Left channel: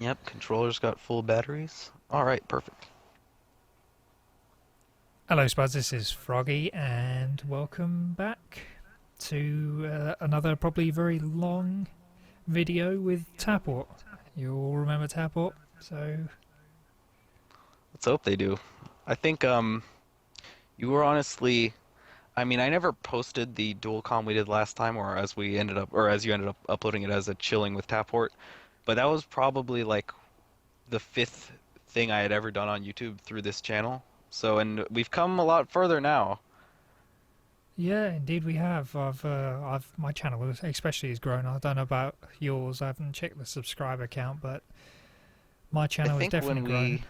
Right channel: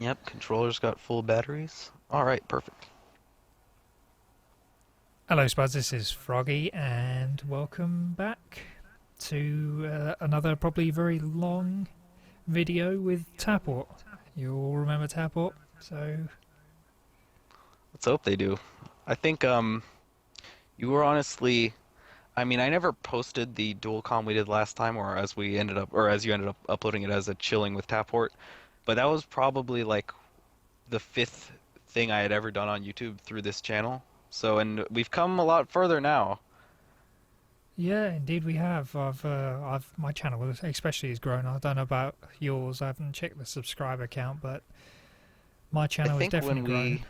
Yep, controller's got full batteries. All right, perfect. Hello, Spuds. This is Froggy, and welcome back to another probably very long video with Tapport. You all remember Tapport? So, Let's hope they do. I think you were honestly, I mean, I never posted the dual com we did last time, or as we ended up, or as you ended up uploading it as a chilling with Tapport, but that was probably like the fifth thing I had ever done on YouTube through this channel. So, and we've come a lot further now. yeah, indeed we have. My channel especially has grown. I don't know about yours. I haven't checked the subscriber count, but my I channel has think definitely when grown. we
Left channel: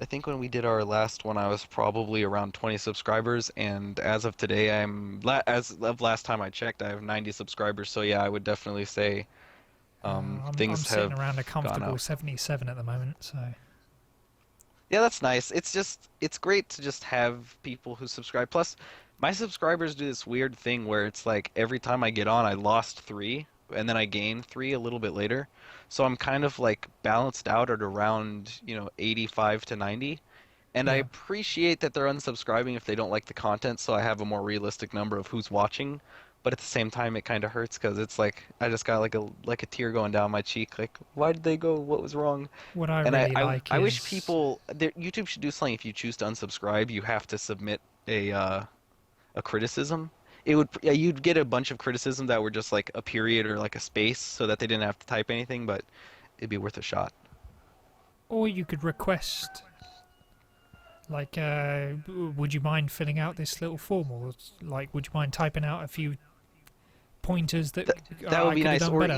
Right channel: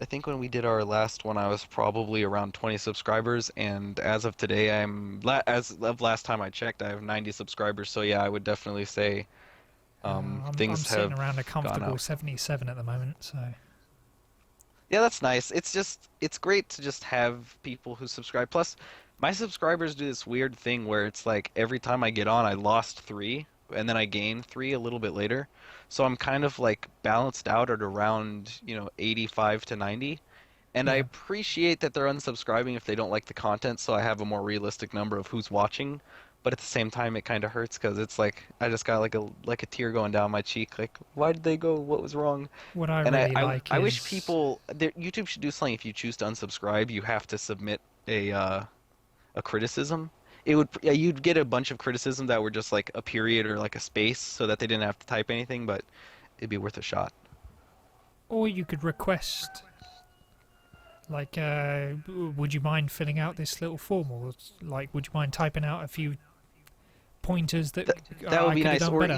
I think when we did our last one, I was probably around 20 subscribers, and as of today, as of last time I checked, I have 90 subscribers. So yeah, I would definitely say I'm things sitting have around a gone comfortable up. 77 at the moment. So, Yeah, that's nice. It's great to just have people who subscribe. Plus, my subscribers do this weird thing where it's like every time I get on, I lost three, and then I gain three a little bit later. So I'm kind of like balanced out at around, 85 to 90. And I yeah. appreciate that they're unsubscribing if they don't like the content, so I have a more realistic number of who's watching. But at the same time, it kind of hurts because it's like I just got like a tear going down my cheek. Like, why did they go? What was wrong? What I And I, really I, like I wish is people, YouTube should do something. If you choose to unsubscribe, you have to submit a criticism. It would, yeah, you'd get a bunch of criticism that were just like a period or like a space, so that they didn't have to type anything. But it'd be worth a shot. or you could request. Like, would you mind filling out this little form, or like, would you mind typing out a few pointers that That would I be could have nice. done Or better?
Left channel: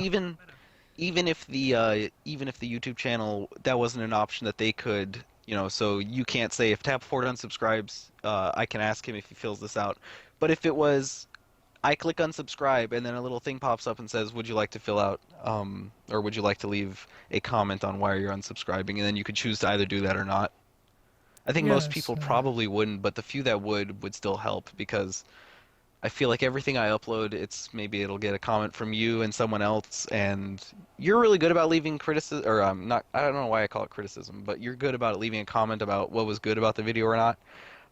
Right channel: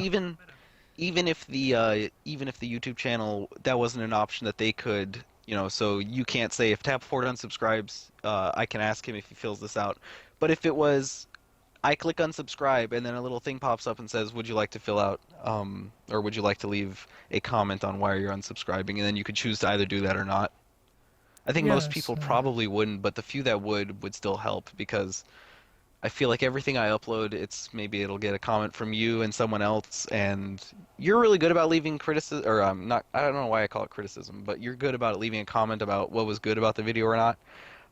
even if the YouTube channel that wasn't an option that they could, so you can't say if Tapport unsubscribes, I can ask him if he fills this out. But if it was I click unsubscribe and then a little thing pops up and says, "Would you like to fill out or would you like to leave a comment on why you're unsubscribing?" And then you could choose to either do that or not. I think most Yes. people probably wouldn't, but the few that would still help because I feel like everything I upload, maybe it'll get a comment from you and someone else, and you're really good about leaving criticism, or not. I don't know why I call it criticism, but you're good about leaving a comment about what was good about the video or not.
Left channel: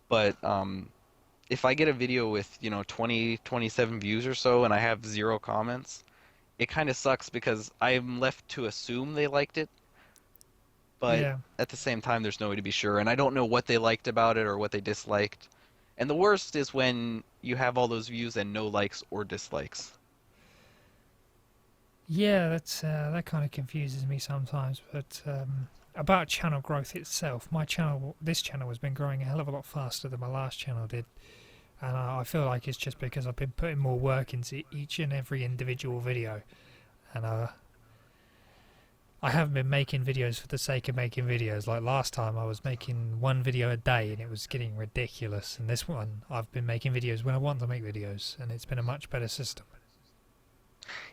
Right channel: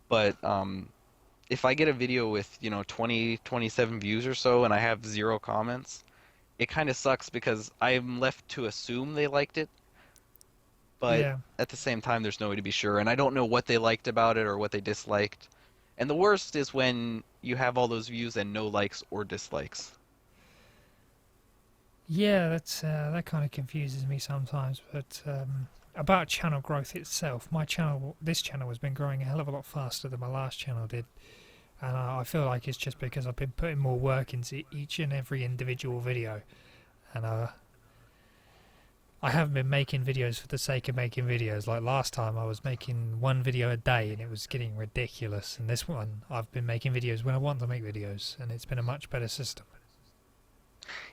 But if I get a video with 20, 27 views or so, and I have zero comments, it kind of sucks because I'm left to assume they liked it, but Yeah. at the same time, there's no way to be sure, and I don't know what they liked about it or what they disliked. And the worst is when you have all those views and no likes or dislikes. Yeah. That kind of confuses me sometimes. But about channel growth itself, this channel has been growing a hell of a lot faster than my last channel did, and I feel like it's just because I've been putting more work into each and every individual video, and I haven't been making videos for the sake of making videos. Like last time, I was making one video a day and it was getting ridiculous. And this one, I've been making videos when I want to make videos, and it's been a much better system.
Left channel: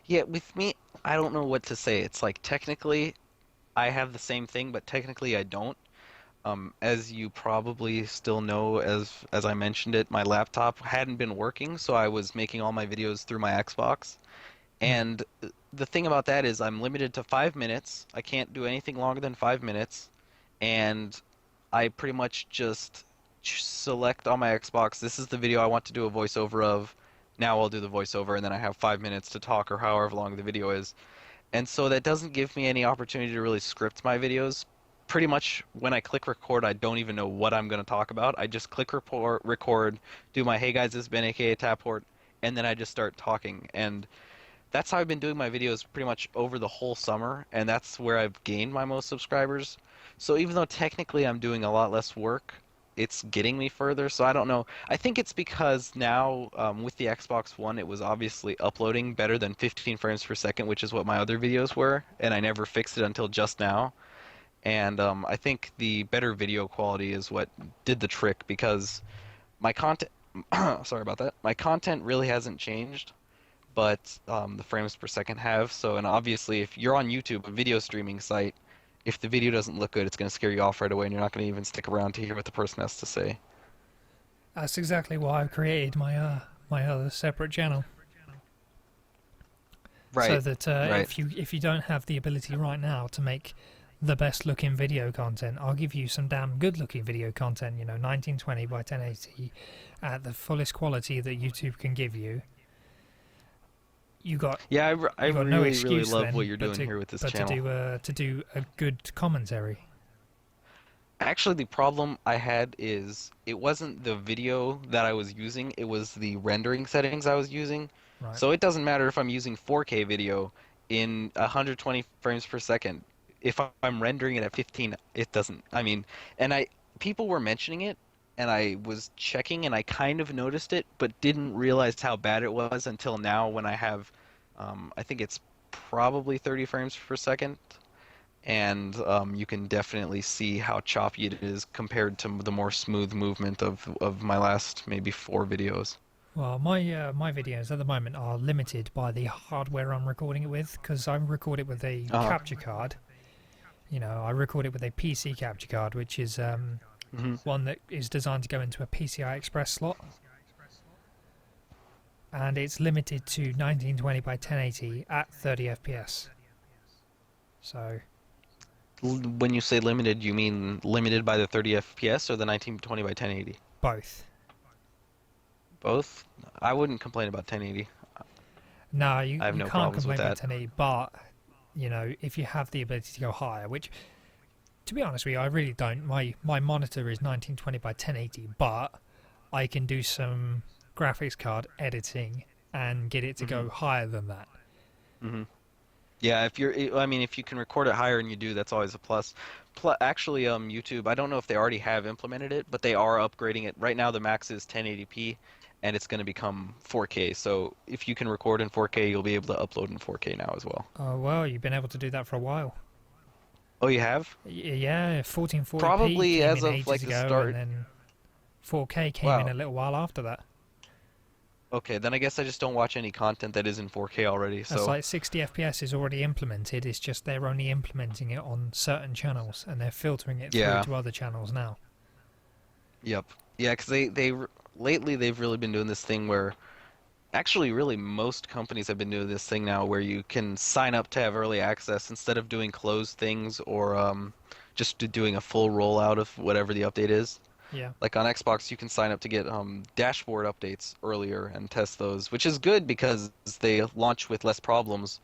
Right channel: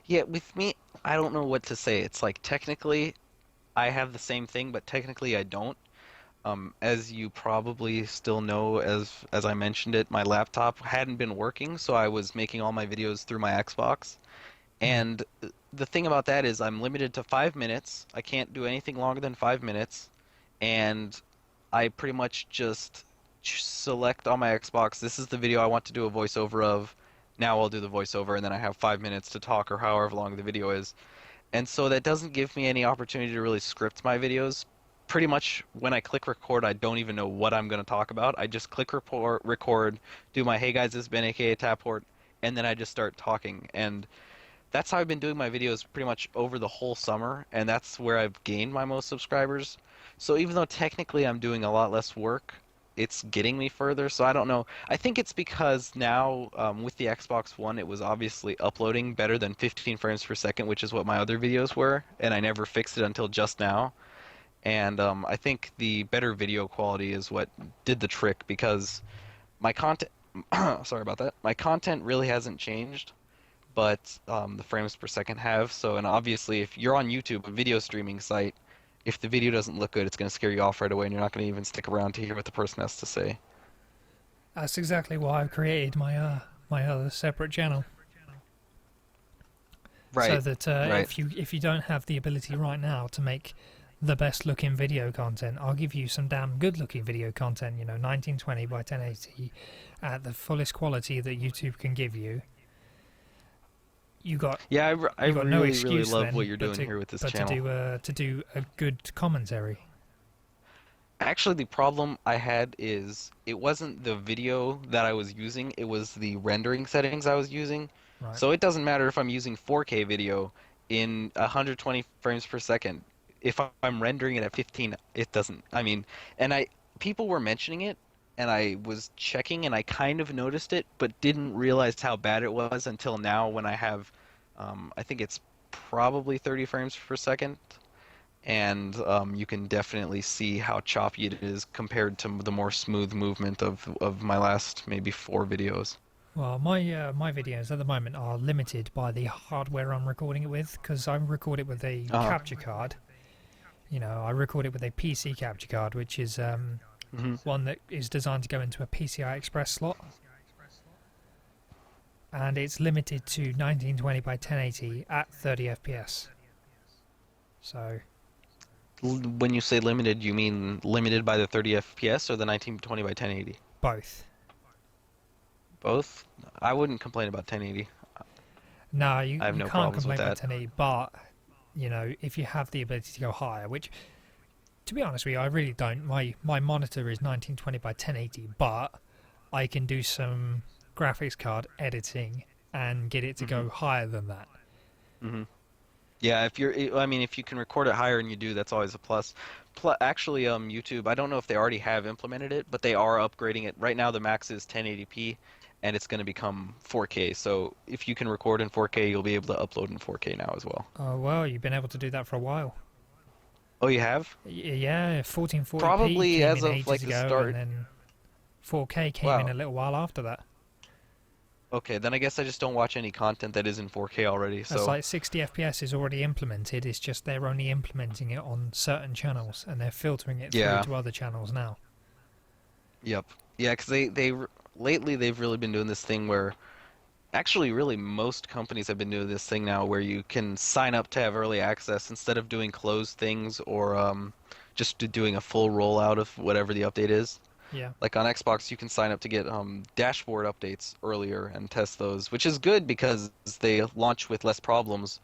Yeah, with me, I don't know what to say. It's like technically I have the same thing, but technically I don't. As you probably still know, as I mentioned it, my laptop hadn't been working, so I was making all my videos through my Xbox. Hmm. And the thing about that is I'm limited to 5 minutes. I can't do anything longer than 5 minutes. And I pretty much just select on my Xbox, this is the video I want to do a voiceover of. Now I'll do the voiceover, and then I have 5 minutes to talk or however long the video is. And so that doesn't give me any opportunity to really script my videos. Pretty much when I click record, I don't even know what I'm going to talk about. I just click record, do my "Hey guys, this is Ben, aka Tapport," and then I just start talking. And that's how I've been doing my videos pretty much over the whole summer, and that's where I've gained my most subscribers. So even though technically I'm doing a lot less work, it's getting me further. So I don't know. I think it's because now with the Xbox One, it was obviously uploading better than 15 frames per second, which is what my other videos were, and I never fixed it until just now. And I think the better video quality is what did the trick because my content, sorry about that, my content really hasn't changed, but the frames per second have. So, and obviously, if you're on YouTube, a video streaming site, if the video doesn't look good, it's going to scare you off right away, and you're not going to even stick around to hear what the person has to say. That's exactly why I've created my other separate channel, so Right, that right. if you don't have the ability right now to make the best looking video content. I'll give you some damn good looking video content, 1920 by 1080 at the fullest quality that YouTube can give you. You got Yeah, I you got no really, really excuse love what then you're but doing to here with this but to channel. do a good commentary. Actually, the problem I had is it wasn't the video that I was using, it was the rendering settings I was using. Right. So it doesn't matter if I'm using 4K video in 120 frames per second. If I'm rendering it at 15, it doesn't. I mean, and people were mentioning it, and I was checking, and I kind of noticed it, but didn't realize how bad it was until now when I have, I think it's probably 30 frames per second, and you can definitely see how choppy it is compared to the more smooth movement of my last maybe 4 videos. Well, my videos at the moment are limited by the hardware I'm recording it with, because I record it with a Uh-huh. capture card. I record it with a PC capture card, which is Hmm. one that is designed to go into a PCI Express slot, and it's limited to 1920 by 1080 at 30 FPS. So When you say limited, you mean limited by the 30 FPS or the 1920 by 1080? both. Both? I wouldn't complain about 1080. No, I have you no can't problems with complain about that. 1080, but if you have the ability to go higher, which to be honest with you, I really don't. My monitor is 1920 by 1080, but I can do some graphics card editing and get it to Hmm. go higher than that. Hmm. Yeah, I mean, if you can record it higher and you do, that's always a plus. Actually, YouTube, I don't know if they already have implemented it, but they are upgrading it. Right now, the max is 1080p, and it's going to become 4K. So if you can record in 4K, you'll be able to upload in 4K now as well. Oh well, you've been able to do that for a while. Oh, you have? Yeah, 1440p Probably came as in of ages like the ago, and start. then 4K came in Wow. a little while after that. Okay, then I guess I just don't watch any content that is in 4K already. That's So, like 60 FPS is already implemented. It's just they're only implementing it on certain channels, and they're filtering it through yeah. to other channels now. Yep. Yeah, because lately they've really been doing this thing where actually really most companies have been doing this thing now where you can sign up to have early access instead of doing closed things or just doing a full rollout of whatever the update is. Yeah. Like on Xbox, you can sign up to get dashboard updates earlier and test those, which is good because they launch with less problems,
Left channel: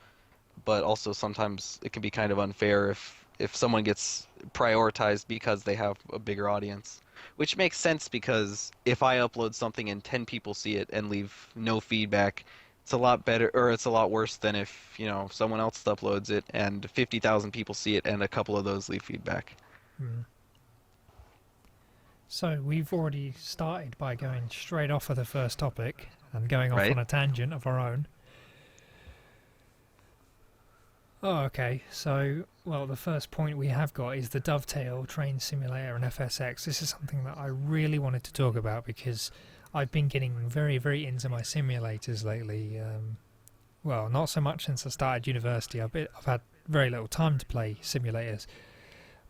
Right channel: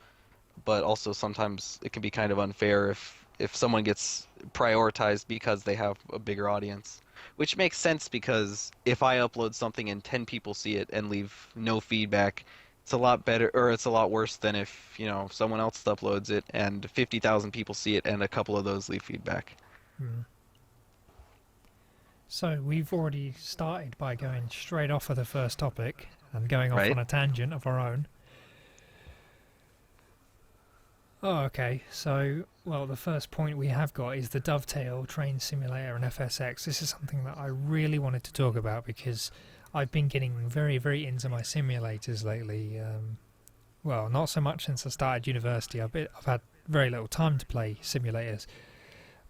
but also sometimes it can be kind of unfair if someone gets prioritized because they have a bigger audience. Which makes sense because if I upload something and 10 people see it and leave no feedback, it's a lot better or it's a lot worse than if, someone else uploads it and 50,000 people see it and a couple of those leave feedback. Mm. So we've already started by going straight off of the first topic and going off Right? on a tangent of our own. Oh, okay. So, well, the first point we have got is the Dovetail Train Simulator and FSX. This is something that I really wanted to talk about because I've been getting very, very into my simulators lately. Well, not so much since I started university. I've had very little time to play simulators,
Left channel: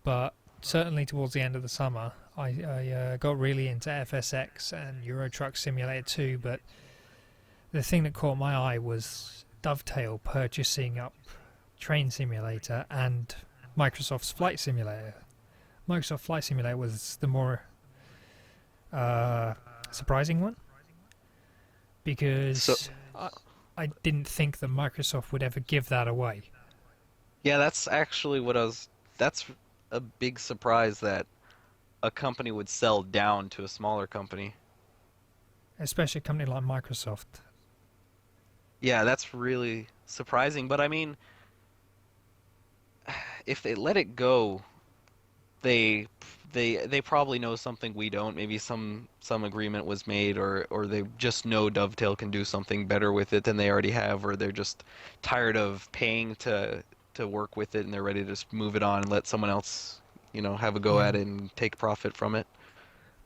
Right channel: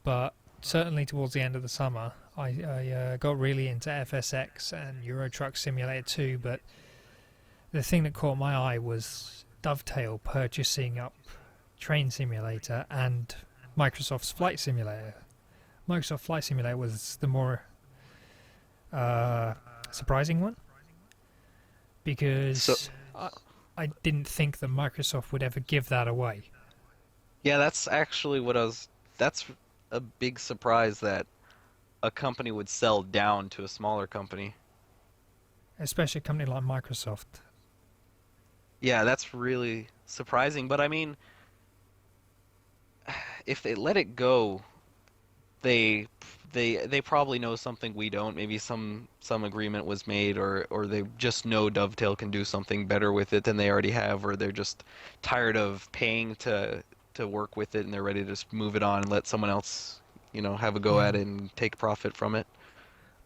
but certainly towards the end of the summer, I got really into FSX and Euro Truck Simulator 2. But the thing that caught my eye was Dovetail purchasing up Train Simulator and Microsoft's Flight Simulator. Microsoft Flight Simulator was the more surprising one So, because I didn't think that Microsoft would ever give that away. yeah, that's actually that's a big surprise that a company would sell down to a smaller company. Especially a company like Microsoft. Yeah, that's really surprising, but I mean, if they let it go, they they probably know something we don't. Maybe some agreement was made, or they just know Dovetail can do something better with it than they already have, or they're just tired of paying to work with it and they're ready to just move it on and let someone else, have a go Yeah. at it and take profit from it.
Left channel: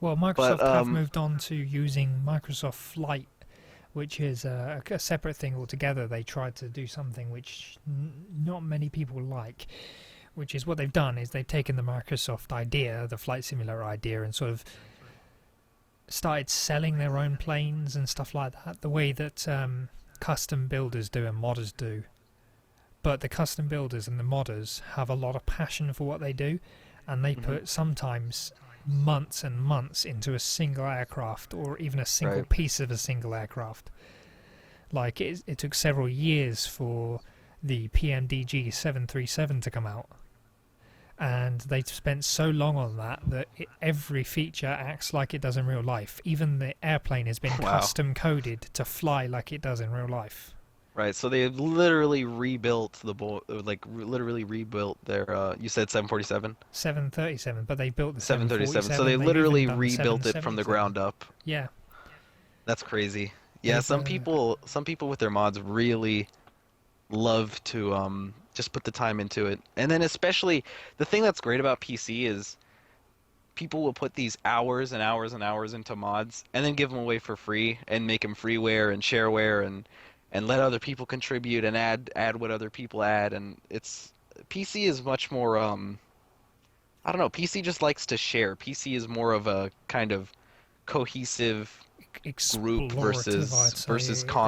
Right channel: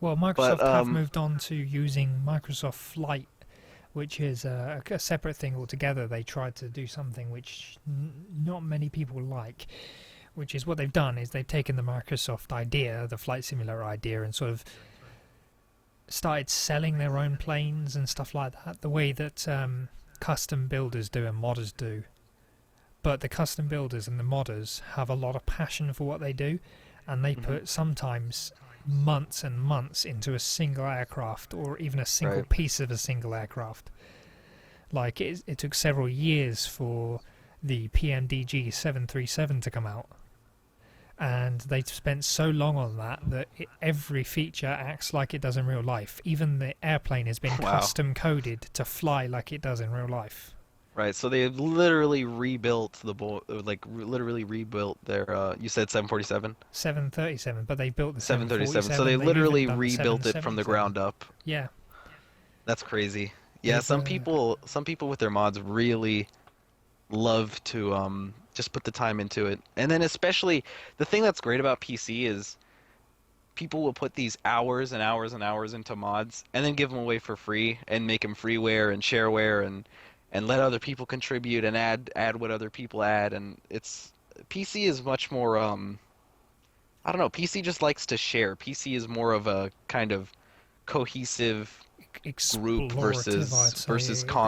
Well, But Microsoft have moved on to using Microsoft Flight, which is a separate thing altogether. They tried to do something which not many people like, which is what they've done is they've taken the Microsoft idea, the flight simulator idea, and sort of started selling their own planes and stuff like that, the way that custom builders do and modders do. but the custom builders and the modders have a lot of passion for what they do, and they Hmm. put sometimes months and months into a single aircraft or even a single Right. piece of a single aircraft. Like it took several years for the PMDG 737 to come out, and they spent so long on that every feature acts like it does in real life. Even the airplane has been Wow. custom coded to fly like it does in real life. Right. So they literally rebuilt literally rebuilt their you said 747? 737, but they built the 737. So they 747. They've even literally done the rebuilt it from the 777. ground up. Yeah, That's crazy. Yeah, they've some people with their mods really love to just put the time into it. And then especially the thing that's great about PC is people will put these hours and hours and hours into mods and then give them away for free and make them freeware and shareware and let other people contribute and add what other people add, and it's PC is much more I don't know, PC just likes to share. PC is more of a kind of cohesive group explorative, I'd versus say.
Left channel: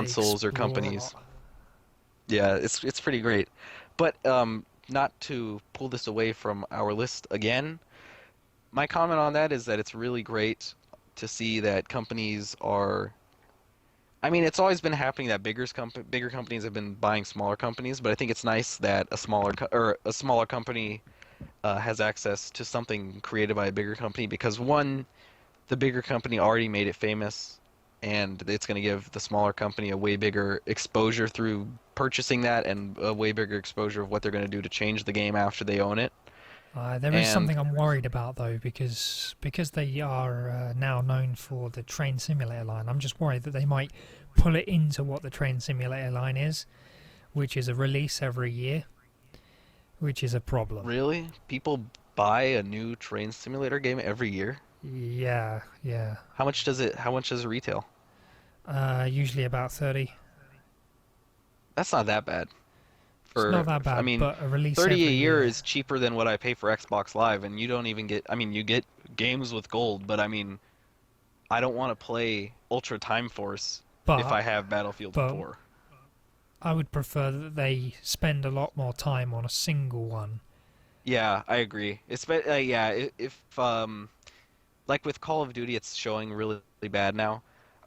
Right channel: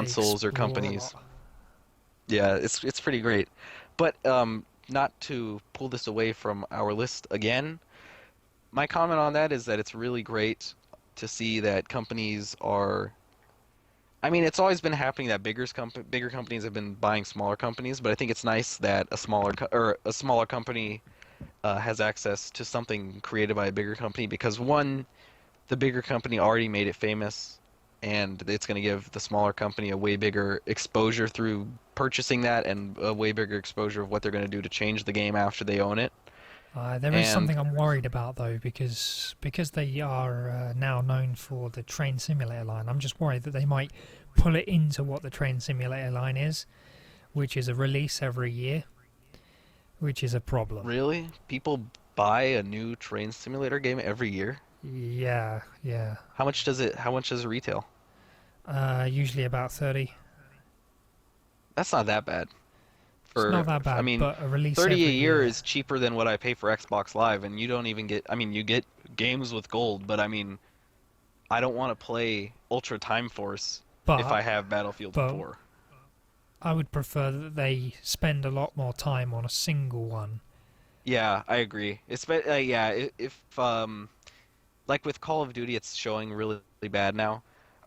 They consoles or explore a companies. lot. Yeah, it's pretty great. But not to pull this away from our list again, my comment on that is that it's really great to see that companies are. I mean, it's always been happening that bigger companies have been buying smaller companies, but I think it's nice that a smaller company has access to something created by a bigger company because one, the bigger company already made it famous, and it's going to give the smaller company a way bigger exposure through purchasing that and a way bigger exposure of what they're going to do to change the game after they own it. There is And something I'm worried about though, because they are now known for the train simulator line. I'm just worried that they might pull it into what the train simulator line is, which is a release every year, which is a problem. really, people buy a new train simulator game every year? Yeah, yeah. How much does it retail? Usually about 30. That's not that bad. It's not For, that I bad, mean, but a release 30 a every year year. is cheaper than what I pay for Xbox Live, and you don't even get, I mean, you get games with gold, but I mean, I don't want to play Ultra Time Force if But I have Battlefield but 4. I would prefer that they spend a lot more time on a single one. Yeah, I agree. Yeah, if like with Call of Duty, it's showing really, really bad now.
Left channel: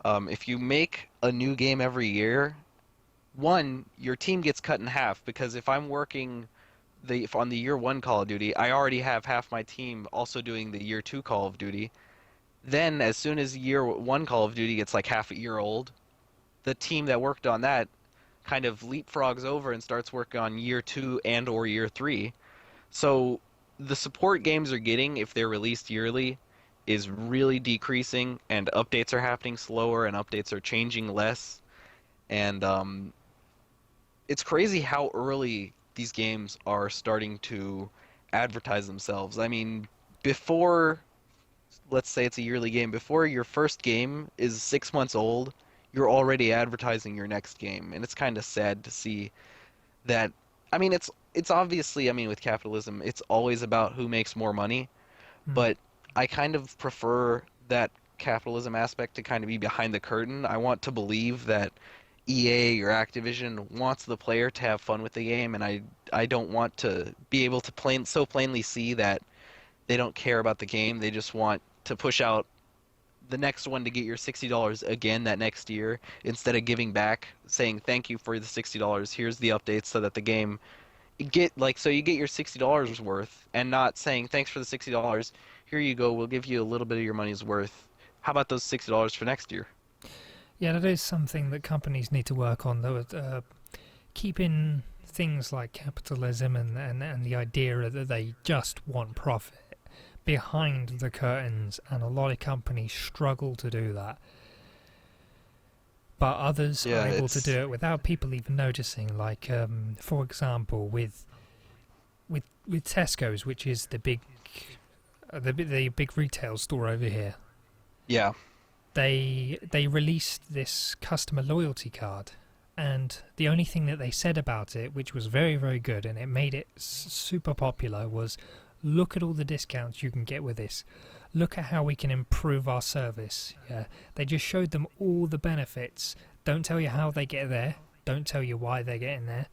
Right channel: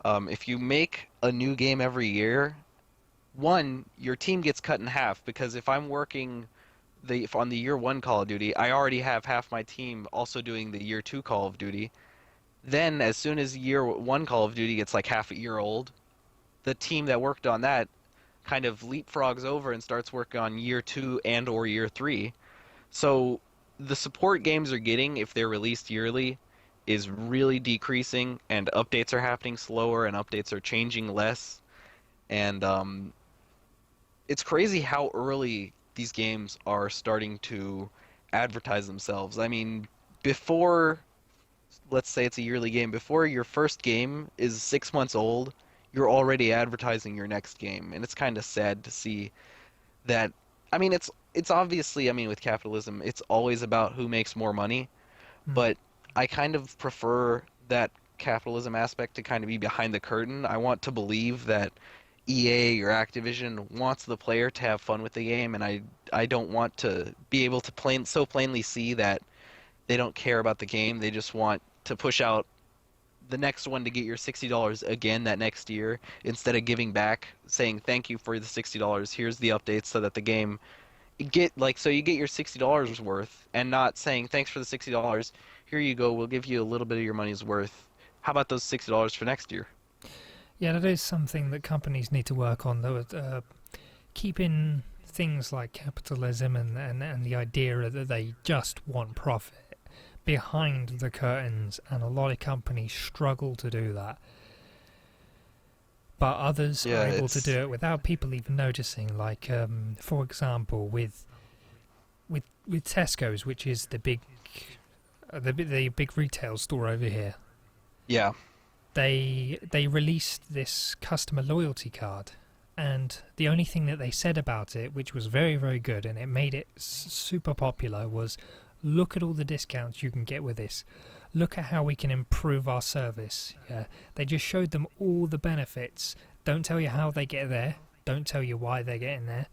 If you make a new game every year, one, your team gets cut in half because if I'm working if on the year one Call of Duty, I already have half my team also doing the year two Call of Duty. Then, as soon as year one Call of Duty gets like half a year old, the team that worked on that kind of leapfrogs over and starts working on year two and or year three. So the support games are getting, if they're released yearly, is really decreasing, and updates are happening slower, and updates are changing less. And it's crazy how early these games are starting to advertise themselves. I mean, before, let's say it's a yearly game, before your first game is 6 months old, you're already advertising your next game, and it's kind of sad to see that. I mean, it's obviously, I mean, with capitalism, it's always about who makes more money, Hmm. but I kind of prefer that capitalism aspect to kind of be behind the curtain. I want to believe that EA or Activision wants the player to have fun with the game, and I don't want to be able to plainly see that they don't care about the game. They just want to push out the next one to get your $60 again that next year instead of giving back, saying thank you for the $60. Here's the updates so that the game so you get your $60 worth and not saying thanks for the $60. Here you go. We'll give you a little bit of your money's worth. How about those $60 for next year? Yeah, that is something that companies need to work on, though. Keeping things like capitalism and the idea that they just want profit behind the curtains, and a lot of companies struggle to do that. But others are Yeah, able to it's do it without people even noticing. Like, for example, with Tesco's, which is the big retail store over here. yeah. They released this customer loyalty card, and the only thing that they said about it, which was very, very good, and it made it super popular, was look at all the discounts you can get with this. Look at how we can improve our service. Yeah, they just showed them all the benefits. Don't tell you how they get there. Don't tell you why they're getting there.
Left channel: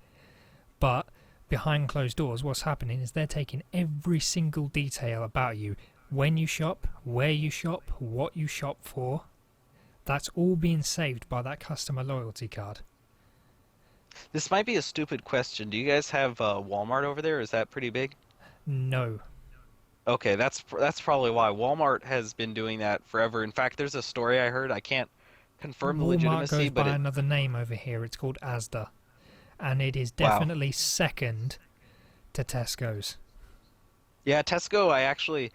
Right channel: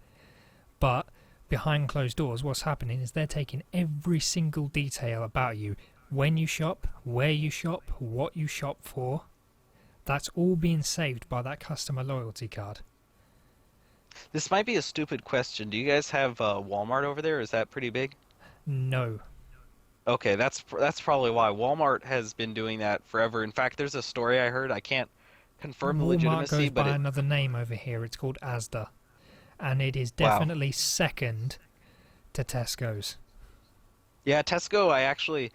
But behind closed doors, what's happening is they're taking every single detail about you. When you shop, where you shop, what you shop for. That's all being saved by that customer loyalty card. This might be a stupid question. Do you guys have Walmart over there? Is that pretty big? No. Okay, that's probably why Walmart has been doing that forever. In fact, there's a story I heard. I can't confirm the Walmart legitimacy, goes but by another name over here. It's called Asda. And it is wow. definitely second to Tesco's. Yeah, Tesco, I actually,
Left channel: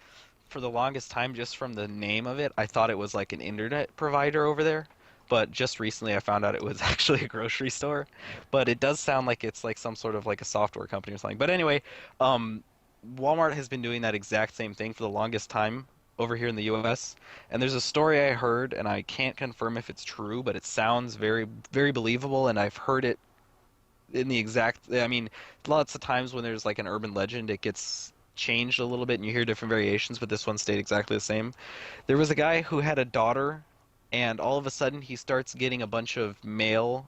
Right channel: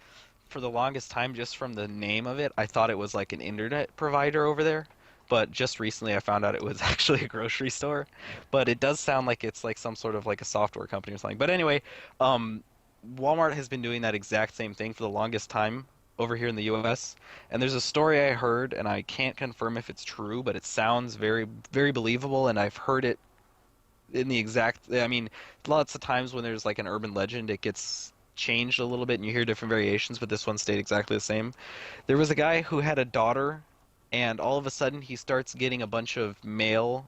for the longest time, just from the name of it, I thought it was like an internet provider over there. But just recently I found out it was actually a grocery store. But it does sound like it's like some sort of like a software company or something. But anyway, um, Walmart has been doing that exact same thing for the longest time over here in the US. And there's a story I heard, and I can't confirm if it's true, but it sounds very, very believable, and I've heard it in the exact, I mean, lots of times when there's like an urban legend, it gets changed a little bit and you hear different variations, but this one stayed exactly the same. There was a guy who had a daughter, and all of a sudden he starts getting a bunch of mail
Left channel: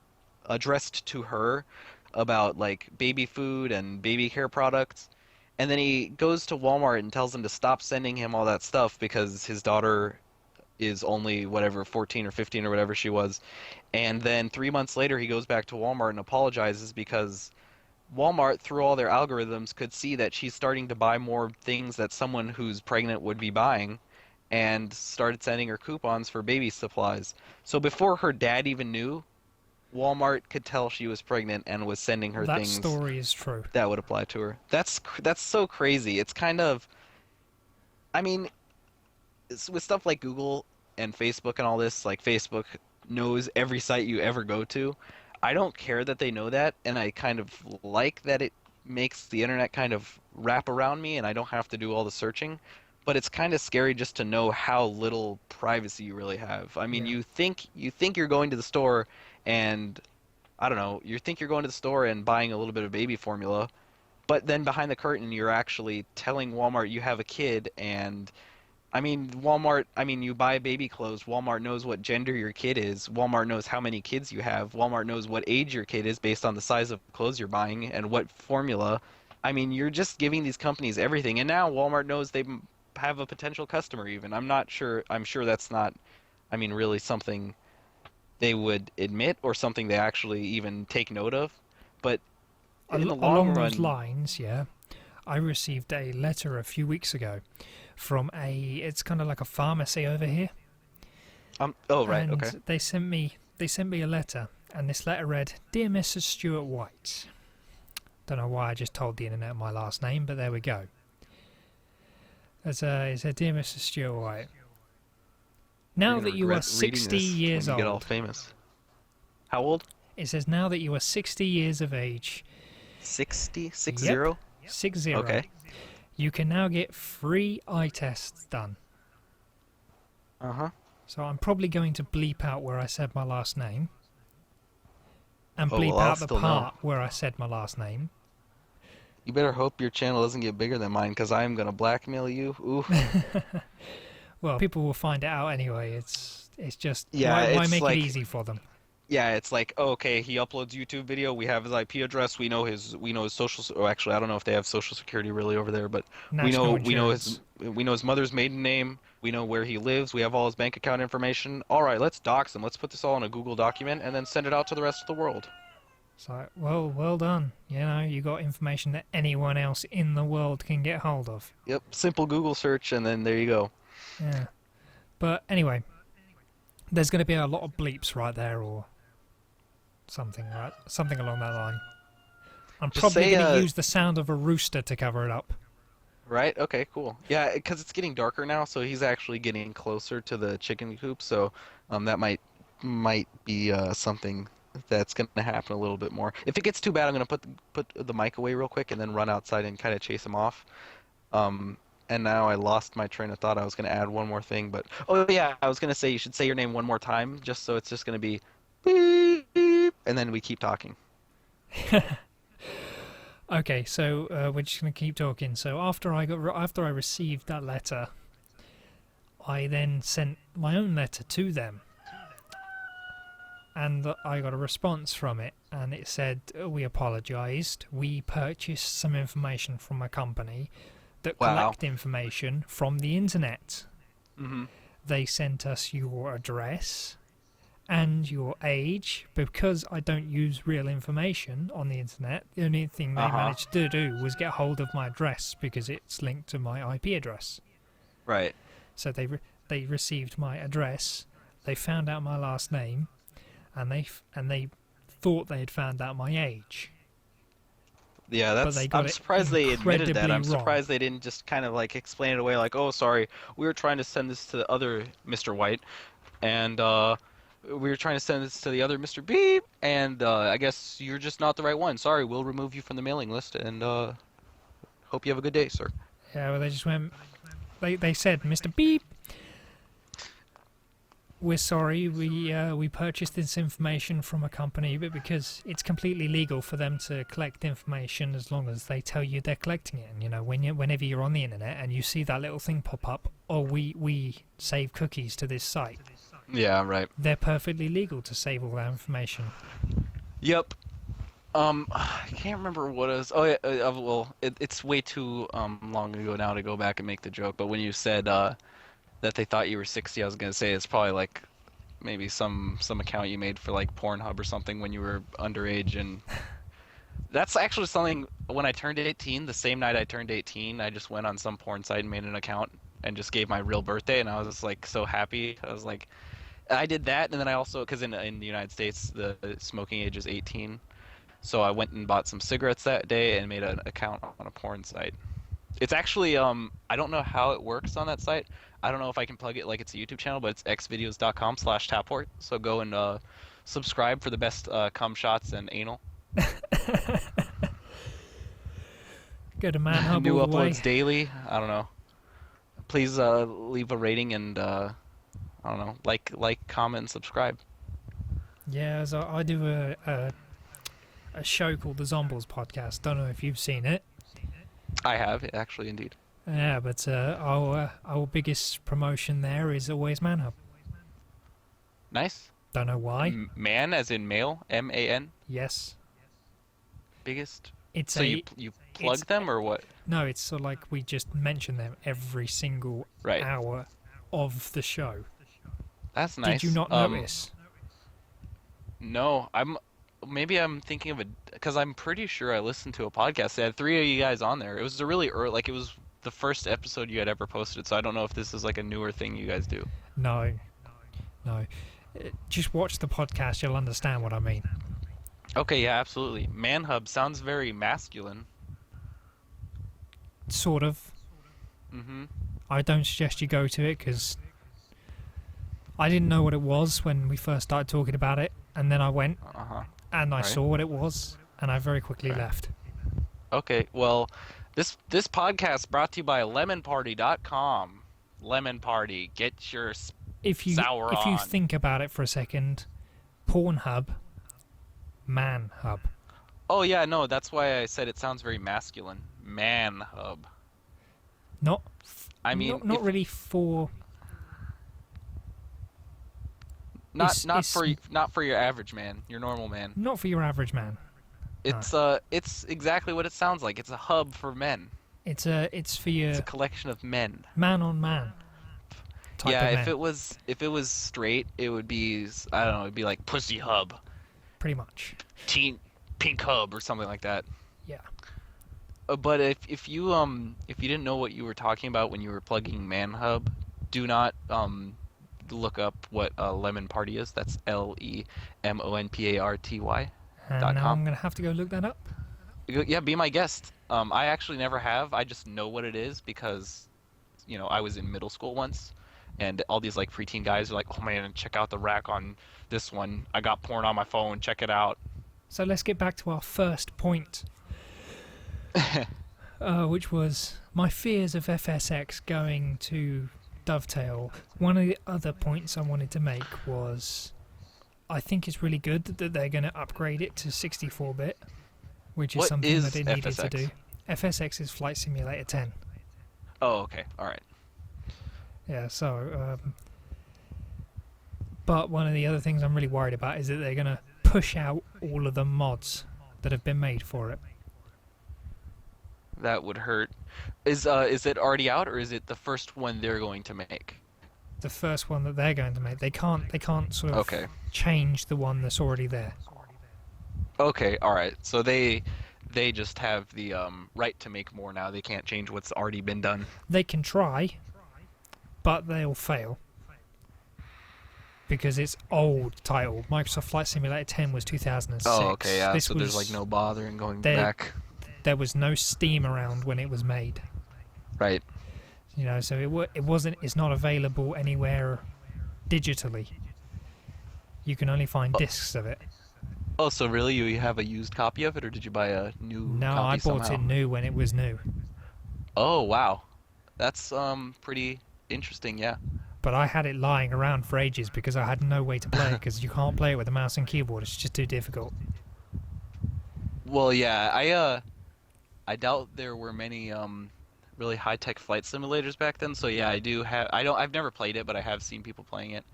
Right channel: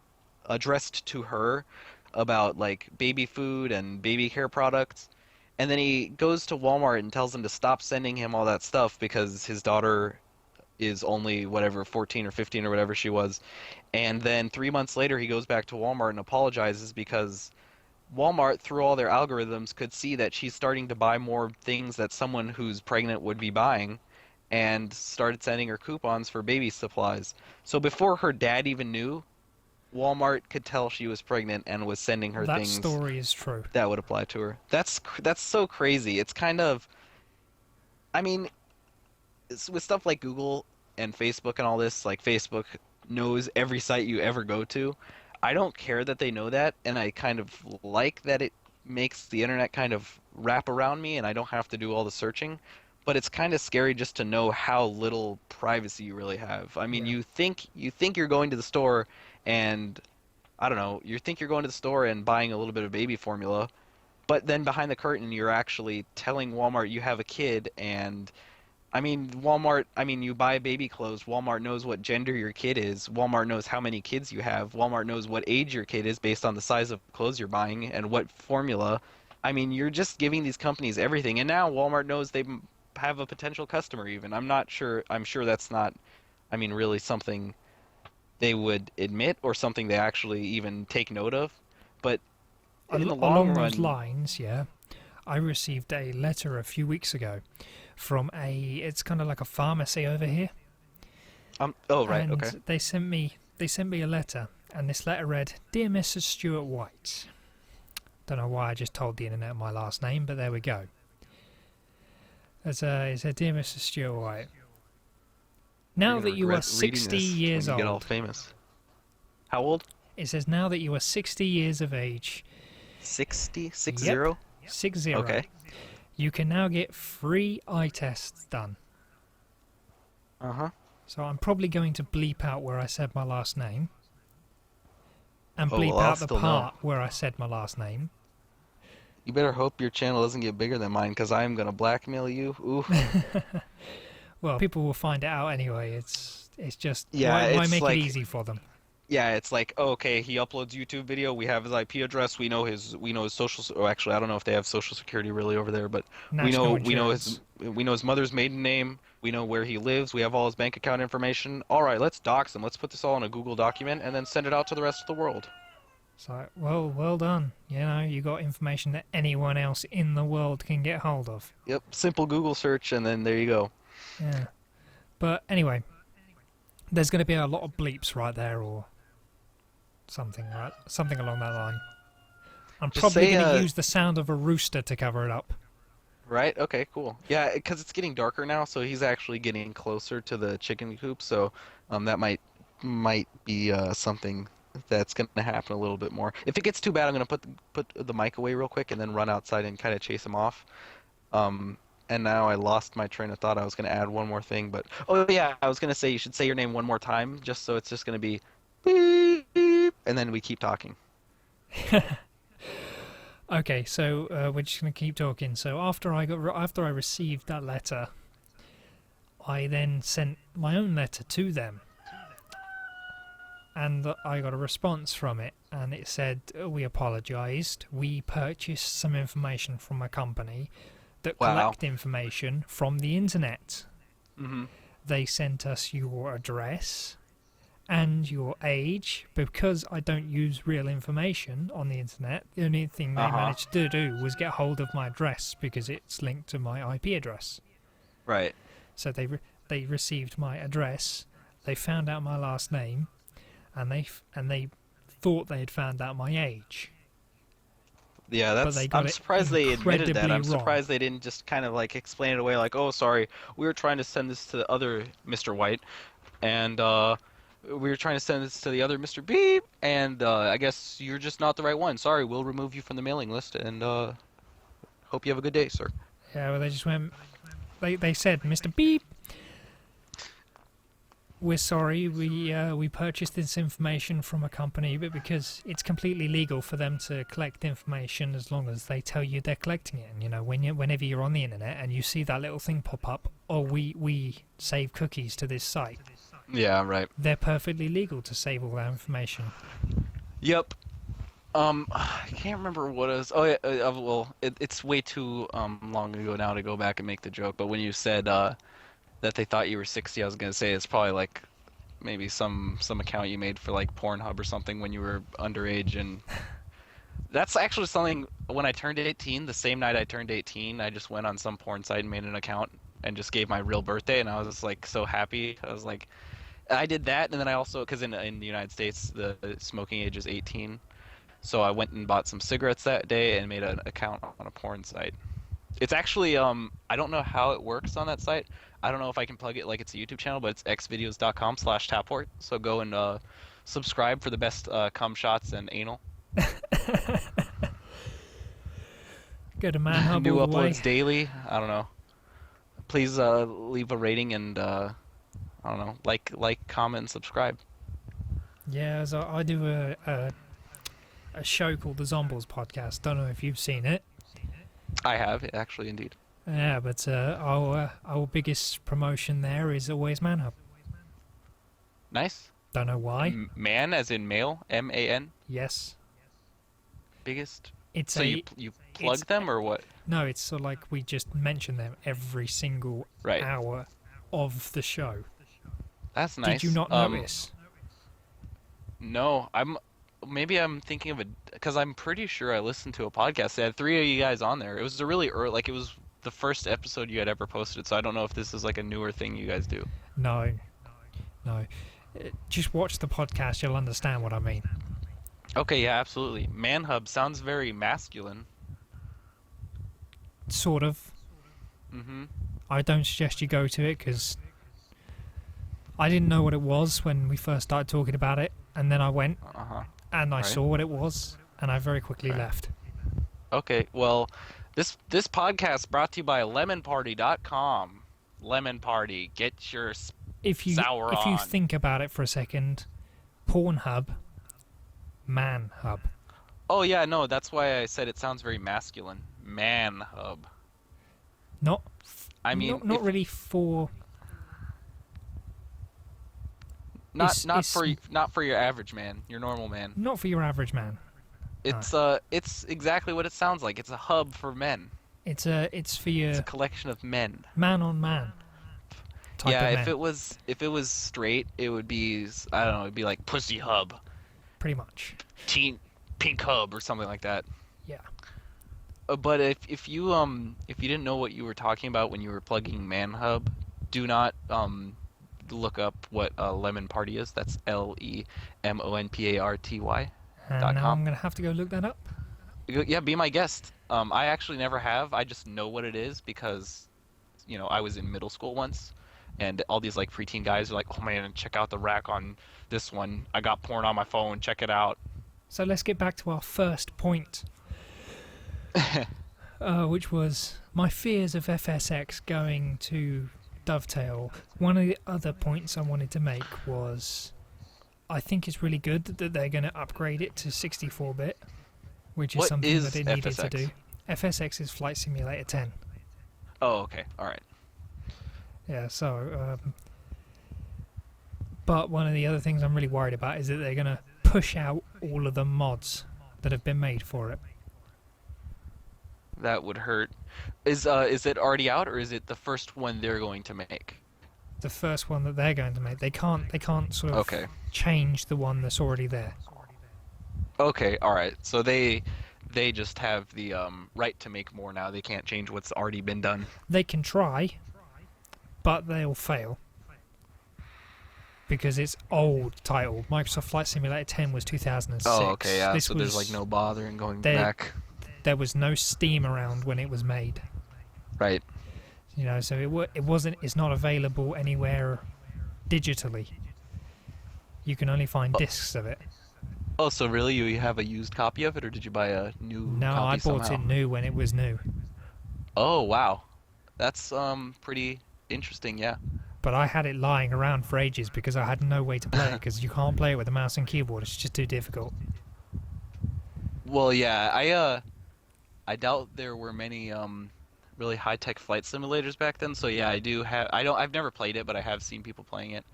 addressed to her about like baby food and baby care products. And then he goes to Walmart and tells them to stop sending him all that stuff because his daughter is only whatever 14 or 15 or whatever she was. And then 3 months later, he goes back to Walmart and apologizes because Walmart, through all their algorithms, could see that she's starting to buy more things that someone who's pregnant would be buying and started sending her coupons for baby supplies. So before her dad even knew, Walmart could tell she was pregnant and was sending her That things story is true. that would apply to her. That's so crazy. It's kind of, I mean, with stuff like Google and Facebook and all this, like Facebook knows every site you ever go to. I don't care that they know that, and I kind of like that it makes the internet kind of wrap around me and I don't have to do all the searching. But it's kind of scary just to know how little privacy you really have. I mean, Yeah. you think you're going to the store and I don't know, you think you're going to the store and buying a little bit of baby formula, but then behind the curtain you're actually telling Walmart you have a kid. And I mean, Walmart, I mean, you buy baby clothes. Walmart knows what gender your kid is. Walmart knows how many kids you have. Walmart knows what age your kid is based on the size of clothes you're buying and what formula. I mean, you're just giving these companies everything. And now Walmart knows they have a potential customer even. I'm not sure, I'm sure that's not, I mean, really something they would admit or something they actually even take note of. But in the long Along those run, lines, yeah, I received a letter a few weeks ago from it's kind of like a pharmacy over here, oh, right, okay. and they sent me a letter, and this letter read, "Dear Mrs. Stuart White." Don't know why I just told the internet my last name, but there we go. It said, "Dear Mrs. Stuart White, You're now gonna that you are regret reading 60 this when years you get all old," famous. How old? it says, "now that you are 60 years of age," 60? Six yep, zero? 60, Okay. "you can now get free eye tests done." Uh-huh. So I'm probably going to bleep out where I said my last name, and Oh, bleep well, I'll out the still know. part where I said my last name. You better hope your channel doesn't get bigger than mine, because I'm gonna blackmail you. Ooh. Well, people will find it out anyway. It's just Yeah, why it's make it like, easy for them? yeah, it's like, oh, okay, he uploads YouTube video, we have his IP address, we know his social, oh, actually, I don't know if they have social security really over there, but National his, insurance. we know his mother's maiden name, we know where he lives, we have all his bank account information. All right, let's dox him. Let's put this all in a Google document and then send it out to the rest of the world. So, well done. You know, you got information that anyone else in the world can get hold of. Yep, simple Google search, and then there you go. Yeah. But anyway, there's going to be a lot of bleeps right there, or something, right? Something along that line. I'm Just probably say, going to use the sound of a rooster to cover it up. right? Okay, cool. Yeah, because it's getting darker now, so he's actually getting closer to the chicken coop. So, that might be something that's gonna happen a little bit more. If it gets too bad, I'm gonna put the mic away real quick and then run outside and kind of chase him off. Um, and now I lost my train of thought. I was gonna add one more thing, but oh yeah, I was gonna say you should say your name one more time, just so it's just gonna be beep, beep, and then we keep talking. Okay, so we're just going to keep talking. So after I received that letter, I then sent my own letter to them. and I got a response from it, and it said, "We apologised. We purchased some information from a company that Wow. collect information from the internet. Mm-hmm. They sent us your address and your age. Because I don't use real information on the internet, the only thing they Uh-huh. managed to do was get hold of my address because it's linked to my IP address. Right. So they received my address, they found out my last name, and they thought they had found out my age, Yeah, but that's. they got I'm it surprised they admitted that. incredibly I'm wrong. surprised they didn't just kind of like explain it away, like, "Oh, sorry, we were trying to send this to the other Mr. White, and we were trying to send this to the other Mr. Beep, and I guess you're just not the right one. Sorry, we'll remove you from the mailing list, and hope you have a good day, sir." Yeah, well, they just went. They said, "Mr. Beep, we're sorry. We purchased this information from a company, but because it's completely legal for them to collect information as long as they tell you they're collecting it. And whenever you're on the internet and you see that little thing pop up, oh, we save cookies to this site. Yeah, right. They're perfectly legal to save all that information." Yep. I can't remember what it was. Oh yeah, well, it's way too long ago now to go back and make the joke. But when you said that they thought you were 60, I was gonna say it's probably like maybe some account you made for like Pornhub or something when you were underage. And that's actually something. When I turned 18, the same night I turned 18, I just went on some porn site and made an account and just gave my real birthday, and I was just like so happy. I was like, I did that, and then I also, because in the United States the smoking age is 18. So I went and bought some cigarettes that day and made an account on a porn site. It's actually I don't know how it works on that site. I don't know if I can plug it like it's a YouTube channel, but it's xvideos.com/Tapport. So go and subscribe for the best cum shots and anal. Go to ManHub New all the way. uploads daily. I don't know. Please leave a rating and I don't know, like, comment, and subscribe. Yeah, so I do a show called the Zombles Podcast. Don't know if you've seen it. I have actually, indeed. Yeah, but our biggest promotion there is always ManHub. Nice. Don't know why. Man, as in male, MAN. Yes, Biggest. it's So a you plug it's them or what? no. It's sort of like we just mention them every single Right. hour of the show. That's nice. Did you not notice? No, maybe I'm thinking of because I'm pretty sure I listened to a podcast that had three of you guys on there. It was a really early, like it was the first episode you had ever posted. So I don't know if this is like a newer thing you guys do. No, no. Just watch the podcast. You'll understand what I mean. Okay, yeah, absolutely. Manhub sounds very masculine. Sort of. Mm-hmm. I don't suggest you go to it because I didn't know what it was when we first started talking about it, and then I went Uh-huh. and I Right. saw what it was, and I very quickly Okay. left. Okay, well, this podcast brought to you by lemonparty.com. Lemon Party, get your If you sour if you on. think about it for a second, Pornhub, ManHub. Oh yeah, no, that's why I said it sounds very masculine. Manhub. Not I mean, not if, really for not it's- not it's for not for your average man, your normal man. not for your average man. No. It's exactly what it sounds like. It's a hub for men. It's for It's your a collection of men. man on man type Yeah, of if men, it was straight, it would be, I don't know, it'd be like Pussy Hub, pretty much. Teen Pink Hub or something like that. Yeah. But if you didn't know what you were talking about when you were plugging ManHub, do not look up what Lemon Party is. That's LEMONPARTY. And now .com. I'm gonna have to go look that up. Yeah, be my guest. I actually never have. I just know what it is because, I was in middle school once, and all these like preteen guys are like, "Oh man, check out the rack on this one. I got porn on my phone. Check it out." So let's get back to our first point, which was my fears of FSX going to dovetail. One of the other points I wanted to make was I think it's really good that they're going to upgrade it to 64-bit, which is What something is that they needed to FSX? do. FSX is Flight Simulator 10. Oh, okay, all right. Yeah, so But one of the other things I'm really worried about is that they're going to push out all of the mods that have been made for it. That would hurt. Is it already out or is it the first one they're going to make? The first one that they're going to make, they can't sort of Okay. change the one that's already there. Okay, all right. So they just have the right to make more now. They can't change what's already been done. They can try, but they'll fail. Because it's old title. Microsoft Flight Simulator 10 was 2006. Oh, okay, yeah. This So there's like no bother in going there, back. There was no Steam around when it was made. Right. You know, so it wasn't. It's not available anywhere digitally. You can only find discs of it. Oh, so really you have a used copy of it, or did you buy a new No, copy I bought somehow? it new when it was new. Oh, wow. That's pretty interesting, yeah. But I had it lying around for ages because I had no way to play it because you can't play it with a mouse and keyboard. It's just too difficult. Well, yeah, I doubt there were many really high-tech flight simulators back then. So yeah, I've never played it, but I have seen people playing it.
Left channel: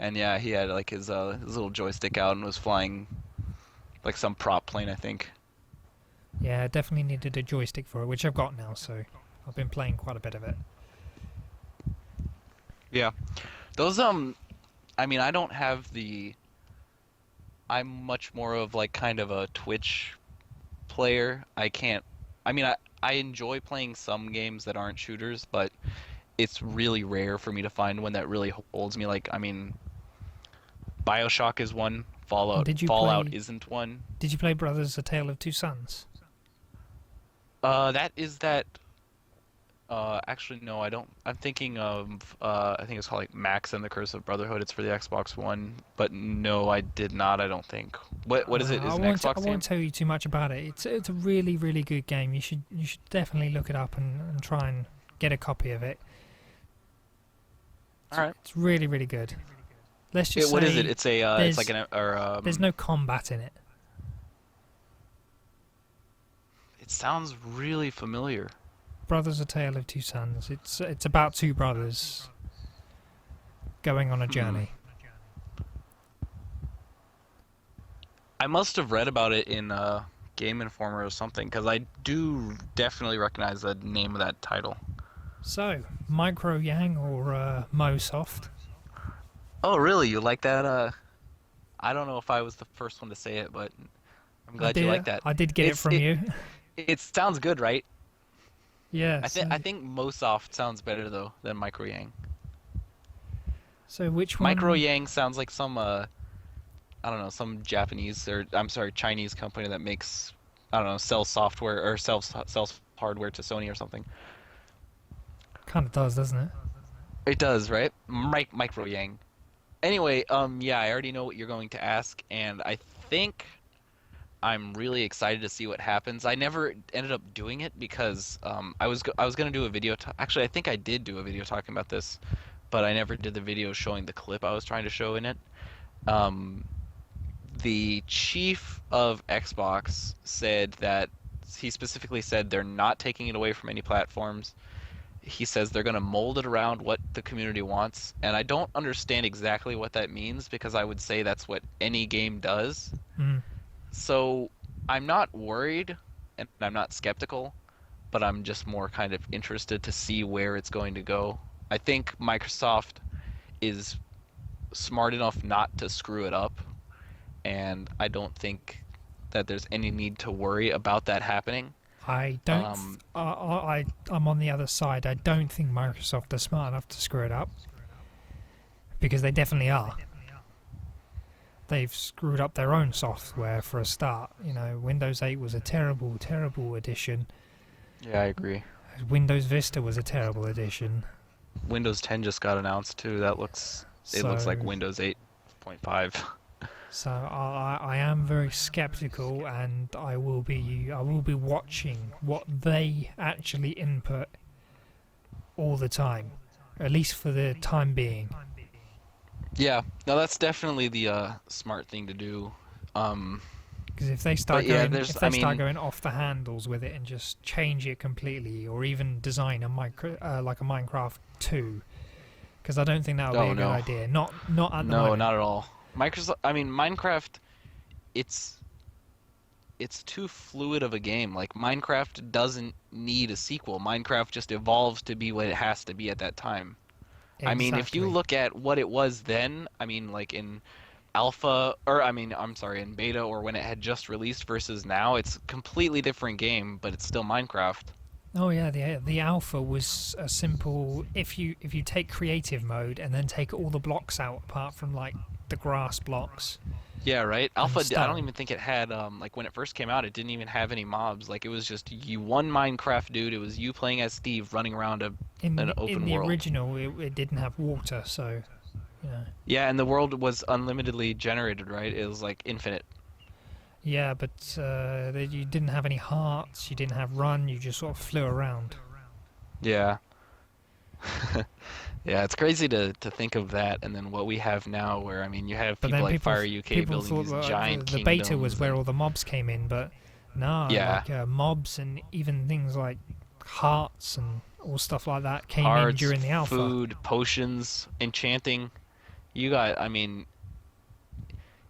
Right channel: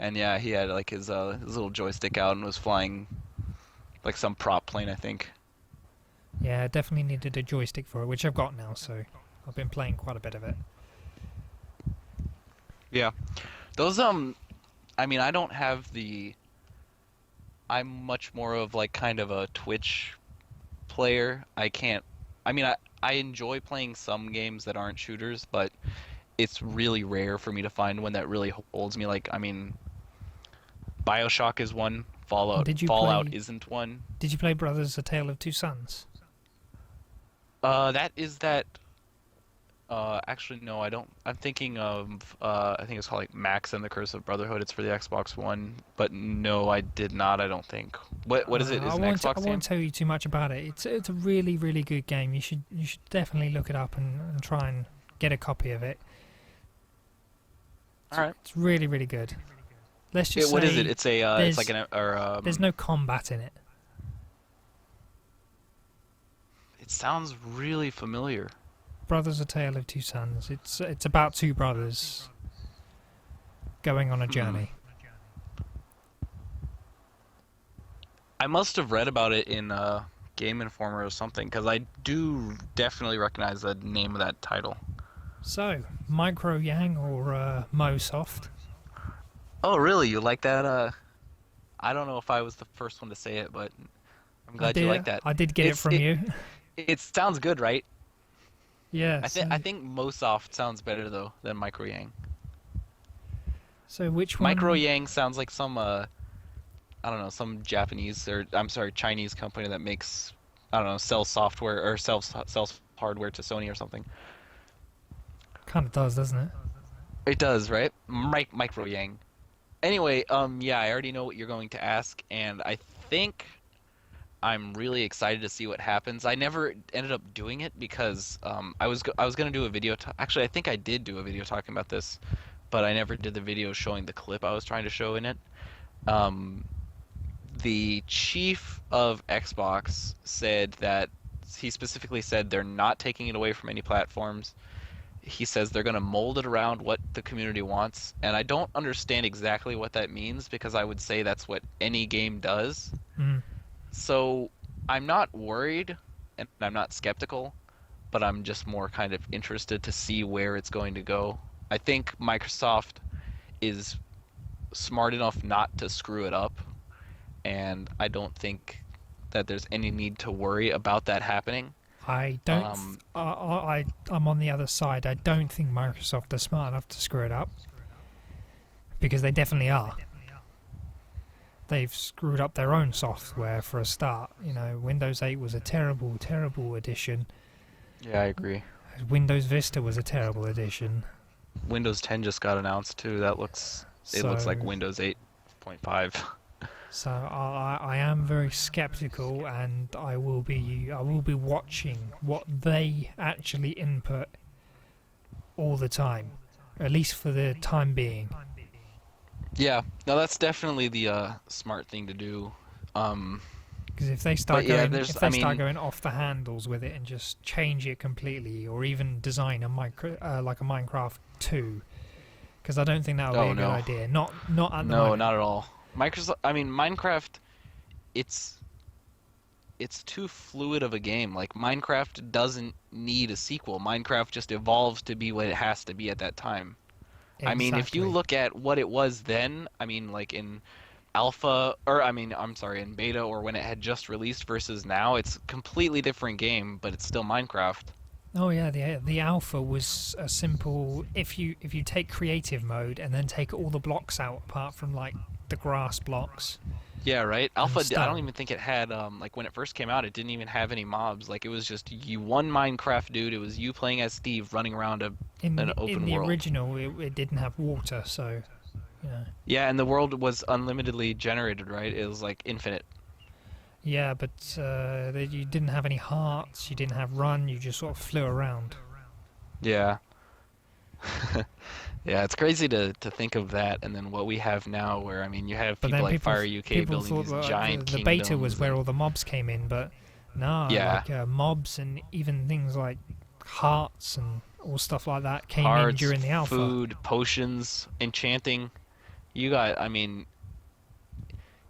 And yeah, he had like his little joystick out and was flying like some prop plane, I think. Yeah, I definitely needed a joystick for it, which I've got now, so I've been playing quite a bit of it. Yeah. Those I mean, I don't have the I'm much more of like kind of a Twitch player. I can't I mean, I enjoy playing some games that aren't shooters, but it's really rare for me to find one that really holds me. Like, I mean, BioShock is one, Fallout isn't one. Did you play Brothers: A Tale of Two Sons? That is that actually no, I don't. I'm thinking of I think it's called like Max and the Curse of Brotherhood. It's for the Xbox One, but no, I did not. I don't think. What is it? Is it an Xbox I game? won't tell you too much about it. It's a really really good game. You should definitely look it up and try and get a copy of it. All right. It's really really good. Let's just say What is it? It's a it's like an there's no combat in it. It sounds really familiar. Brothers: A Tale of Two Sons. It's about two brothers going on a journey. I must have read about it in Game Informer or something, because I do definitely recognize the name of that title. So, Micro Yang or MoSoft? Oh, really? You like that? I don't know if I was the first one to say it, but I'm glad you like that. I did get it from you. It sounds good, right? Yes. I think MoSoft sounds better though than Micro Yang. So which one? Micro Yang sounds like some I don't know, some Japanese or I'm sorry, Chinese company that makes I don't know, sells software or sells hardware to Sony or something. Kind of does, doesn't it? It does, right? Micro Yang. Anyway, yeah, I already know what you're going to ask, and I think I'm really excited to see what happens. I never ended up doing it because I was gonna do a video. Actually, I think I did do a video talking about this, but I never did the video showing the clip I was trying to show in it. The chief of Xbox said that he specifically said they're not taking it away from any platforms. He says they're going to mold it around what the community wants, and I don't understand exactly what that means because I would say that's what any game does. Mm. So I'm not worried and I'm not skeptical, but I'm just more kind of interested to see where it's going to go. I think Microsoft is smart enough not to screw it up, and I don't think that there's any need to worry about that happening. I don't. I'm on the other side. I don't think Microsoft are smart enough to screw it up because they definitely are. They've screwed up their own software for a start. You know, Windows 8 was a terrible, terrible edition. Yeah, I agree. Windows Vista was a terrible edition. Windows 10 just got announced too. It looks like Windows 8.5. So I am very skeptical, and I will be watching what they actually input all the time, at least for the time being. Yeah, no, that's definitely the smart thing to do. Because if they start going off the handles with it and just change it completely, or even design a Minecraft 2, Because I don't think that would be Oh a good no. idea. Not at the No, moment. not at all. Microsoft, I mean, Minecraft, it's it's too fluid of a game. Like Minecraft doesn't need a sequel. Minecraft just evolves to be what it has to be at that time. I mean, if you Exactly. look at what it was then, I mean, like in alpha, or I mean, I'm sorry, in beta or when it had just released versus now, it's a completely different game, but it's still Minecraft. Oh yeah, the alpha was a simple. If you take creative mode and then take all the blocks out apart from like the grass blocks Yeah, right. and Alpha, I don't stone. even think it had like when it first came out, it didn't even have any mobs. Like it was just you one Minecraft dude. It was you playing as Steve running around an In open the world. original, it didn't have water, so you know. Yeah, and the world was unlimitedly generated, right? It was like infinite. Yeah, but you didn't have any hearts. You didn't have run. You just sort of flew around. Yeah. Yeah, it's crazy to think of that and then what we have now where I mean you have But people then like Fire UK people building thought these that giant the beta was kingdoms where and all the mobs came in, but nah, yeah, like mobs and even things like hearts and all stuff like that came in hearts, during the alpha. food, potions, enchanting. You got I mean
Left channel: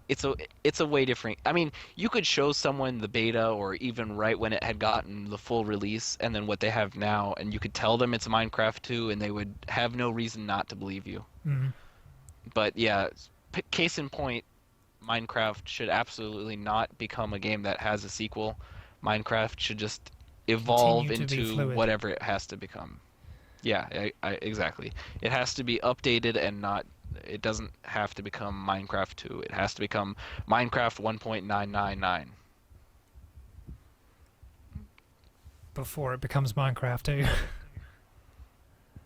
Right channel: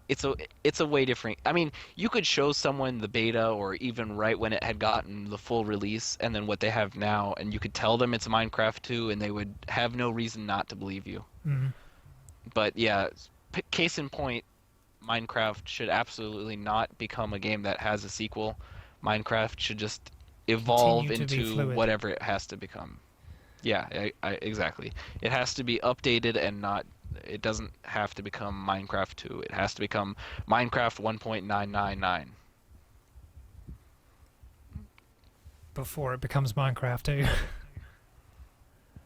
it's a way different. I mean, you could show someone the beta or even right when it had gotten the full release and then what they have now and you could tell them it's Minecraft 2 and they would have no reason not to believe you. Mm. But yeah, case in point, Minecraft should absolutely not become a game that has a sequel. Minecraft should just evolve Continue to be into fluid. whatever it has to become. Yeah, exactly. It has to be updated and not. It doesn't have to become Minecraft 2. It has to become Minecraft 1.999. Before it becomes Minecraft too.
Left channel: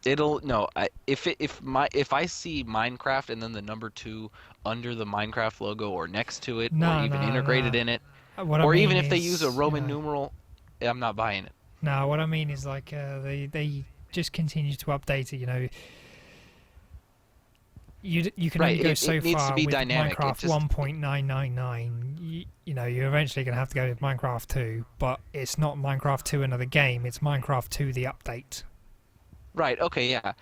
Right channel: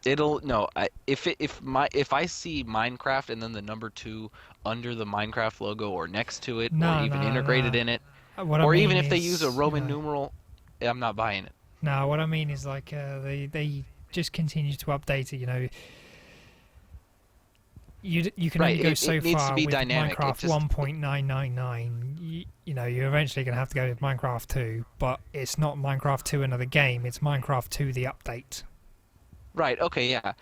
It'll no. If I see Minecraft and then the number 2 under the Minecraft logo or next to it or Nah, even nah, integrated nah. in it, What I or even mean if they use a is, you Roman know, numeral, I'm not buying it. nah. What I mean is like they just continue to update it. You know, you can Right, only go it so needs to far be with dynamic. It Minecraft just 1.999. You know, you're eventually going to have to go with Minecraft 2, but it's not Minecraft 2 another game. It's Minecraft 2 the update. right, okay, yeah.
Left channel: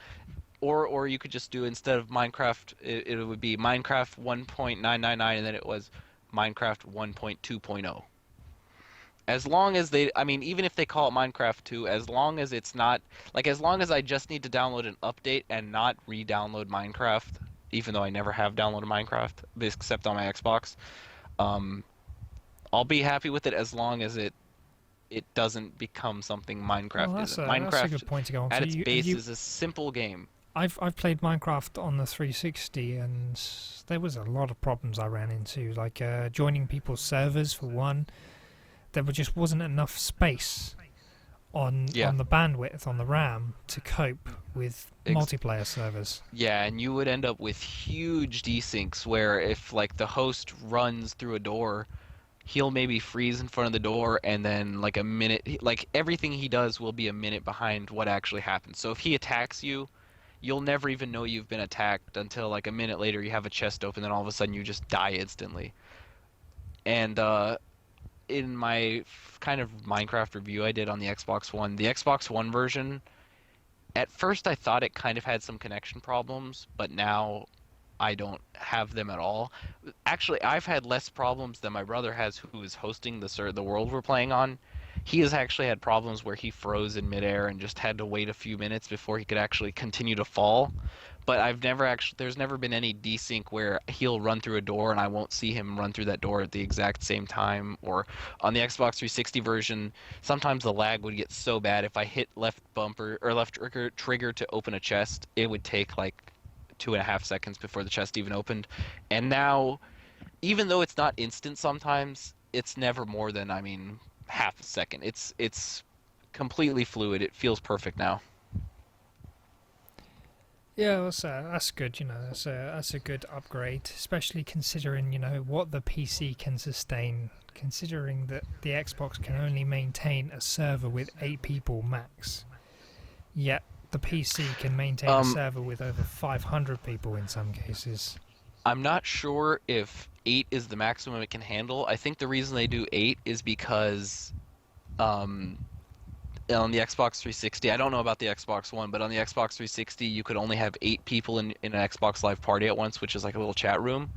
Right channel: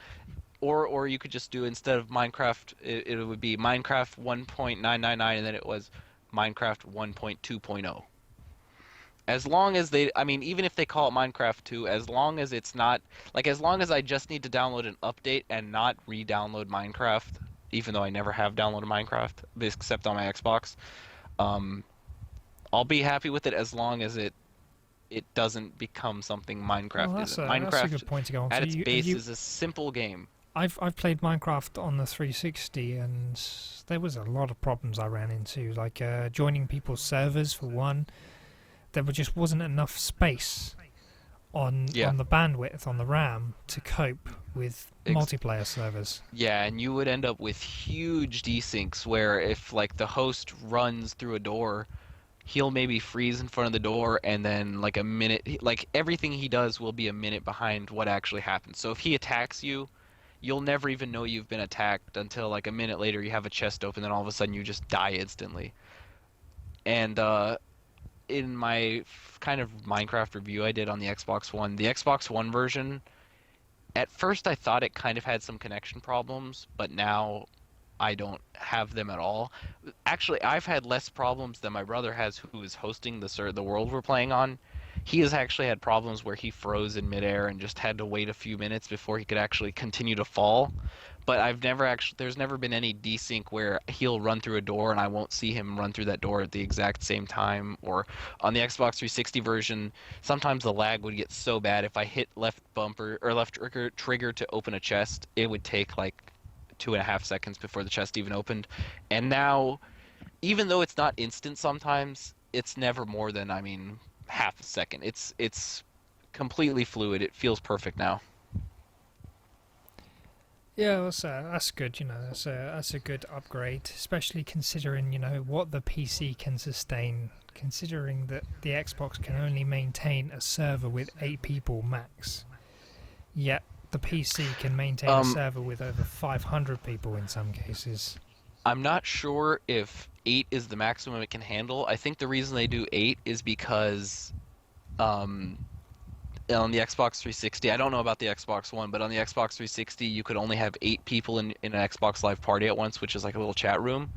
Or you could just do instead of Minecraft it would be Minecraft 1.999 and then it was Minecraft 1.2.0. As long as they I mean even if they call it Minecraft 2, as long as it's not like as long as I just need to download an update and not re-download Minecraft, even though I never have downloaded Minecraft except on my Xbox, um I'll be happy with it as long as it doesn't become something Well, Minecraft isn't. that's a Minecraft good point to go on. at So its you have base you is a simple game. I've played Minecraft on the 360, and there was a lot of problems I ran into, like joining people's servers for one. Just wasn't enough space Yeah. on the bandwidth on the RAM to cope with Ex multiplayer servers. Yeah, and you would end up with huge desyncs where if like the host runs through a door, he'll maybe freeze in front of the door and then like a minute like everything he does will be a minute behind what actually happens. So if he attacks you, you'll never even know you've been attacked until like a minute later you have a chest open and all of a sudden you just die instantly. And in my kind of Minecraft review I did on the Xbox One, the Xbox One version, at first I thought it kind of had some connection problems, but now I don't have them at all. Actually, I've had less problems than my brother has, who is hosting the world we're playing on. He has actually had problems where he froze in midair and just had to wait a few minutes before he could actually continue to fall. But there's never been any desync where he'll run through a door and I won't see him run through that door at the exact same time. Or on the Xbox 360 version, sometimes the lag would get so bad if I hit left bumper or left trigger to open a chest, it would take like 2.5 seconds before the chest even opened. And now, even though it's not instant sometimes, it's never more than, I mean, half a second. It's completely fluid. It feels perfect now. Yeah, that's good. You know, that's a good upgrade, especially considering what the PC can sustain. Considering that the Xbox can only maintain a server with 8 people max, yet the PC can maintain a Um, server with over 500 people in some cases. I'm not sure if 8 is the maximum it can handle. I think the reason they do 8 is because um, on the Xbox 360. I don't know about the Xbox One, but on the Xbox 360, you could only have 8 people in an Xbox Live party at once, which is like a little chat room.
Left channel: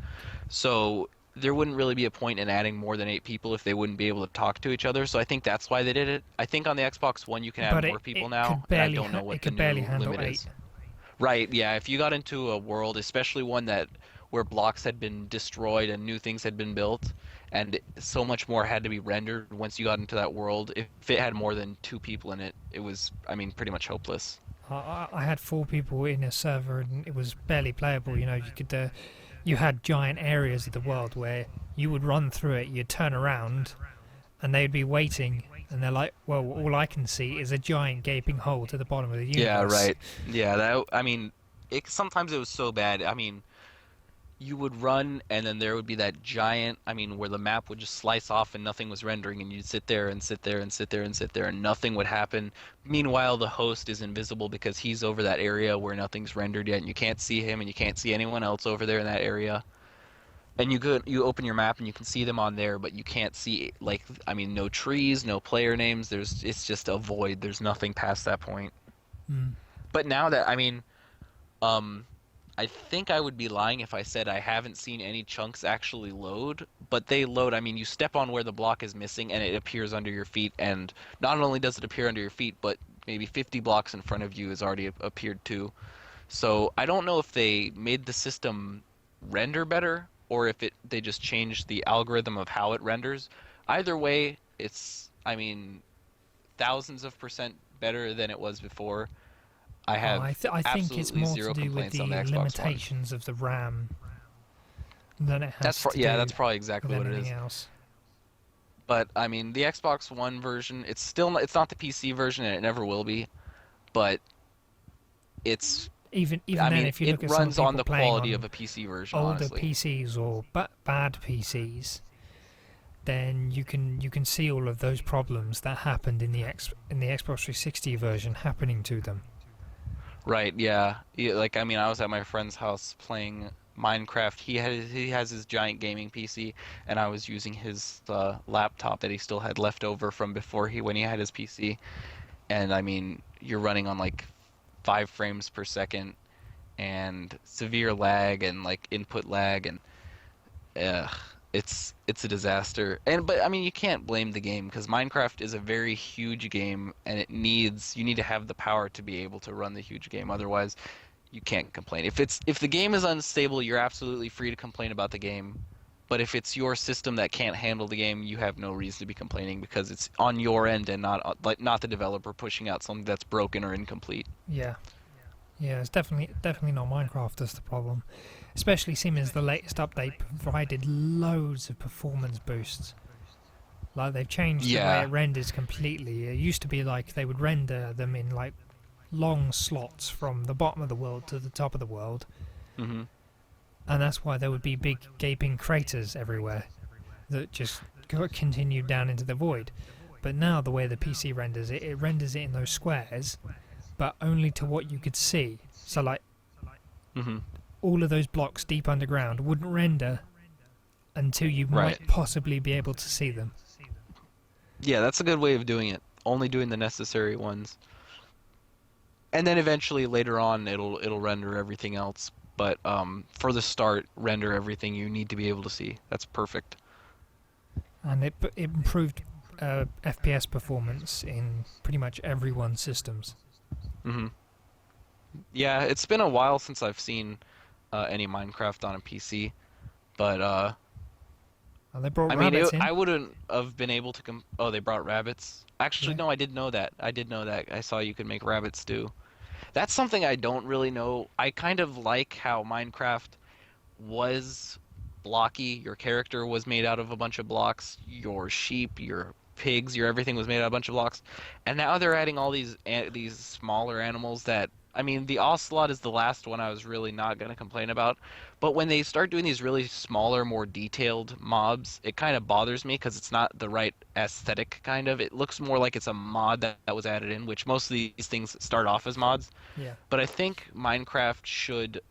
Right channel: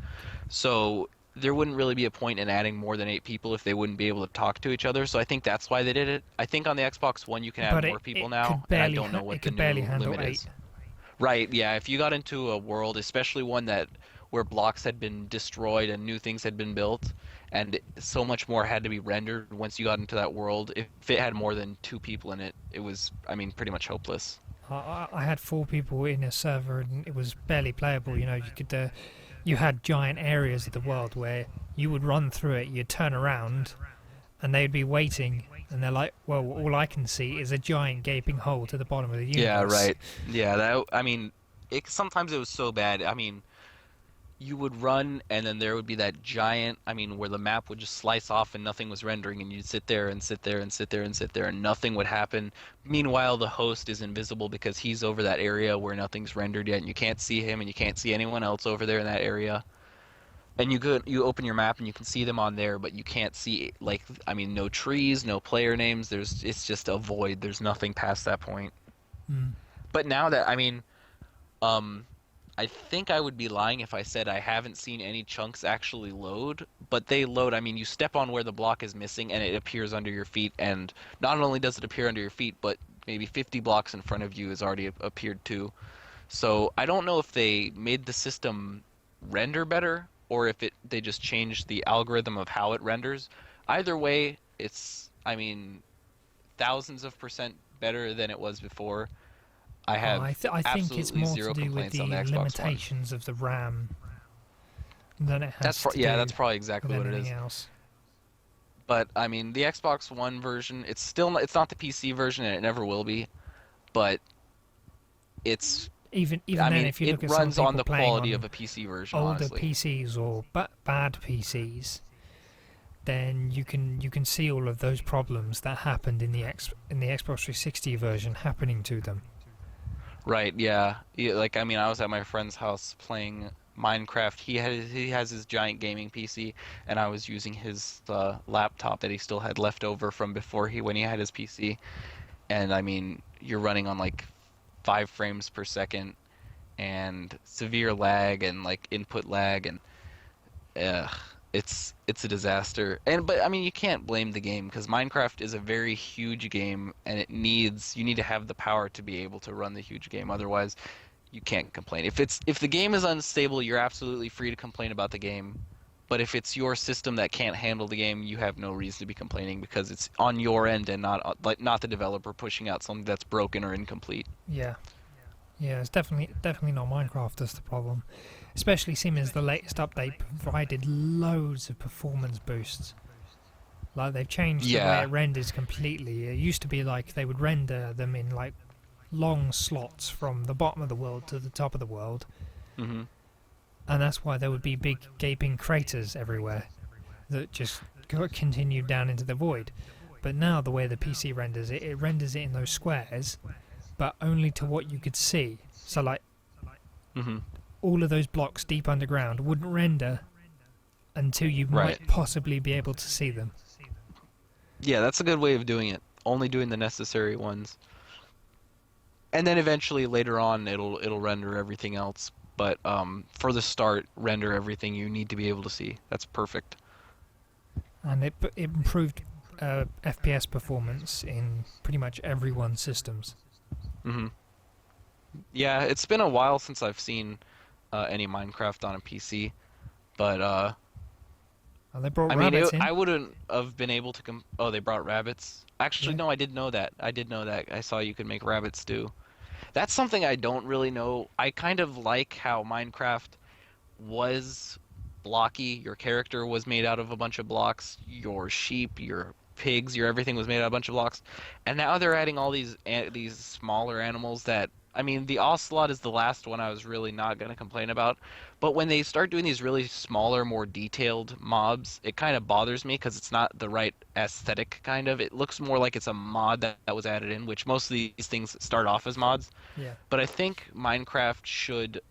So there wouldn't really be a point in adding more than 8 people if they wouldn't be able to talk to each other. So I think that's why they did it. I think on the Xbox One you can add But more people it now, could and I barely don't know what it the could barely new handle limit 8. is. Right, yeah. If you got into a world, especially one that where blocks had been destroyed and new things had been built, and so much more had to be rendered once you got into that world, if it had more than 2 people in it, it was, I mean, pretty much hopeless. I had 4 people in a server and it was barely playable. You know, you had giant areas of the world where you would run through it, you'd turn around, and they'd be waiting, and they're like, "Well, all I can see is a giant gaping hole to the bottom of the Yeah, universe." right. Yeah, that, I mean, sometimes it was so bad. I mean, you would run and then there would be that giant, I mean, where the map would just slice off and nothing was rendering and you'd sit there and sit there and sit there and sit there and nothing would happen. Meanwhile, the host is invisible because he's over that area where nothing's rendered yet and you can't see him and you can't see anyone else over there in that area. And you open your map and you can see them on there, but you can't see, like, I mean, no trees, no player names. It's just a void. There's nothing past that point. Mm. But now that, I mean, um I think I would be lying if I said I haven't seen any chunks actually load, but they load. I mean, you step on where the block is missing and it appears under your feet, and not only does it appear under your feet, but maybe 50 blocks in front of you has already appeared too. So I don't know if they made the system render better or if they just changed the algorithm of how it renders. Either way, it's, I mean, thousands of percent better than it was before. I have I think it's absolutely more to zero do with complaints on the the Xbox One. limitations of the RAM than it has to Yeah, do that's probably with exactly what it anything is. else. But I mean, the Xbox One version, it's not the PC version and it never will be, but it's Even I then, mean, if you it look at some runs on people the playing quality of on a PC version, older honestly. PCs or bad PCs, then you can see all of those problems that happened in the Xbox 360 version happening to them. Right, yeah. Yeah, like I mean, I was at my friend's house playing Minecraft. He has his giant gaming PC and I was using his laptop that he still had left over from before he when he had his PC. And I mean, you're running on like 5 frames per second and severe lag and like input lag and ugh, it's a disaster. And but I mean, you can't blame the game because Minecraft is a very huge game and you need to have the power to be able to run the huge game. Otherwise, you can't complain. If the game is unstable, you're absolutely free to complain about the game. But if it's your system that can't handle the game, you have no reason to be complaining because it's on your end and not the developer pushing out something that's broken or incomplete. Yeah, yeah, it's definitely not Minecraft that's the problem. Especially seeing as the latest update provided loads of performance boosts. Like they've changed the way it Yeah. renders completely. It used to be like they would render them in like long slots from the bottom of the world to the top of the world, Hmm. and that's why there would be big gaping craters everywhere that just continued down into the void. But now the way the PC renders it, it renders it in those squares, but only to what you could see. So like Hmm. all of those blocks deep underground wouldn't render until you Right. might possibly be able to see them. Yeah, that's a good way of doing it. Only doing the necessary ones. And then eventually later on it'll render everything else. But for the start, render everything you need to be able to see. That's perfect. And it improved FPS performance in pretty much everyone's systems. Hmm. Yeah, it's been a while since I've seen any Minecraft on a PC, but And they brought I mean, rabbits in. I wouldn't have been able to Oh, they brought rabbits. Actually, Yeah. no, I did know that. I did know that. I saw you could make rabbit stew. That's something I don't really know. I kind of like how Minecraft was blocky. Your character was made out of a bunch of blocks. Your sheep, your pigs, your everything was made out of a bunch of blocks. And now they're adding all these smaller animals that I mean, the ocelot is the last one I was really not going to complain about. But when they start doing these really smaller, more detailed mobs, it kind of bothers me because it's not the right aesthetic kind of. It looks more like it's a mod that was added in, which most of these things start off as mods. Yeah. But I think Minecraft should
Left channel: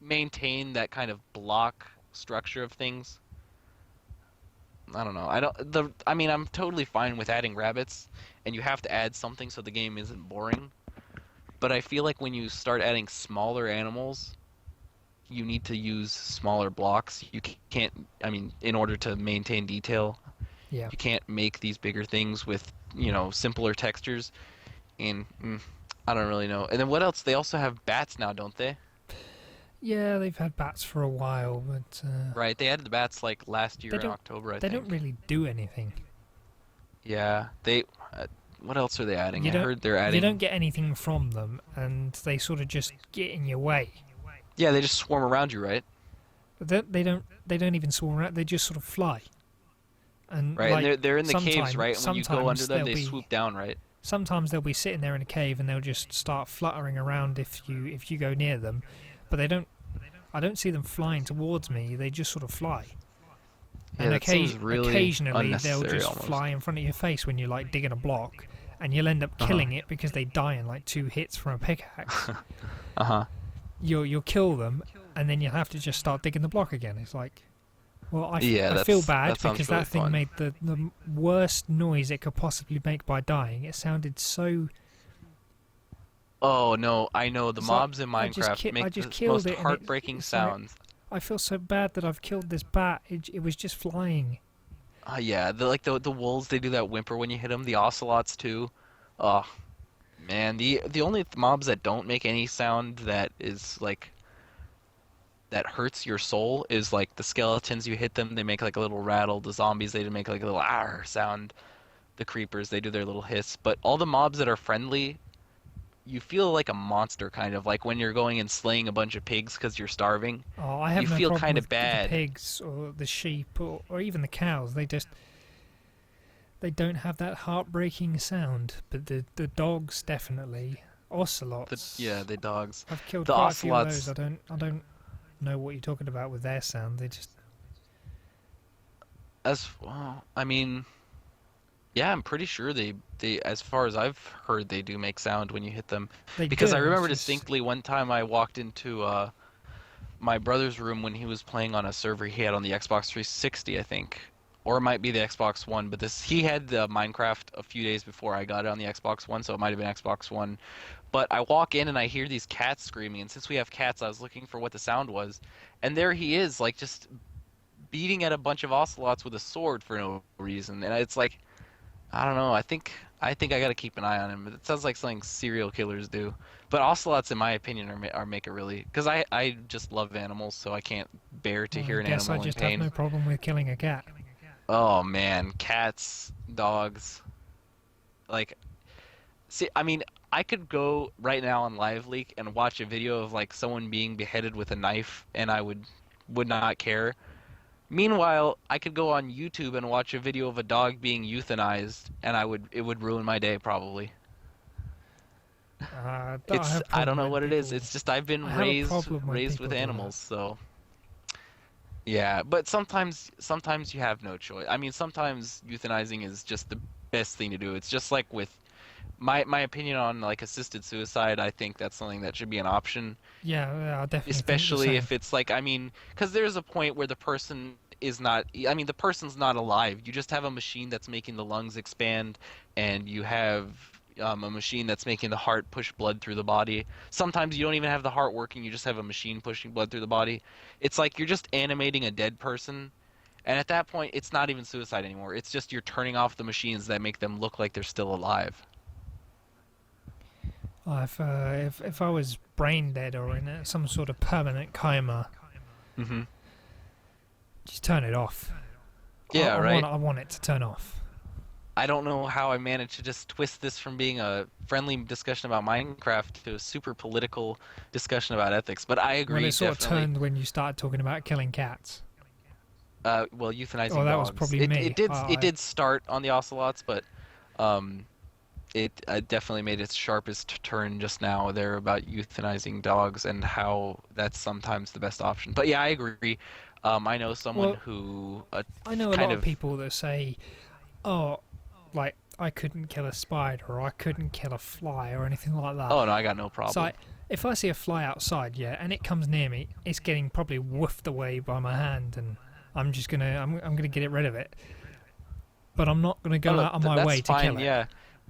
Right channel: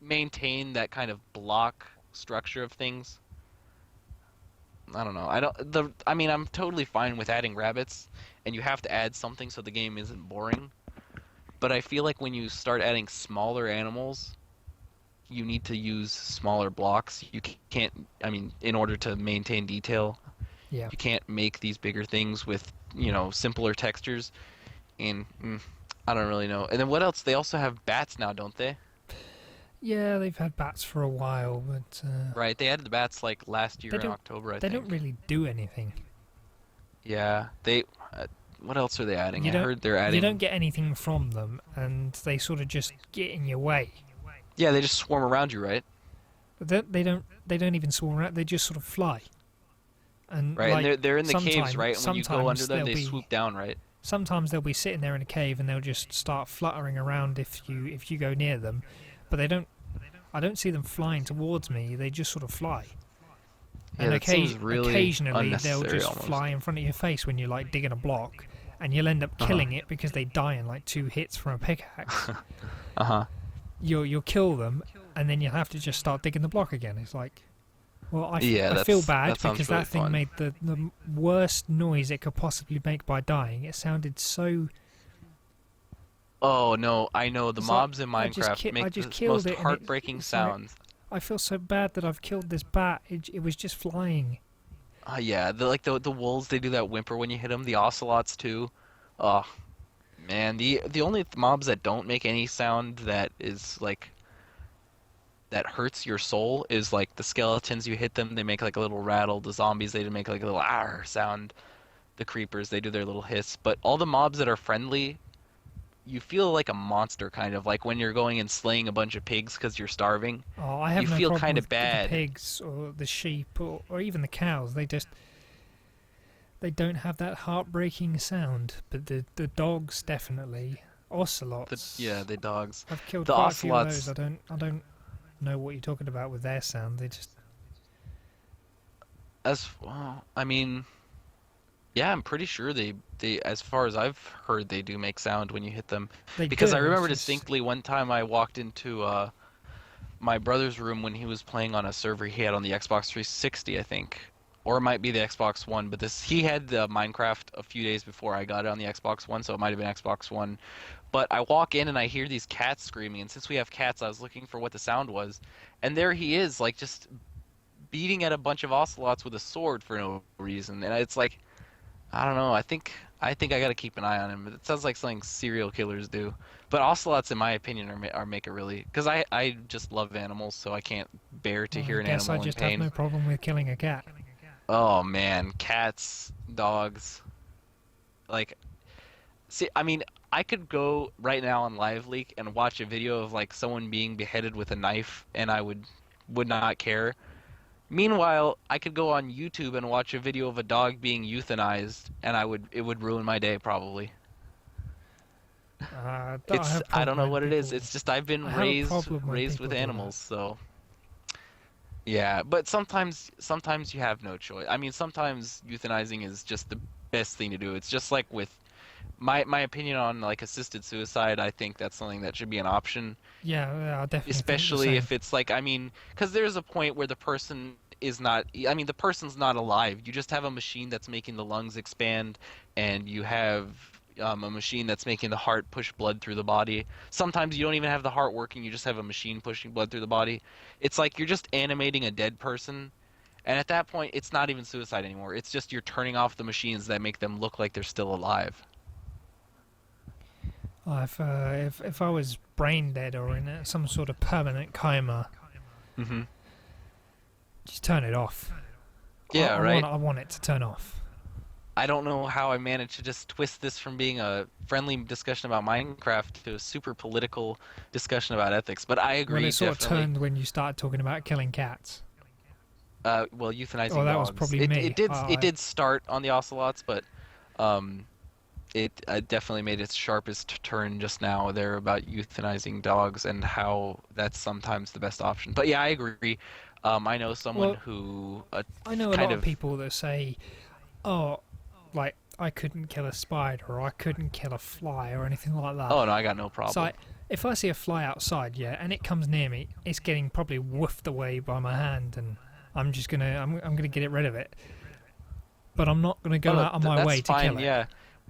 maintain that kind of block structure of things. I don't know. I mean, I'm totally fine with adding rabbits, and you have to add something so the game isn't boring. But I feel like when you start adding smaller animals, you need to use smaller blocks. You can't, I mean, in order to maintain detail, Yeah. you can't make these bigger things with, simpler textures. And I don't really know. And then what else? They also have bats now, don't they? Yeah, they've had bats for a while, but Right, they added the bats like last they year in don't October, I they don't think. really do anything. Yeah, they. What else are they adding? You I don't heard they're you don't adding. get anything from them, and they sort of just get in your way. Yeah, they just swarm around you, right? But they don't even swarm around. They just sort of fly. And Right, and like they're in the caves, right? And when you go under sometimes them, they swoop down, right? they'll be sitting there in a cave and they'll just start fluttering around if you go near them, but they don't. I don't see them flying towards me. They just sort of fly. Yeah, And that seems really occasionally they'll unnecessary just almost. fly in front of your face when you're like digging a block, and you'll end up Uh-huh. killing it because they die in like 2 hits from a pickaxe. Uh-huh. You'll kill them, and then you'll have to just start digging the block again. It's like, well, Yeah, I feel bad that because sounds really that thing fun. made the worst noise it could possibly make by dying. It sounded so. Oh no, I know the It's like mobs in Minecraft I make just the killed most it, and heartbreaking it's like sounds. I feel so bad that I've killed this bat. It was just flying. Yeah, the wolves, they do that whimper when you hit them. The ocelots too. Oh man, the only mobs that don't make any sound that is like that hurts your soul is like the skeletons. You hit them, they make like a little rattle. The zombies, they make like a little ah sound. The creepers, they do their little hiss. But all the mobs that are friendly, you feel like a monster kind of like when you're going and slaying a bunch of pigs because you're starving. Oh, I You have no feel problem kind with of the bad. pigs or the sheep or even the cows. They don't have that heartbreaking sound, but the dogs definitely. Yeah, Ocelots. the dogs. I've killed The quite a few of those. ocelots. I don't know what you're talking about with their sound. They just As well, I mean, yeah, I'm pretty sure they as far as I've heard, they do make sound when you hit them. they Because I do. It's remember just distinctly one time I walked into my brother's room when he was playing on a server he had on the Xbox 360, I think. Or it might be the Xbox One, but this he had the Minecraft a few days before I got it on the Xbox One, so it might have been Xbox One. But I walk in and I hear these cats screaming, and since we have cats, I was looking for what the sound was, and there he is, like just beating at a bunch of ocelots with a sword for no reason. And it's like, I don't know. I think I gotta keep an eye on him. It sounds like something serial killers do. But ocelots, in my opinion, are make it really because I just love animals, so I can't bear to well, I hear an guess I animal in just have pain. no problem with killing a cat. Oh man, cats, dogs, like see, I mean, I could go right now on Live Leak and watch a video of like someone being beheaded with a knife, and I would not care. Meanwhile, I could go on YouTube and watch a video of a dog being euthanized, and it would ruin my day probably. I have a I don't problem know when what it is. people. It's just I've been I have a problem when raised people with do that. animals, so yeah. But sometimes you have no choice. I mean, sometimes euthanizing is just the best thing to do. It's just like with my opinion on like assisted suicide. I think that's something that should be an option, Yeah, I definitely think the especially same. if it's like I mean, because there's a point where the person is not. I mean, the person's not alive. You just have a machine that's making the lungs expand, and you have a machine that's making the heart push blood through the body. Sometimes you don't even have the heart working. You just have a machine pushing blood through the body. It's like you're just animating a dead person. And at that point, it's not even suicide anymore. It's just you're turning off the machines that make them look like they're still alive. If I was brain dead or in some sort of permanent coma, Hmm. just turn it off. Yeah, right. I want it to turn off. I don't know how I managed to just twist this from being a friendly discussion about Minecraft to a super political discussion about ethics, but I Well, agree it sort of definitely. turned when you started talking about killing cats. Well, Oh, euthanizing that was dogs. probably It me. did start on the ocelots, but um, it definitely made its sharpest turn just now there about euthanizing dogs and how that's sometimes the best option. But yeah, I agree. I know someone Well, who I know a kind lot of of. people that say, "Oh, like I couldn't kill a spider or I couldn't kill a fly or anything like that." Oh no, I got no So problem. if I see a fly outside, yeah, and it comes near me, it's getting probably woofed away by my hand, and I'm gonna get it rid of it. but I'm not going to No, go no, out of my that's way to kill fine. it. Yeah,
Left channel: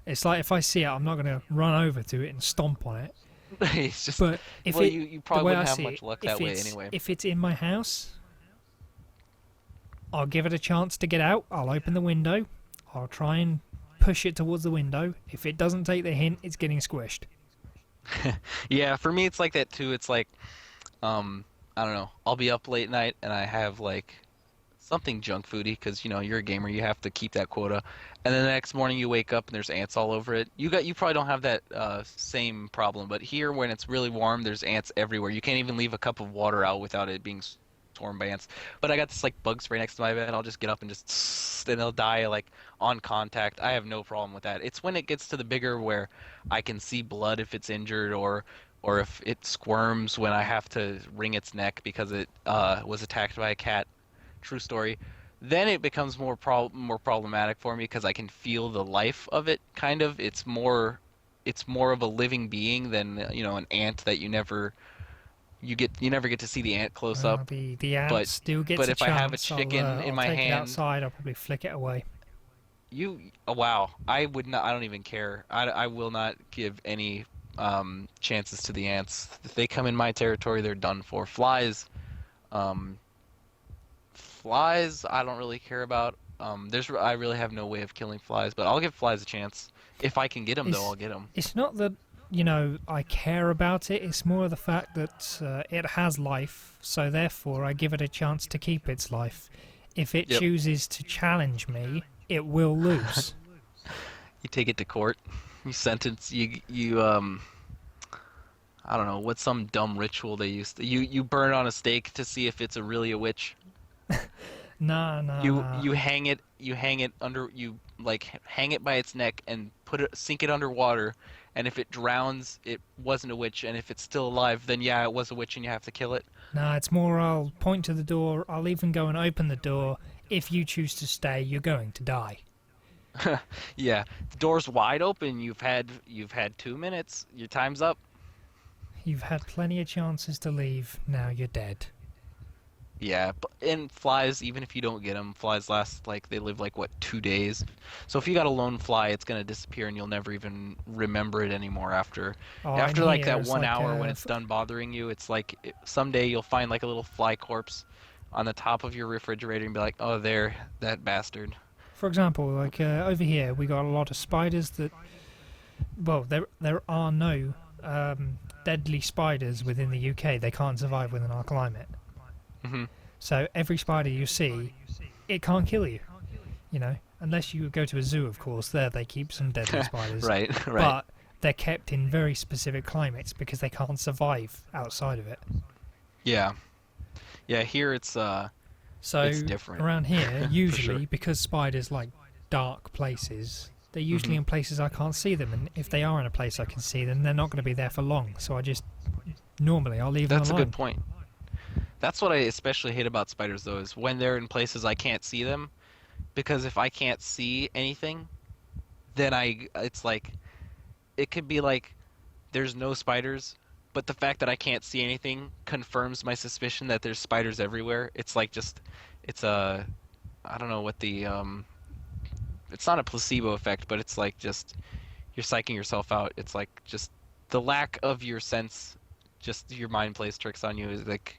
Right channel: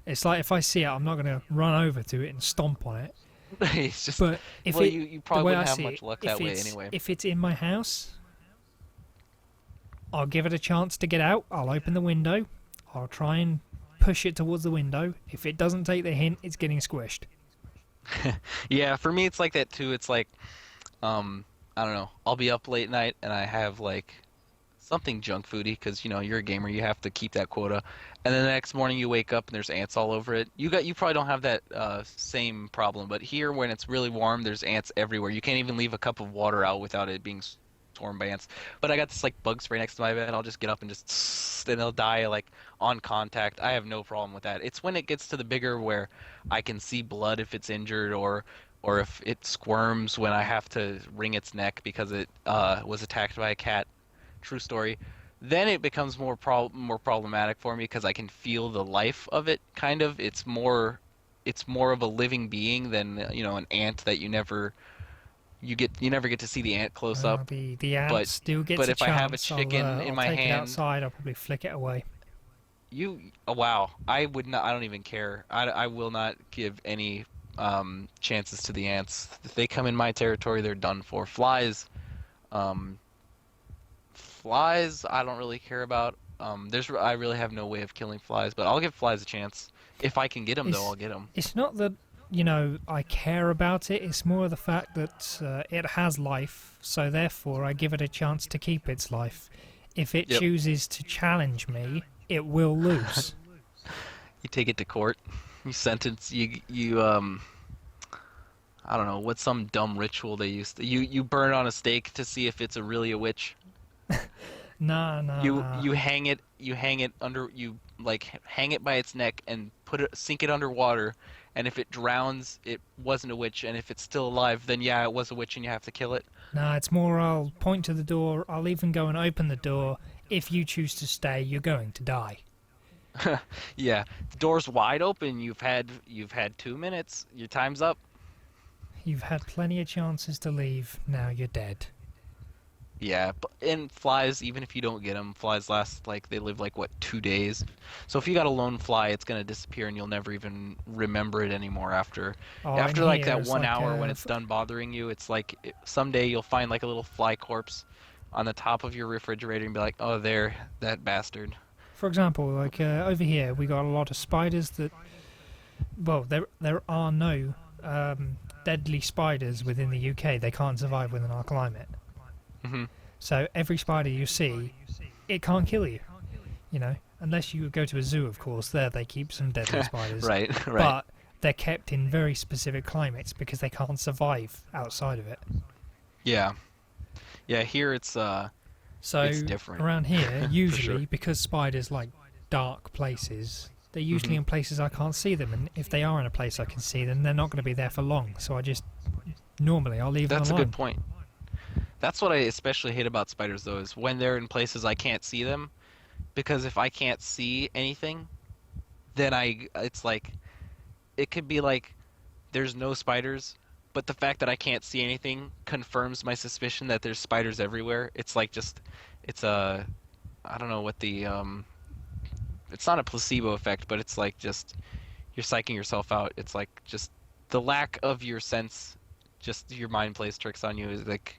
It's like if I see it, I'm not going to run over to it and stomp on it. it's just But if well, it, you the probably way I wouldn't have see it, much luck that way anyway. if it's in my house, I'll give it a chance to get out. I'll open the window. I'll try and push it towards the window. If it doesn't take the hint, it's getting squished. Yeah, for me it's like that too. It's like I don't know. I'll be up late night and I have like something junk foody because you're a gamer, you have to keep that quota. And then the next morning you wake up and there's ants all over it. You probably don't have that same problem, but here when it's really warm, there's ants everywhere. You can't even leave a cup of water out without it being swarmed by ants. But I got this like bug spray next to my bed. I'll just get up and just and they'll die like on contact. I have no problem with that. It's when it gets to the bigger where I can see blood if it's injured or if it squirms when I have to wring its neck because it was attacked by a cat. True story. Then it becomes more problematic for me because I can feel the life of it. Kind of, it's more of a living being than an ant that you never get to see the ant close up. The But ant still but gets a if I have a chance. chicken in I'll my take it hand, outside. I'll probably flick it away. wow, I would not. I don't even care. I will not give any chances to the ants. If they come in my territory, they're done for. Um, Flies, I don't really care about. I really have no way of killing flies, but I'll give flies a chance. If I can get them, though, It's I'll get them. it's not that I care about it. It's more the fact that it has life, so therefore I give it a chance to keep its life. If it Yep. chooses to challenge me, it will lose. You take it to court. You sentence. I don't know what's some dumb ritual they used to. You burn it on a stake to see if it's really a witch. Nah, nah, You nah. you hang it. You hang it under. You like hang it by its neck and sink it underwater. And if it drowns, it wasn't a witch. And if it's still alive, then yeah, it was a witch, and you have to kill it. Nah, it's more I'll point to the door. I'll even go and open the door. If you choose to stay, you're going to die. Yeah, the door's wide open. You've had 2 minutes. Your time's up. You've had plenty of chances to leave. Now you're dead. Yeah, and flies, even if you don't get them, flies last like they live like what 2 days. So if you got a lone fly, it's gonna disappear and you'll never even remember it anymore after Oh, and after like here that it's one like hour when it's done bothering you. It's like someday you'll find like a little fly corpse on the top of your refrigerator and be like, oh, there, that bastard. for example, like over here, we got a lot of spiders that. Well, there are no deadly spiders within the UK. They can't survive within our climate. Hmm. So every spider you see, it can't kill you. Unless you go to a zoo, of course. There they keep some deadly spiders, Right, right. but they're kept in very specific climates because they can't survive outside of it. Yeah, yeah. Here it's So different around here, for sure. usually because spiders like dark places, they're usually Hmm. in places I can't see them, and if they are in a place I can see them, they're not going to be there for long. So normally I'll leave them That's a alone. good point. That's what I especially hate about spiders, though, is when they're in places I can't see them. Because if I can't see anything, then it's like, it could be like there's no spiders, but the fact that I can't see anything confirms my suspicion that there's spiders everywhere. It's like it's a, I don't know what it's not a placebo effect, but it's like just, you're psyching yourself out. It's like just the lack of your sense, just your mind plays tricks on you is like,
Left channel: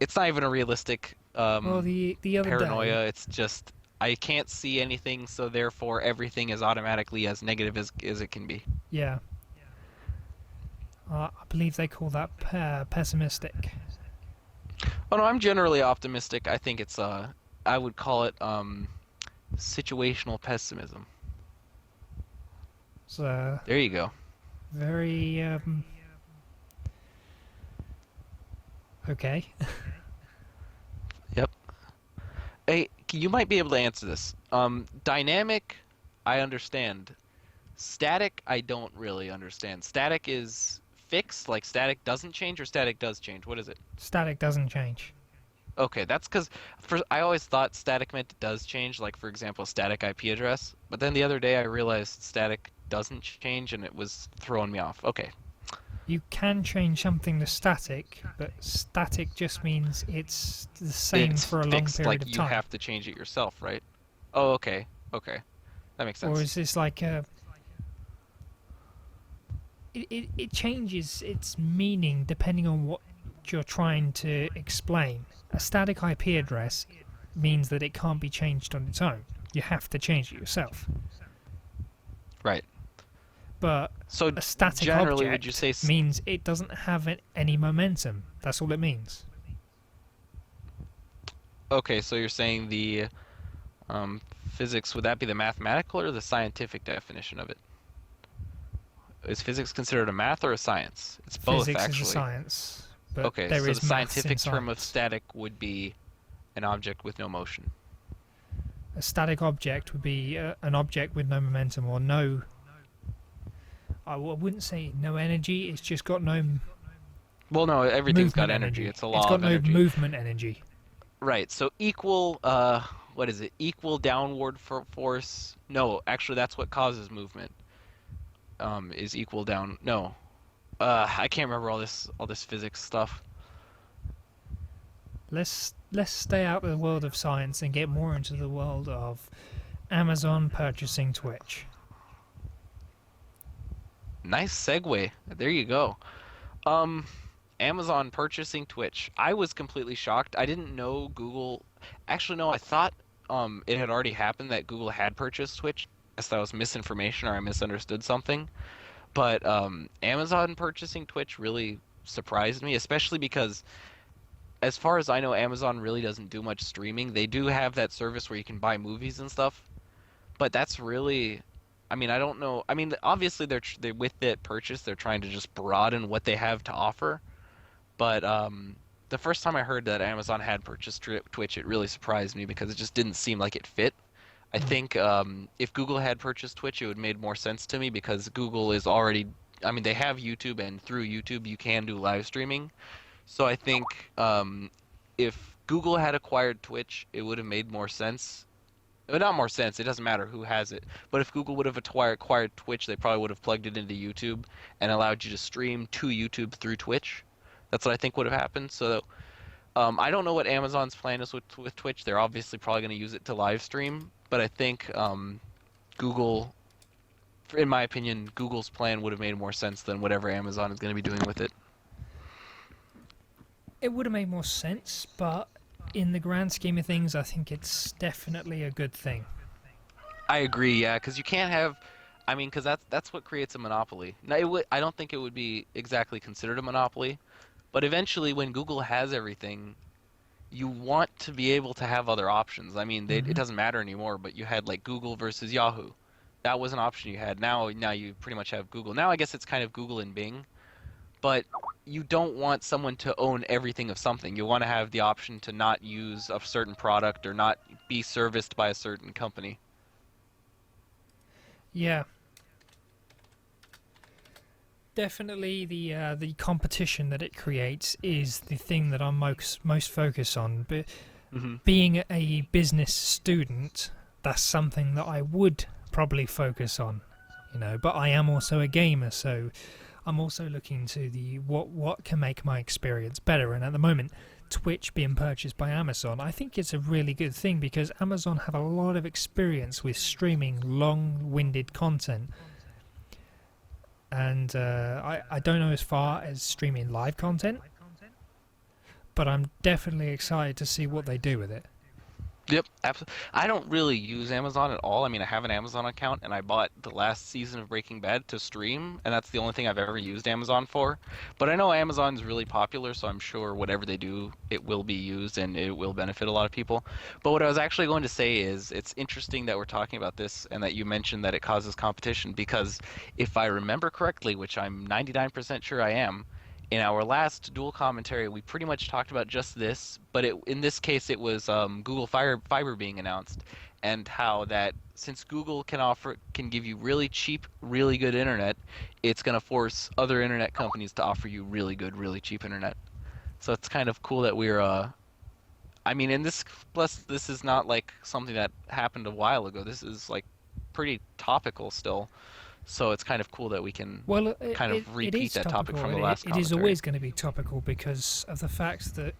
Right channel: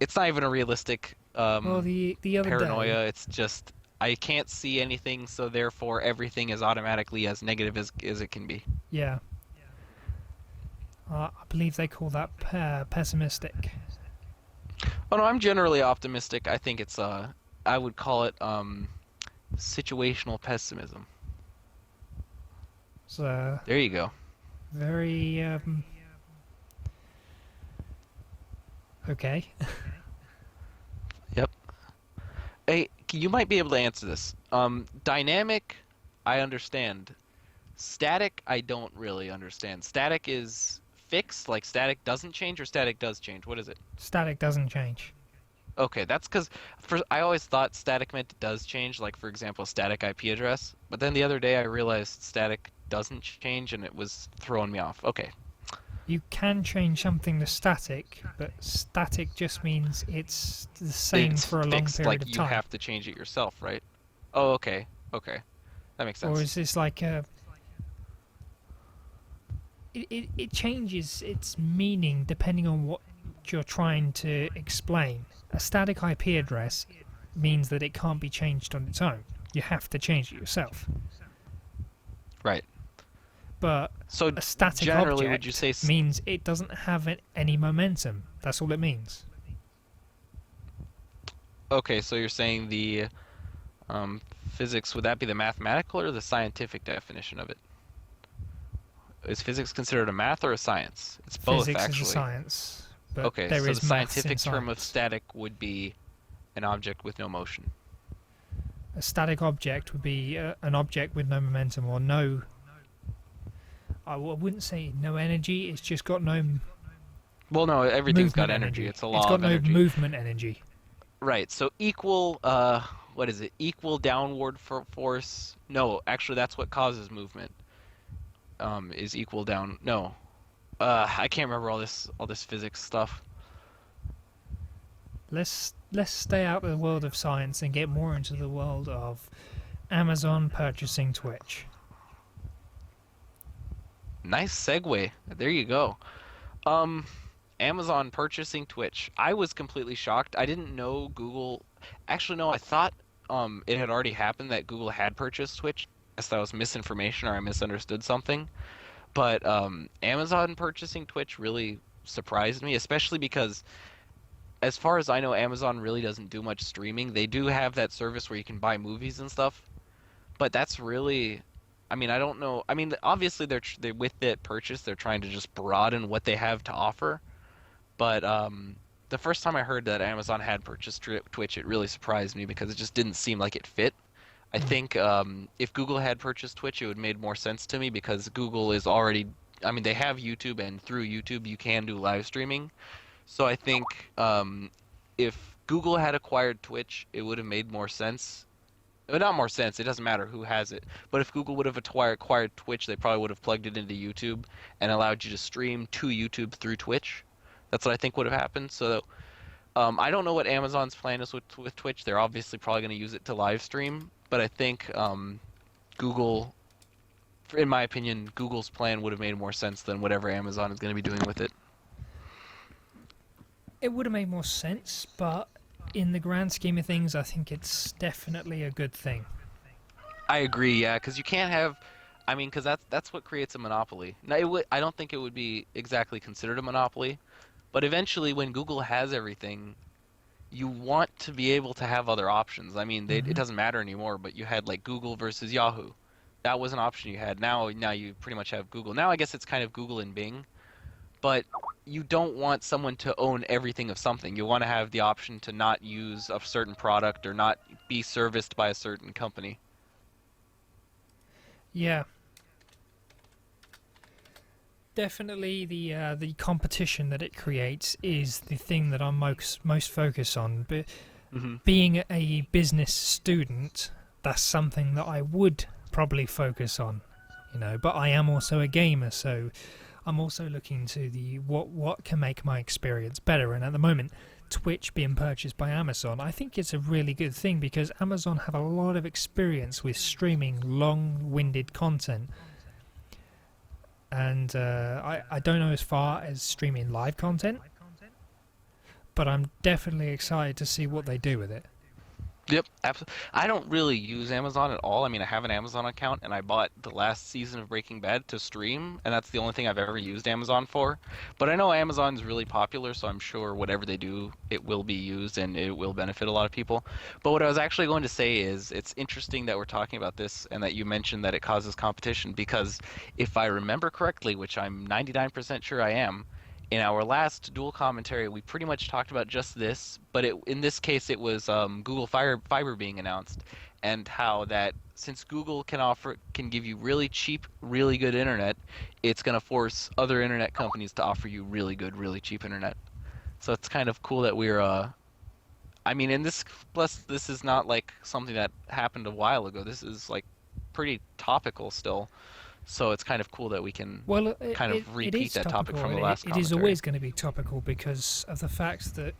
it's not even a realistic Well, the other day, paranoia. It's just I can't see anything, so therefore everything is automatically as negative as it can be. yeah, I believe they call that pessimistic. Oh no, I'm generally optimistic. I think it's I would call it situational pessimism. So There you go. very okay. Yep. Hey, you might be able to answer this. Dynamic, I understand. Static, I don't really understand. Static is fixed, like static doesn't change, or static does change. What is it? Static doesn't change. Okay, that's because I always thought static meant it does change, like for example, static IP address. But then the other day I realized static doesn't change, and it was throwing me off. Okay, You can change something to static, but static just means it's the same it's for a long fixed, period like of you time. have to change it yourself, right? Oh, okay. Okay. That makes Or sense. is this like a it changes its meaning depending on what you're trying to explain. A static IP address means that it can't be changed on its own. You have to change it yourself. Right. But So a static generally, would you object say means it doesn't have any momentum. That's all it means. okay, so you're saying the um, physics, would that be the mathematical or the scientific definition of it? Is physics considered a math or a science? It's both, Physics is a actually. science, but Okay, there so the is maths in scientific term of science. static would be an object with no motion. A static object would be an object with no momentum or no. I wouldn't say no energy. It's just got no Well, no, everything's got movement energy. energy. It's a It's law got of no energy. movement energy. Right, so equal, what is it? Equal downward force. No, actually, that's what causes movement. Is equal down. No, I can't remember all this physics stuff. Let's stay out of the world of science and get more into the world of Amazon purchasing Twitch. Nice segue. There you go. Um, Amazon purchasing Twitch. I was completely shocked. I didn't know Google. Actually, no, I thought it had already happened that Google had purchased Twitch. I guess that was misinformation or I misunderstood something. But Amazon purchasing Twitch really surprised me, especially because as far as I know, Amazon really doesn't do much streaming. They do have that service where you can buy movies and stuff, but that's really, I mean, I don't know. I mean, obviously they with that purchase, they're trying to just broaden what they have to offer. But the first time I heard that Amazon had purchased Twitch, it really surprised me because it just didn't seem like it fit. I Mm. think if Google had purchased Twitch, it would have made more sense to me because Google is already, I mean, they have YouTube, and through YouTube you can do live streaming. So I think if Google had acquired Twitch, it would have made more sense. Not more sense, it doesn't matter who has it. But if Google would have acquired Twitch, they probably would have plugged it into YouTube and allowed you to stream to YouTube through Twitch. That's what I think would have happened. So I don't know what Amazon's plan is with Twitch. They're obviously probably going to use it to live stream, but I think Google, in my opinion, Google's plan would have made more sense than whatever Amazon is going to be doing with it. It would have made more sense, but in the grand scheme of things, I think it's definitely a good thing. I agree, yeah, because you can't have, I mean, because that's what creates a monopoly. Now, I don't think it would be exactly considered a monopoly, but eventually, when Google has everything, you want to be able to have other options. I mean, it Hmm. doesn't matter anymore, but you had like Google versus Yahoo. That was an option you had. Now you pretty much have Google. Now I guess it's kind of Google and Bing, but you don't want someone to own everything of something. You want to have the option to not use a certain product or not be serviced by a certain company. Yeah, definitely the competition that it creates is the thing that I'm most focused on. But Hmm. being a business student, that's something that I would probably focus on, you know. But I am also a gamer, so I'm also looking to the what can make my experience better. And at the moment, Twitch being purchased by Amazon, I think it's a really good thing because Amazon have a lot of experience with streaming long-winded content. And I don't know as far as streaming live content, but I'm definitely excited to see what they do with it. Yep, absolutely. I don't really use Amazon at all. I mean, I have an Amazon account and I bought the last season of Breaking Bad to stream, and that's the only thing I've ever used Amazon for. But I know Amazon's really popular, so I'm sure whatever they do, it will be used and it will benefit a lot of people. But what I was actually going to say is it's interesting that we're talking about this and that you mentioned that it causes competition because if I remember correctly, which I'm 99% sure I am, in our last dual commentary, we pretty much talked about just this, but in this case, it was Google Fiber being announced, and how that since Google can give you really cheap, really good internet, it's going to force other internet companies to offer you really good, really cheap internet. So it's kind of cool that we're I mean, and this plus this is not like something that happened a while ago. This is like pretty topical still. So it's kind of cool that we can Well, kind of it repeat is that topic topical, from the and last it is commentary. always going to be topical because of the fact that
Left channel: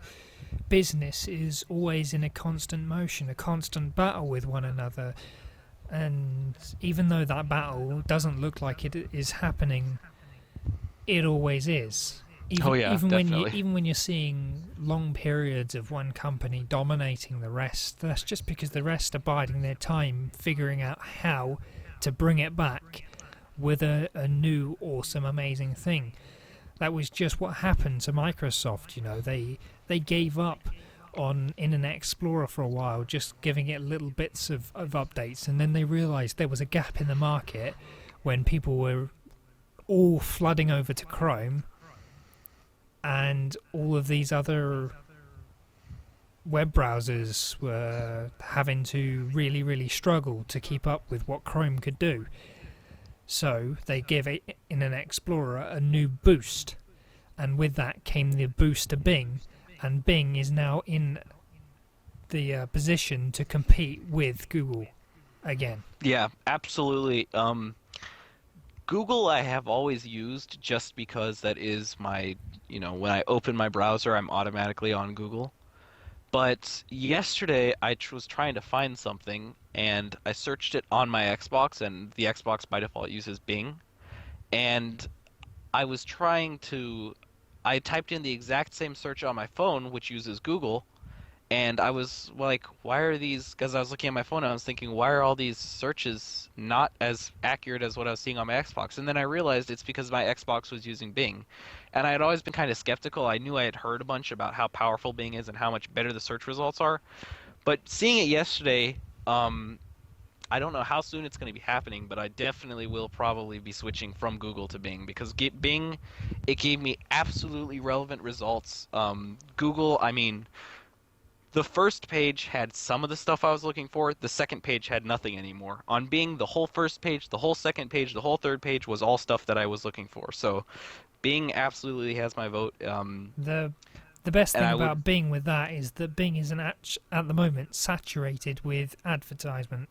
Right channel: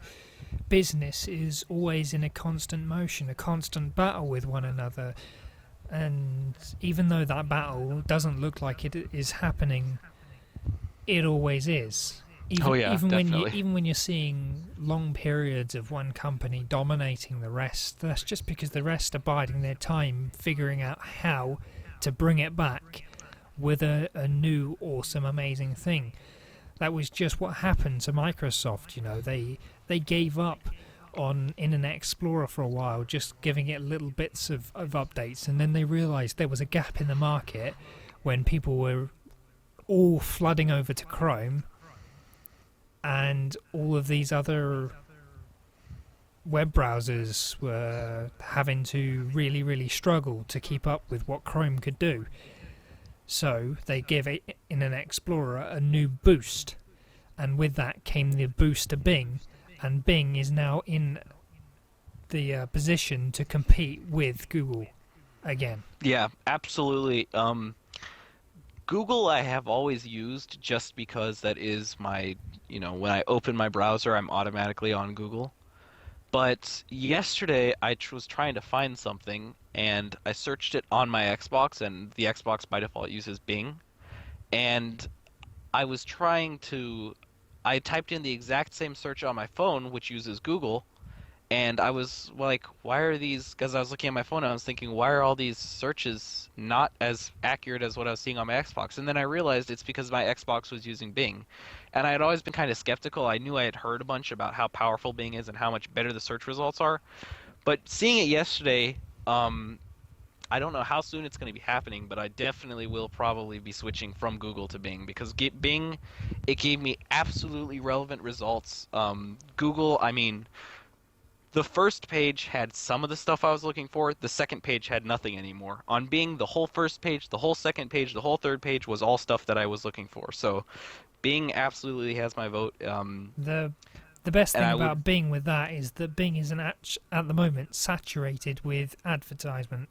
business is always in a constant motion, a constant battle with one another. And even though that battle doesn't look like it is happening, it always is. Oh Even yeah, even when you definitely. even when you're seeing long periods of one company dominating the rest, that's just because the rest are biding their time, figuring out how to bring it back with a new, awesome, amazing thing. That was just what happened to Microsoft. They gave up on Internet Explorer for a while, just giving it little bits of updates, and then they realised there was a gap in the market when people were all flooding over to Chrome, and all of these other web browsers were having to really, really struggle to keep up with what Chrome could do. So they gave Internet Explorer a new boost, and with that came the boost to Bing, and Bing is now in the position to compete with Google again. Yeah, absolutely. Google I have always used just because that is my, when I open my browser, I'm automatically on Google. But yesterday was trying to find something and I searched it on my Xbox, and the Xbox by default uses Bing. And I was trying to, I typed in the exact same search on my phone, which uses Google, and I was like, why are these? Because I was looking at my phone and I was thinking, why are all these searches not as accurate as what I was seeing on my Xbox? And then I realized it's because my Xbox was using Bing. And I had always been kind of skeptical. I knew I had heard a bunch about how powerful Bing is and how much better the search results are. But seeing it yesterday, I don't know how soon it's going to be happening, but I definitely will probably be switching from Google to Bing because Bing, it gave me absolutely relevant results. Google, I mean, the first page had some of the stuff I was looking for. The second page had nothing anymore. On Bing, the whole first page, the whole second page, the whole third page was all stuff that I was looking for. So Bing absolutely has my vote. The the best And thing I would, about Bing with that is that Bing isn't at the moment saturated with advertisement.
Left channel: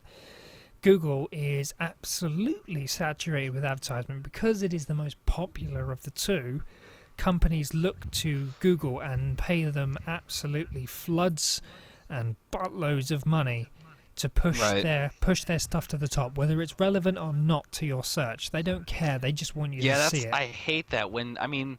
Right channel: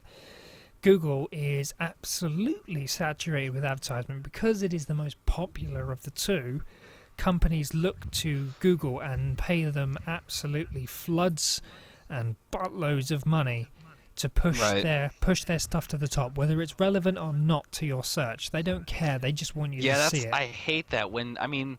Google is absolutely saturated with advertisement because it is the most popular of the two. Companies look to Google and pay them absolutely floods and buttloads of money to right. push their stuff to the top, whether it's relevant or not to your search. They don't care. They just want you to Yeah, see that's, it. I hate that when, I mean,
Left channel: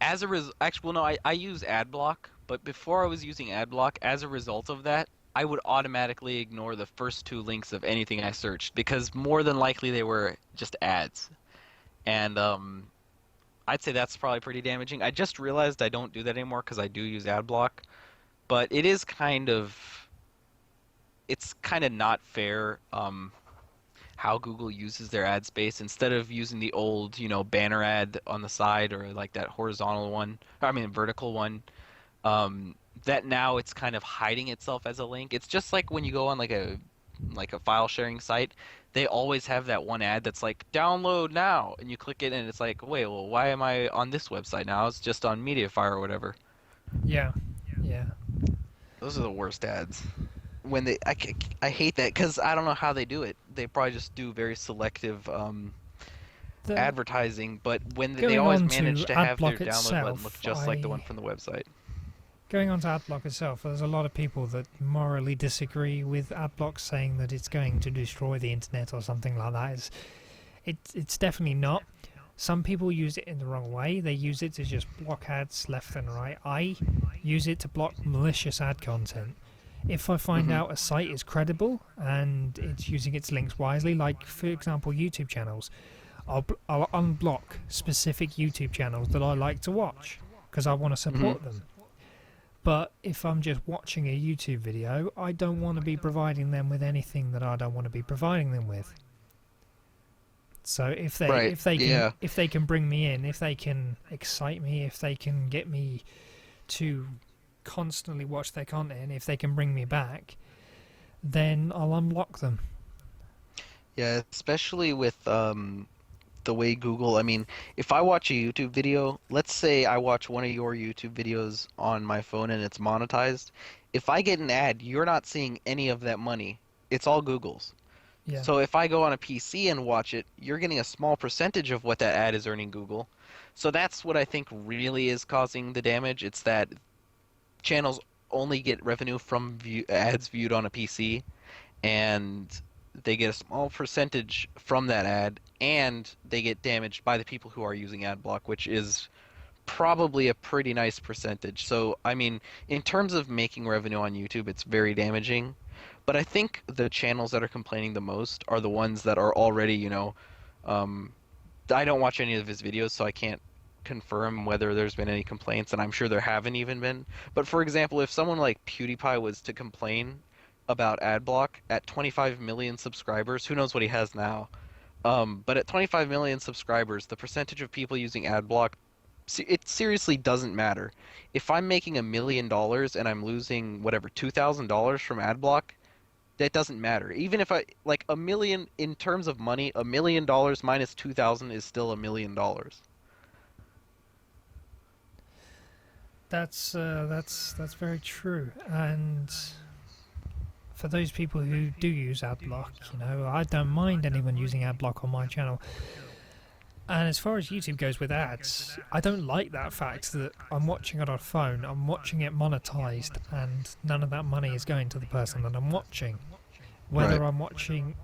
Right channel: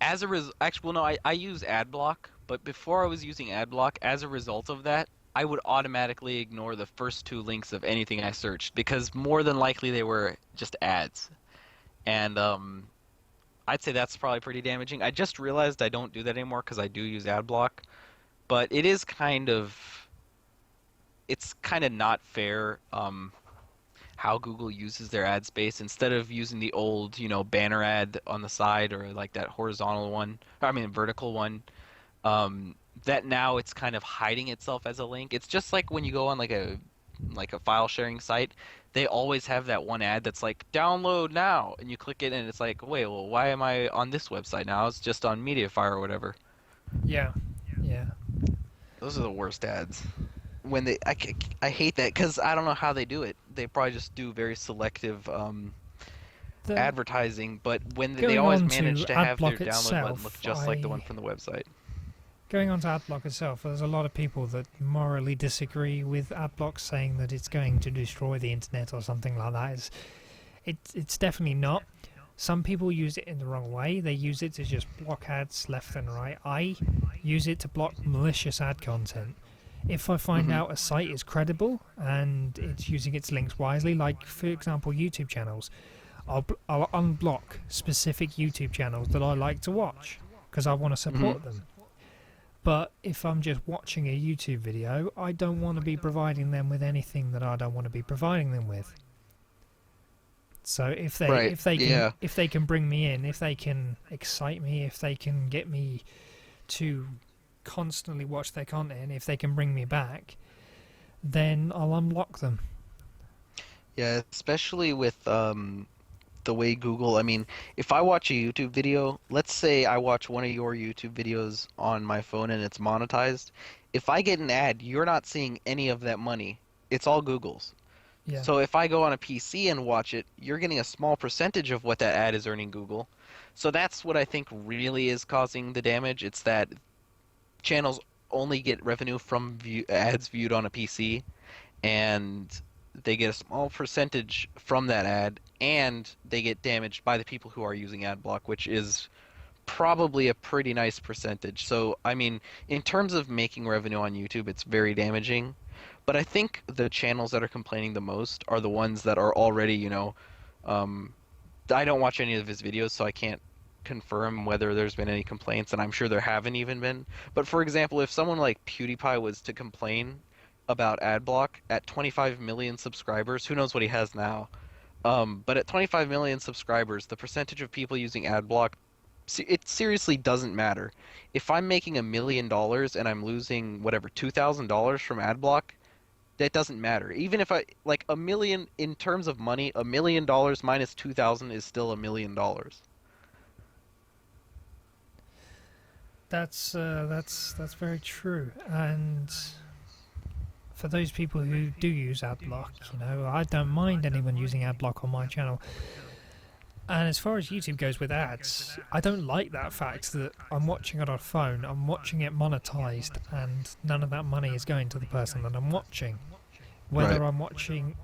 as a actually, well, no, I use AdBlock, but before I was using AdBlock, as a result of that, I would automatically ignore the first two links of anything I searched because more than likely they were just ads. And I'd say that's probably pretty damaging. I just realized I don't do that anymore because I do use AdBlock, but it's kind of not fair how Google uses their ad space instead of using the old, banner ad on the side or like that horizontal one, I mean vertical one. Um, that now it's kind of hiding itself as a link. It's just like when you go on like a file sharing site, they always have that one ad that's like download now, and you click it and it's like, wait, well, why am I on this website now? It's just on Mediafire or whatever. Yeah, yeah. Those are the worst ads. When I hate that because I don't know how they do it. They probably just do very selective The advertising, but when they Going always on manage to to have their AdBlock download button look itself, just like the one from the website. going on to AdBlock itself, there's a lot of people that morally disagree with AdBlock, saying that it's going to destroy the internet or something like that. It's definitely not. Some people use it in the wrong way. They use it to just block ads left and right. I use it to block malicious ad content. If I find Hmm. out a site is credible and it's using its links wisely, like for example YouTube channels, I'll unblock specific YouTube channels that I like to watch because I want to Hmm. support them. But if I'm just watching a YouTube video, I don't want to be providing them with anything that I don't want to be providing them with. So Right. Yeah. if they can bring me in, if they can excite me, if they can get me to constantly watch their content, if they can bring me back, then I'll unlock them. Yeah, especially with the way Google, I mean, if I watch a YouTube video, let's say I watch one of your YouTube videos on my phone and it's monetized, if I get an ad, you're not seeing any of that money. It's all Google's. Yeah. So if I go on a PC and watch it, you're getting a small percentage of what that ad is earning Google. So that's what I think really is causing the damage. It's that channels only get revenue from ads viewed on a PC, and they get a small percentage from that ad, and they get damaged by the people who are using ad block, which is probably a pretty nice percentage. So, I mean, in terms of making revenue on YouTube, it's very damaging. But I think the channels that are complaining the most are the ones that are already, um, I don't watch any of his videos, so I can't confirm whether there's been any complaints, and I'm sure there haven't even been. But for example, if someone like PewDiePie was to complain about adblock at 25 million subscribers, who knows what he has now? But at 25 million subscribers, the percentage of people using adblock, it seriously doesn't matter. If I'm making $1 million and I'm losing whatever $2,000 from adblock, that doesn't matter. Even if I like a million in terms of money, $1 million minus 2,000 is still $1 million. That's very true. And for those people who do use AdBlock, I don't mind anyone using AdBlock on my channel. And as far as YouTube goes with ads, I don't like that fact that I'm watching it on a phone, I'm watching it monetized, and none of that money is going to the person that I'm watching. Right. Whether I'm watching,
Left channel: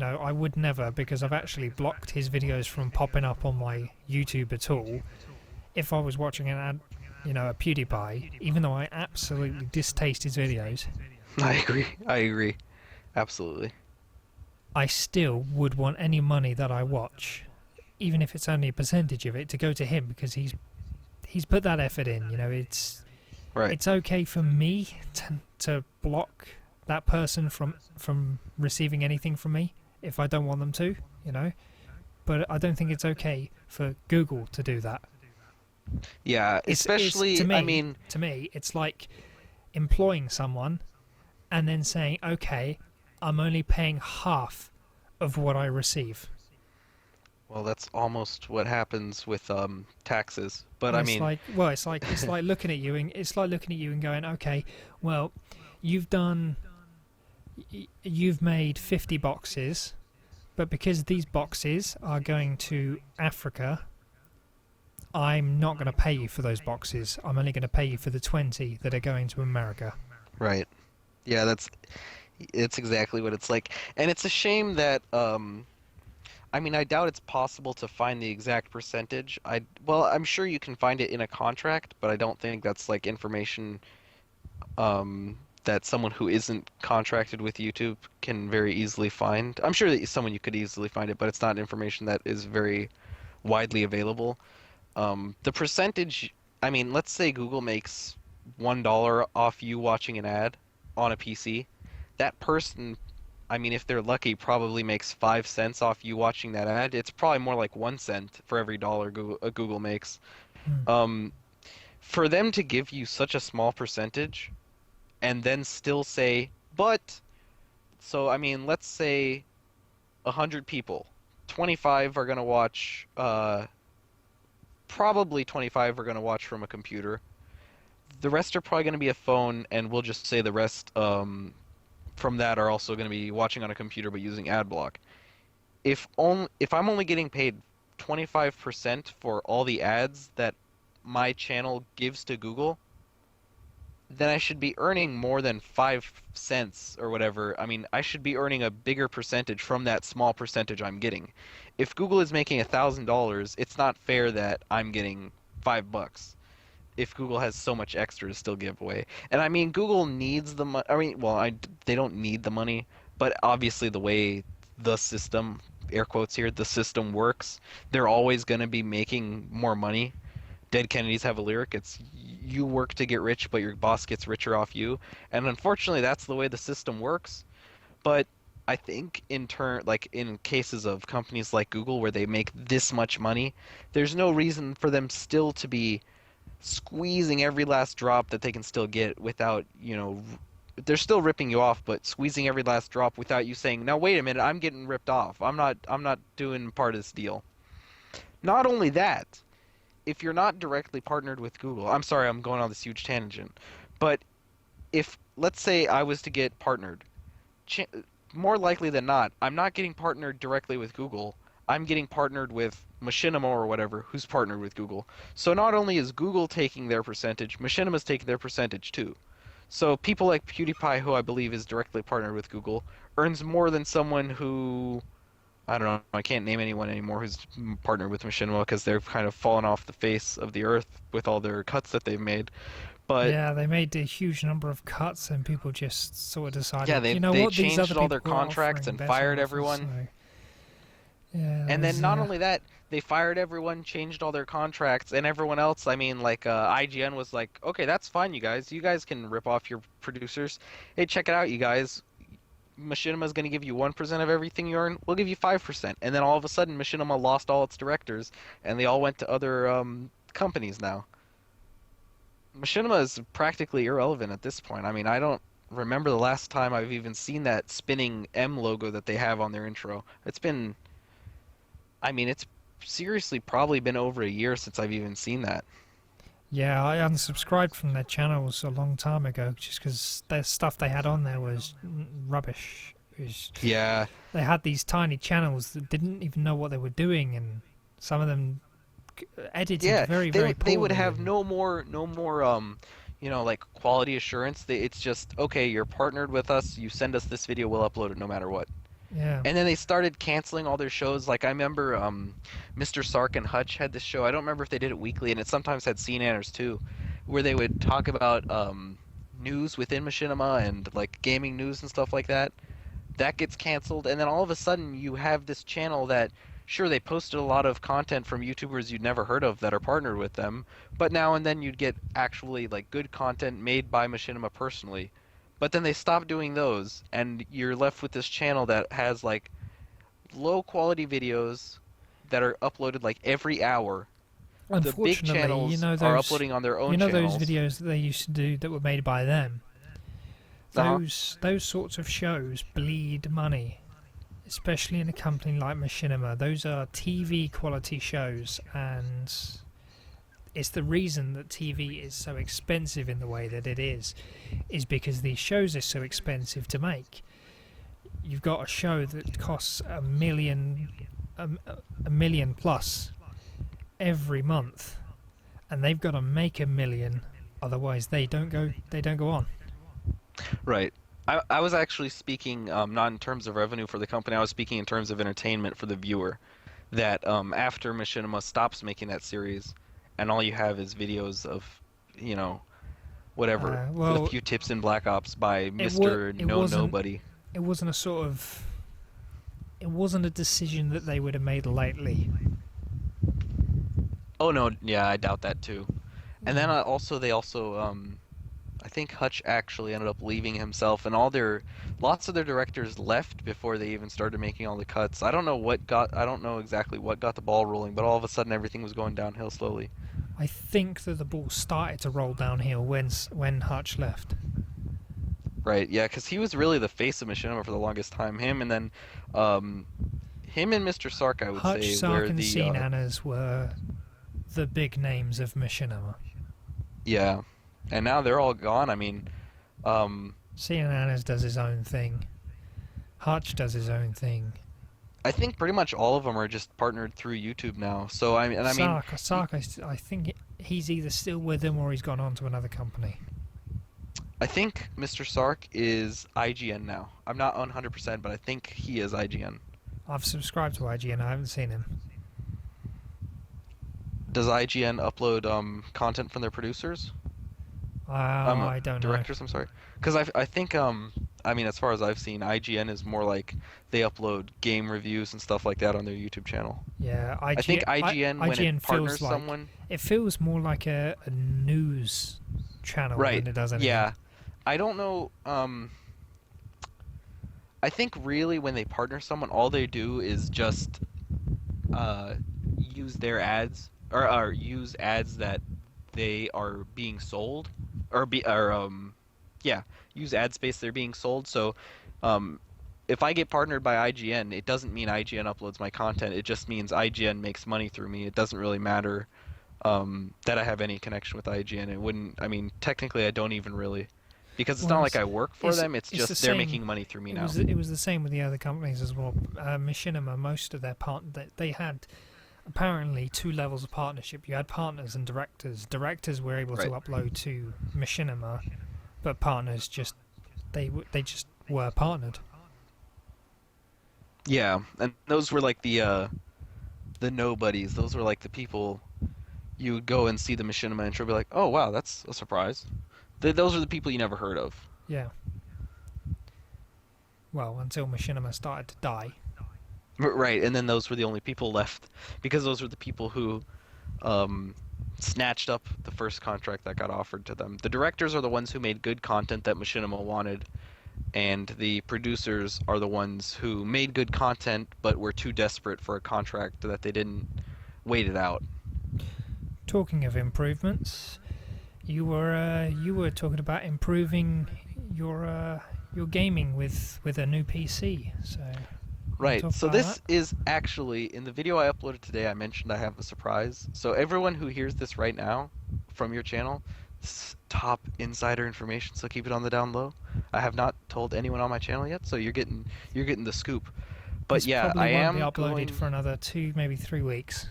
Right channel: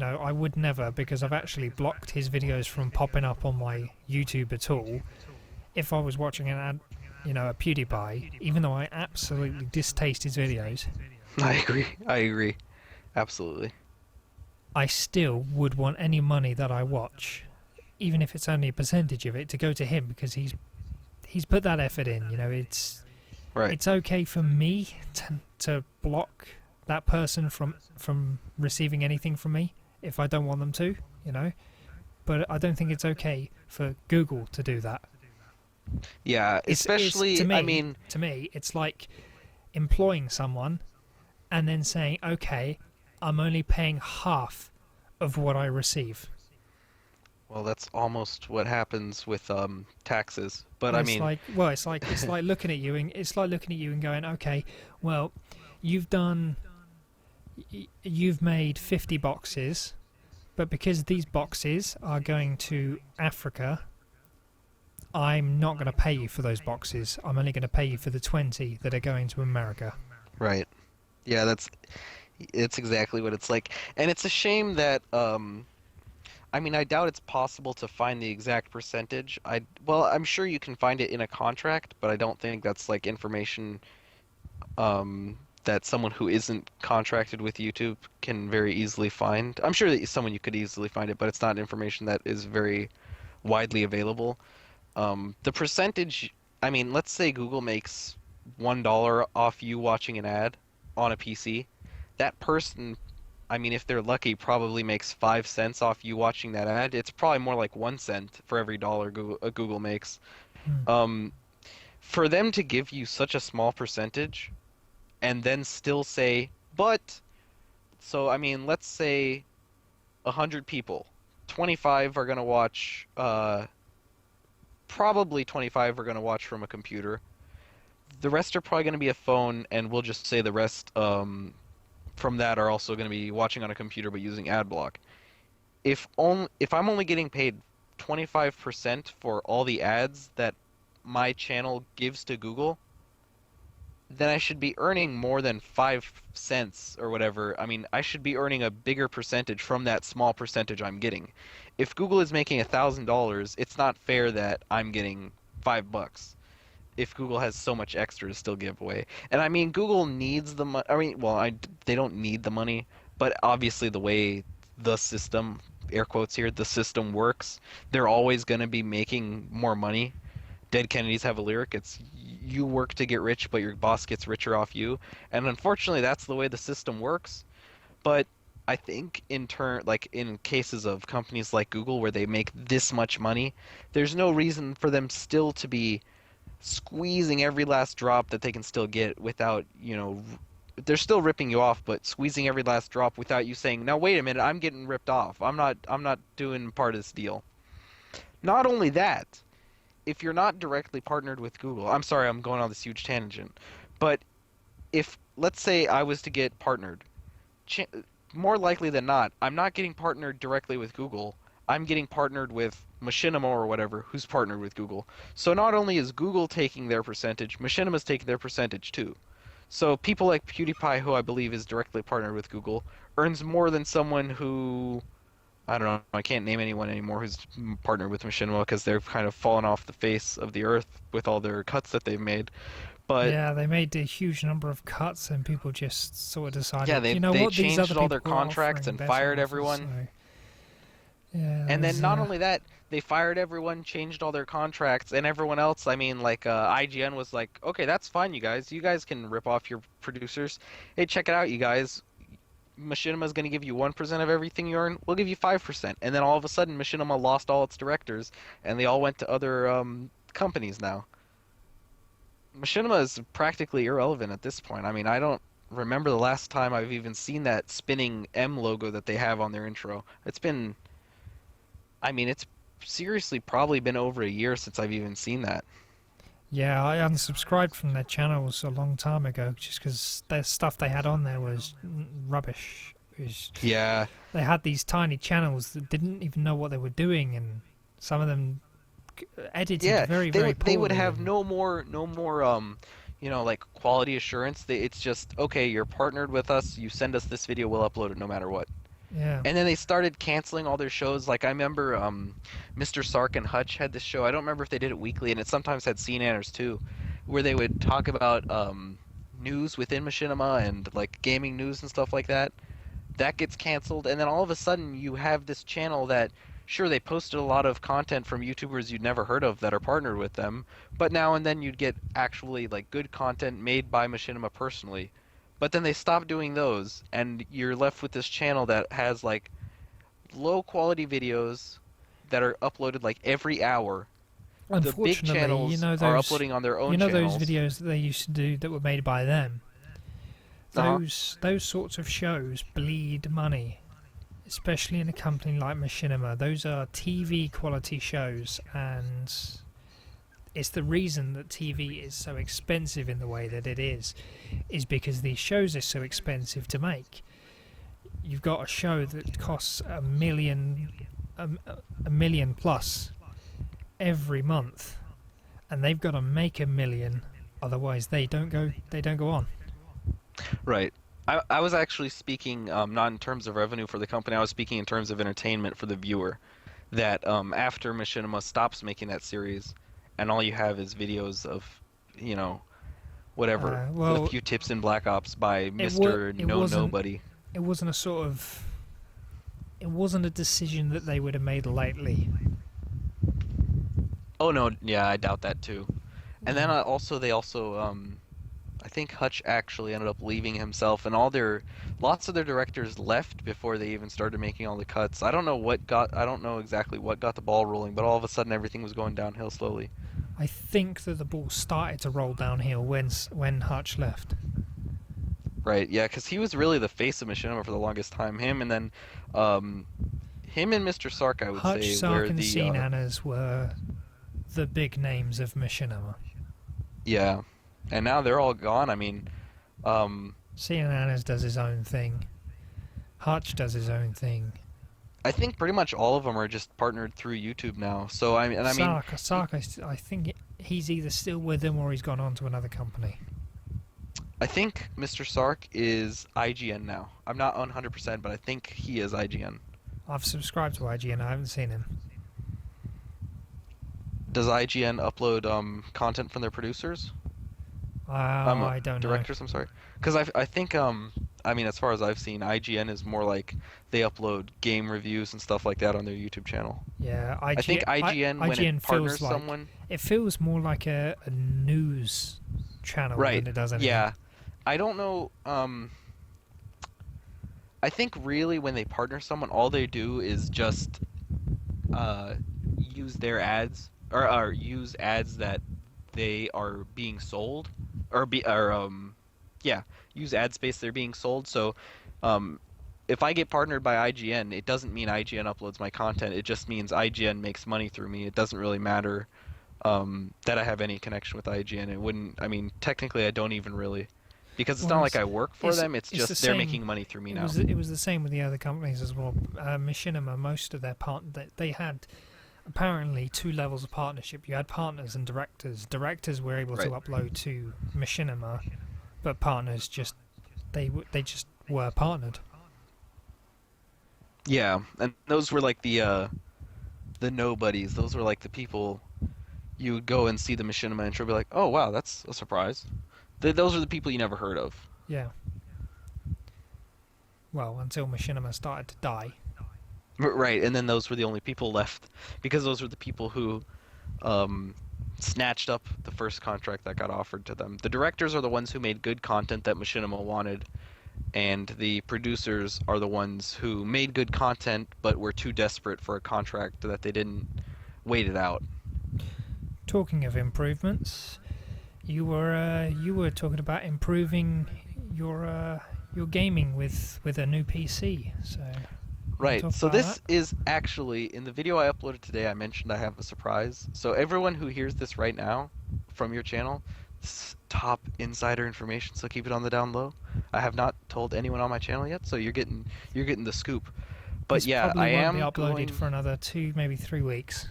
I would never, because I've actually blocked his videos from popping up on my YouTube at all. If I was watching an ad, a PewDiePie, even though I absolutely distaste his videos, I agree. I agree. Absolutely. I still would want any money that I watch, even if it's only a percentage of it, to go to him because he's put that effort in. Right. It's okay for me to block that person from receiving anything from me if I don't want them to, But I don't think it's okay for Google to do that. Yeah, It's especially, I mean, to me, it's like employing someone and then saying, okay, I'm only paying half of what I receive. well, that's almost what happens with taxes. But Well, I mean, it's like looking at you and going, okay, well, you've done, you've made 50 boxes, but because these boxes are going to Africa, I'm not going to pay you for those boxes. I'm only going to pay you for the 20 that are going to America. right. Yeah, it's exactly what it's like. And it's a shame that I mean, I doubt it's possible to find the exact percentage. Well, I'm sure you can find it in a contract, but I don't think that's like information that someone who isn't contracted with YouTube can very easily find. I'm sure that someone you could easily find it, but it's not information that is very widely available. The percentage, I mean, let's say Google makes $1 off you watching an ad on a PC. That person, I mean, if they're lucky, probably makes 5 cents off you watching that ad. It's probably more like 1 cent for every dollar Google makes. Hmm. Um, for them to give you such a small percentage and then still say, but, so I mean, let's say 100 people, 25 are gonna watch, probably 25 are gonna watch from a computer. The rest are probably gonna be a phone, and we'll just say the rest, from that are also gonna be watching on a computer but using ad block. If I'm only getting paid 25% for all the ads that my channel gives to Google, then I should be earning more than 5 cents or whatever. I mean, I should be earning a bigger percentage from that small percentage I'm getting. If Google is making $1,000, it's not fair that I'm getting $5 if Google has so much extra to still give away. And I mean, Google needs the money. I mean, well, they don't need the money, but obviously the way the system, air quotes here, the system works, they're always going to be making more money. Dead Kennedys have a lyric. It's you work to get rich, but your boss gets richer off you. And unfortunately, that's the way the system works. But I think like in cases of companies like Google where they make this much money, there's no reason for them still to be squeezing every last drop that they can still get without, they're still ripping you off, but squeezing every last drop without you saying, "Now wait a minute, I'm getting ripped off. I'm not doing part of this deal." Not only that, if you're not directly partnered with Google, I'm sorry, I'm going on this huge tangent, but if let's say I was to get partnered, more likely than not, I'm not getting partnered directly with Google. I'm getting partnered with Machinima or whatever, who's partnered with Google. So not only is Google taking their percentage, Machinima's taking their percentage too. So people like PewDiePie, who I believe is directly partnered with Google, earns more than someone who I don't know. I can't name anyone anymore who's partnered with Machinima because they've kind of fallen off the face of the earth with all their cuts that they've made. But Yeah, they made a huge number of cuts, and people just sort of yeah, decided, they you know they what, these other changed all their people are contracts offering and better fired offers. everyone. So yeah, And then there's not only that, they fired everyone, changed all their contracts, and everyone else. I mean, like IGN was like, okay, that's fine, you guys. You guys can rip off your producers. Hey, check it out, you guys. Machinima's going to give you 1% of everything you earn. We'll give you 5%. And then all of a sudden, Machinima lost all its directors, and they all went to other companies now. Machinima is practically irrelevant at this point. I mean, I don't remember the last time I've even seen that spinning M logo that they have on their intro. It's been, I mean, it's seriously probably been over a year since I've even seen that. yeah, I unsubscribed from their channels a long time ago just because the stuff they had on there was rubbish. Yeah, They had these tiny channels that didn't even know what they were doing, and some of them edited yeah, very, they very would they would poorly. have And no more like quality assurance. It's just okay, you're partnered with us, you send us this video, we'll upload it no matter what. yeah, And then they started canceling all their shows. Like I remember Mr. Sark and Hutch had this show. I don't remember if they did it weekly, and it sometimes had CNNers too, where they would talk about news within Machinima and like gaming news and stuff like that. That gets canceled, and then all of a sudden you have this channel that, sure, they posted a lot of content from YouTubers you'd never heard of that are partnered with them, but now and then you'd get actually like good content made by Machinima personally. But then they stopped doing those, and you're left with this channel that has like low quality videos that are uploaded like every hour. The big unfortunately, channels are uploading on their you own know those channels. videos that they used to do that were made by them. Uh-huh. Those sorts of shows bleed money, especially in a company like Machinima. Those are TV quality shows, and it's the reason that TV is so expensive in the way that it is because these shows are so expensive to make. You've got a show that costs a, a million plus every month, and they've got to make a million, otherwise they don't go on. Right. I was actually speaking not in terms of revenue for the company. I was speaking in terms of entertainment for the viewer. That after Machinima stops making that series, and all you have is videos of, you know, whatever, a Well, few tips in Black Ops by Mr. it No wasn't Nobody. it wasn't a sort of it wasn't a decision that they would have made lightly. Oh no, yeah, I doubt that too. And then Yeah. they also I think Hutch actually ended up leaving himself, and lots of their directors left before they even started making all the cuts. I don't know exactly what got the ball rolling, but all of a sudden everything was going downhill slowly. I think that the ball started to roll downhill when Hutch left. Right, yeah, because he was really the face of Machinima for the longest time. Um, him and Mr. Sark, I would Hutch, say, Sark, were and the Nanas were the big names of Machinima. yeah, and now they're all gone. I mean, um, Nanas does his own thing. Hutch does his own thing. I think pretty much all of them are just partnered through YouTube now. So I mean, Sark, I think he's either still with them or he's gone on to another company. I think Mr. Sark is IGN now. I'm not 100%, but I think he is IGN. I've subscribed to IGN. I haven't seen him. Does IGN upload content from their producers? I don't know. Directors, I'm sorry. Because I think I mean, as far as I've seen, IGN is more like they upload game reviews and stuff like that on their YouTube channel. Yeah, I think IGN, when IGN it feels partners like someone, it feels more like a news channel right? than it does anything. Yeah, I don't know. I think really when they partner someone, all they do is just uh, use their ads or use ads that they are being sold or yeah, use ad space they're being sold. So um, if I get partnered by IGN, it doesn't mean IGN uploads my content. It just means IGN makes money through me. It doesn't really matter that I have any connection with IGN. It wouldn't. I mean, technically, I don't even really. Because it's Well, not like I work for them, it's it's the just they're same. making money through me It now. was the same with the other companies as well. Machinima, most of their they had apparently two levels of partnership. You had partners and directors. Directors were able to Right. upload to Machinima, but partners just they just were partnered. Yeah, and those were like the nobodies. Those were like the people you would go and see the machinima intro, be like, oh wow, that's a surprise. Those are the people you never heard of. Yeah. Well, until Machinima started to die. Right, and then those were the only people left because those were the people who um, snatched up the first contract that got offered to them. The directors are the ones who made good content that Machinima wanted, and the producers are the ones who made good content but were too desperate for a contract that they didn't wait it out. Talking of improvements, you were talking about improving your gaming with a new PC. So you want to Right. talk So about that? this is actually in the video I uploaded today. I mentioned I have a surprise. So everyone who hears this right now from your channel, this is top insider information. So keep it on the down low. I have not told anyone on my channel yet, so you're getting the scoop. But This yeah, probably I won't be am uploaded going. for another 2, maybe 3 weeks.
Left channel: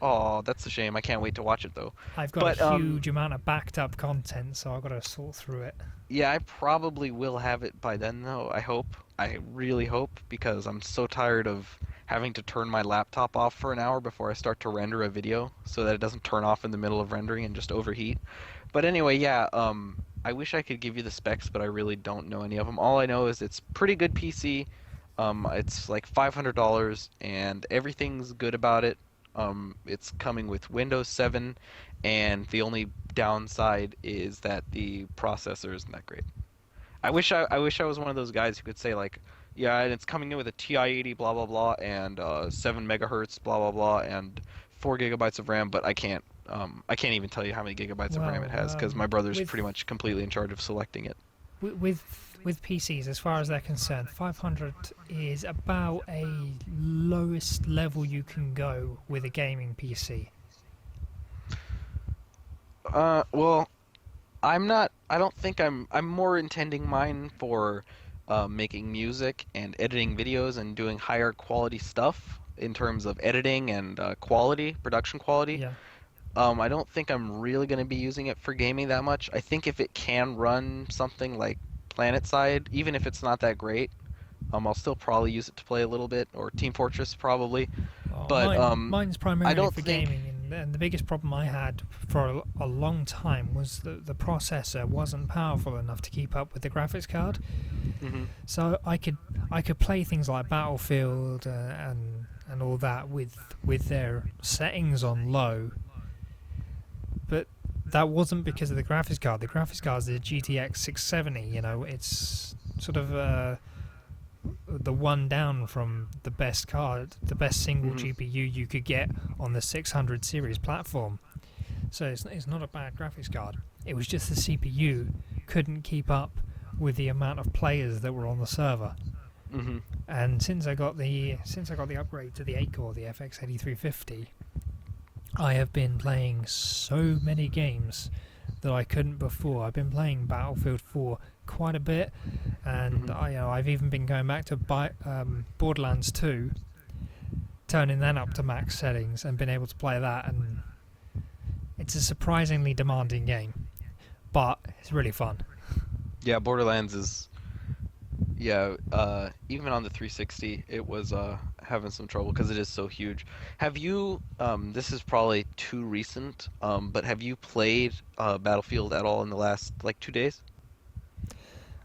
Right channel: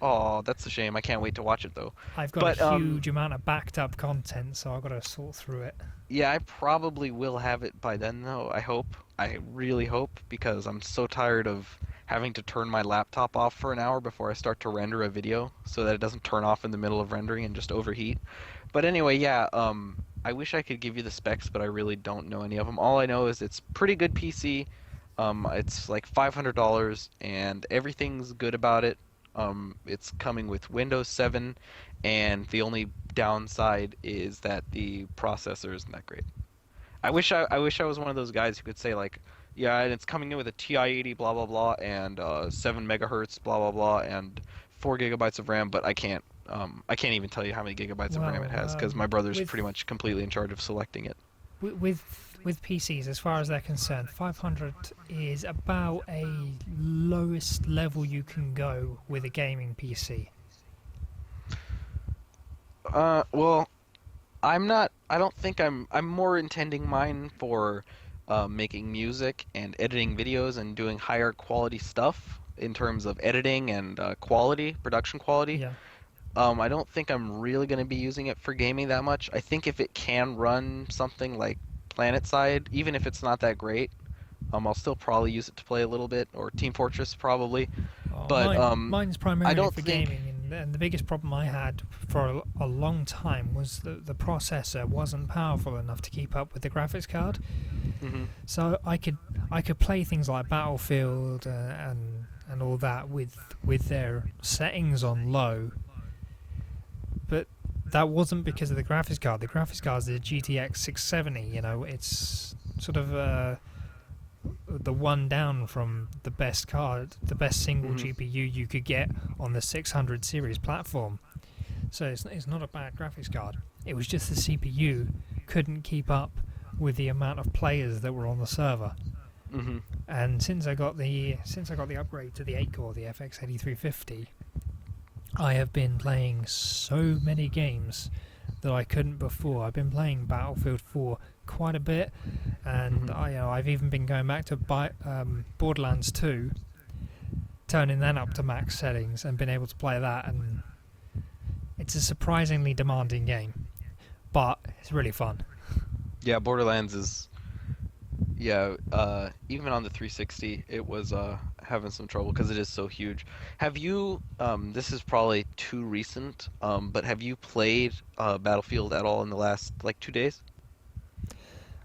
Oh, that's a shame. I can't wait to watch it though. I've got a But huge amount of backed up content, so I've got to sort through it. yeah, I probably will have it by then though. I hope. I really hope because I'm so tired of having to turn my laptop off for an hour before I start to render a video so that it doesn't turn off in the middle of rendering and just overheat. But anyway, yeah, I wish I could give you the specs, but I really don't know any of them. All I know is it's pretty good PC. It's like $500 and everything's good about it. It's coming with Windows 7 and the only downside is that the processor isn't that great. I wish I was one of those guys who could say like, yeah, and it's coming in with a TI-80 blah blah blah and 7 megahertz blah blah blah and 4 gigabytes of RAM, but I can't even tell you how many gigabytes of RAM it Well, has because my brother's with pretty much completely in charge of selecting it. with PCs, as far as they're concerned, 500 is about a lowest level you can go with a gaming PC. Well, I'm not. I don't think I'm more intending mine for making music and editing videos and doing higher quality stuff in terms of editing and quality, production quality. Yeah. I don't think I'm really going to be using it for gaming that much. I think if it can run something like PlanetSide, even if it's not that great, I'll still probably use it to play a little bit, or Team Fortress probably. Oh, But mine's I primarily don't for think. gaming, and the biggest problem I had for a long time was that the processor wasn't powerful enough to keep up with the graphics card. Hmm. So I could play things like Battlefield and all that with their settings on low, but that wasn't because of the graphics card. The graphics card is the GTX 670. You know, it's sort of the one down from the best card, the best single Hmm. GPU you could get on the 600 series platform. So it's not a bad graphics card. It was just the CPU couldn't keep up with the amount of players that were on the server. Hmm. And since I got the upgrade to the 8 core, the FX8350, I have been playing so many games that I couldn't before. I've been playing Battlefield 4 quite a bit, and Hmm. I've even been going back to Borderlands 2, turning that up to max settings, and been able to play that. And it's a surprisingly demanding game, but it's really fun. Yeah, Borderlands is. Yeah, even on the 360, it was having some trouble because it is so huge. Have you, this is probably too recent, but have you played Battlefield at all in the last like 2 days?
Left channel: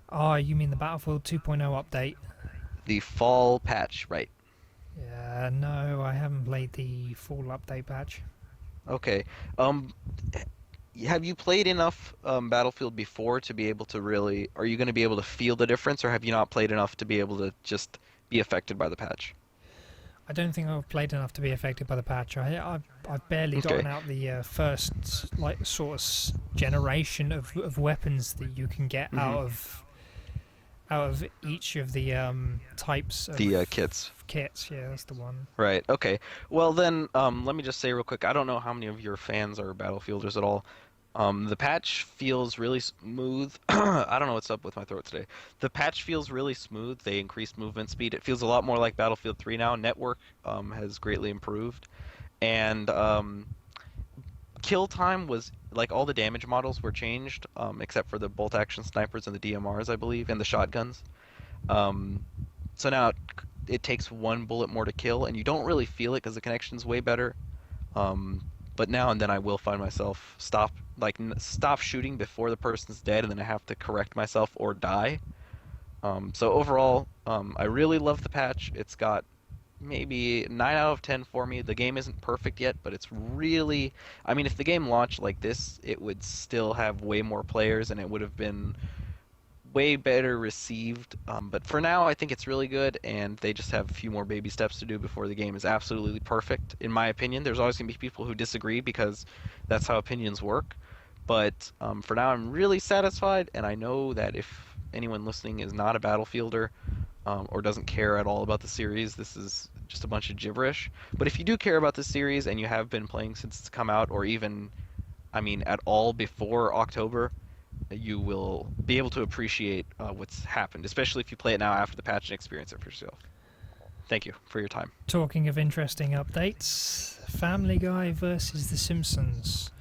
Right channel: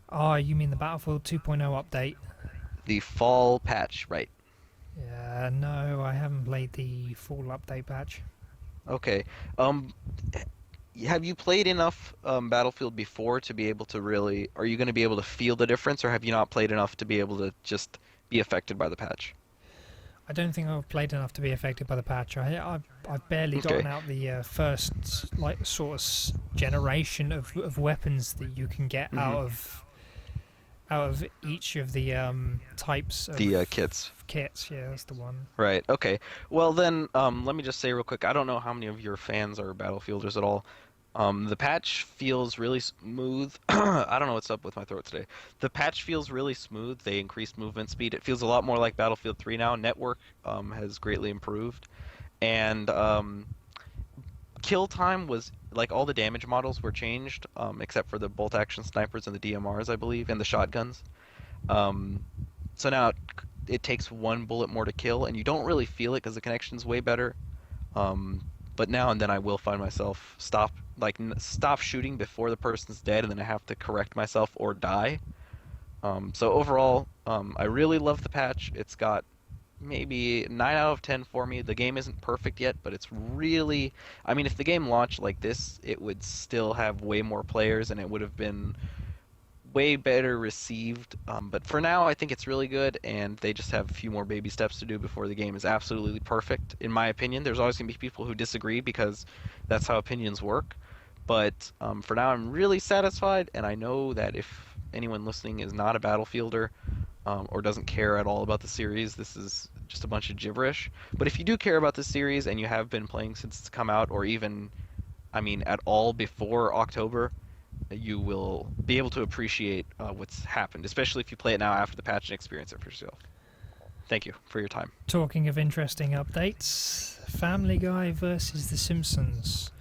Oh, you mean the Battlefield 2.0 update? The fall patch, right? Yeah, no, I haven't played the full update patch. Okay. Um, have you played enough Battlefield before to be able to really, are you going to be able to feel the difference, or have you not played enough to be able to just be affected by the patch? I don't think I've played enough to be affected by the patch. I've barely Okay. gotten out the first like sort of generation of weapons that you can get Hmm. out of each of the types The of kits. kits. Yeah, that's the one. Right. Okay. Well then, let me just say real quick. I don't know how many of your fans are Battlefielders at all. The patch feels really smooth. I don't know what's up with my throat today. The patch feels really smooth. They increased movement speed. It feels a lot more like Battlefield 3 now. Network has greatly improved, and kill time was like all the damage models were changed, except for the bolt action snipers and the DMRs, I believe, and the shotguns. Um, so now it takes one bullet more to kill, and you don't really feel it because the connection's way better. Um, but now and then I will find myself stop shooting before the person's dead, and then I have to correct myself or die. So overall, I really love the patch. It's got maybe 9 out of 10 for me. The game isn't perfect yet, but it's really, I mean, if the game launched like this, it would still have way more players and it would have been way better received. But for now, I think it's really good, and they just have a few more baby steps to do before the game is absolutely perfect. In my opinion, there's always going to be people who disagree because that's how opinions work. But for now, I'm really satisfied, and I know that if anyone listening is not a Battlefielder or doesn't care at all about the series, this is just a bunch of gibberish. But if you do care about the series and you have been playing since it's come out, or even, I mean, at all before October, you will be able to appreciate what's happened, especially if you play it now after the patch and experience it for yourself. Thank you for your time. Talking of interesting updates, Family Guy versus The Simpsons.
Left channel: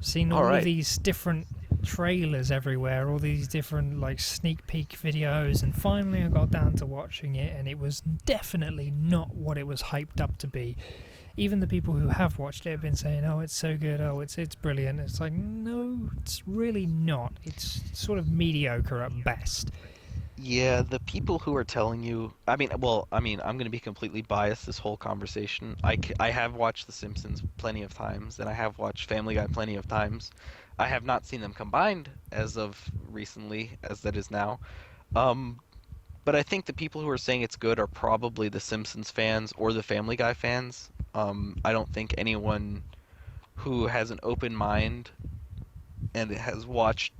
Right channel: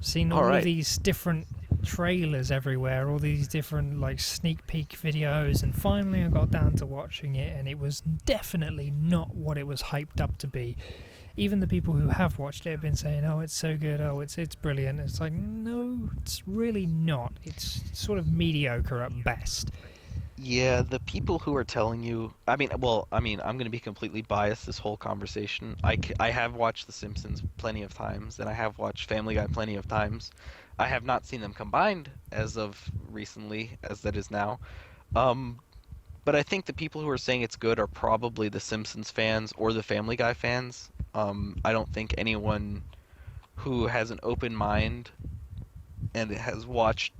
Seen All all of right. these different trailers everywhere, all these different like sneak peek videos, and finally I got down to watching it, and it was definitely not what it was hyped up to be. Even the people who have watched it have been saying, "Oh, it's so good. Oh, it's brilliant." It's like, no, it's really not. It's sort of mediocre at best. Yeah, the people who are telling you, I mean, well, I mean, I'm going to be completely biased this whole conversation. I have watched The Simpsons plenty of times, and I have watched Family Guy plenty of times. I have not seen them combined as of recently, as that is now. Um, but I think the people who are saying it's good are probably the Simpsons fans or the Family Guy fans. I don't think anyone who has an open mind and has watched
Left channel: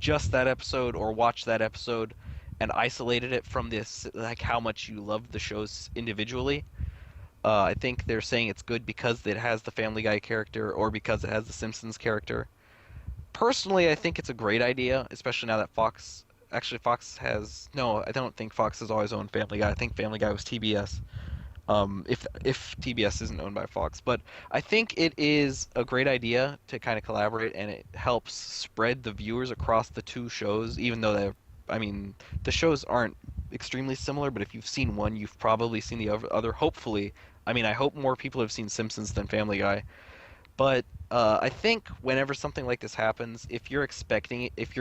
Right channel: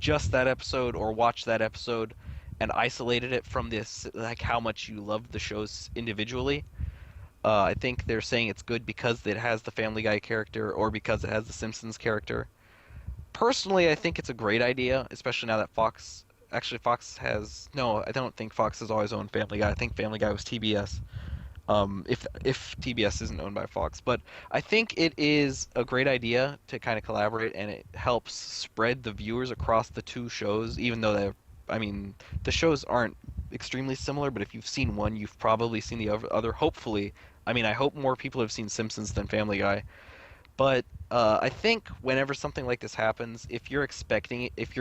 just that episode or watched that episode and isolated it from this, like how much you love the shows individually. I think they're saying it's good because it has the Family Guy character or because it has the Simpsons character. Personally, I think it's a great idea, especially now that Fox. Actually, Fox has no. I don't think Fox has always owned Family Guy. I think Family Guy was TBS. If TBS isn't owned by Fox, but I think it is a great idea to kind of collaborate, and it helps spread the viewers across the two shows, even though I mean, the shows aren't extremely similar, but if you've seen one, you've probably seen the other. Hopefully, I mean, I hope more people have seen Simpsons than Family Guy. But I think whenever something like this happens, if you're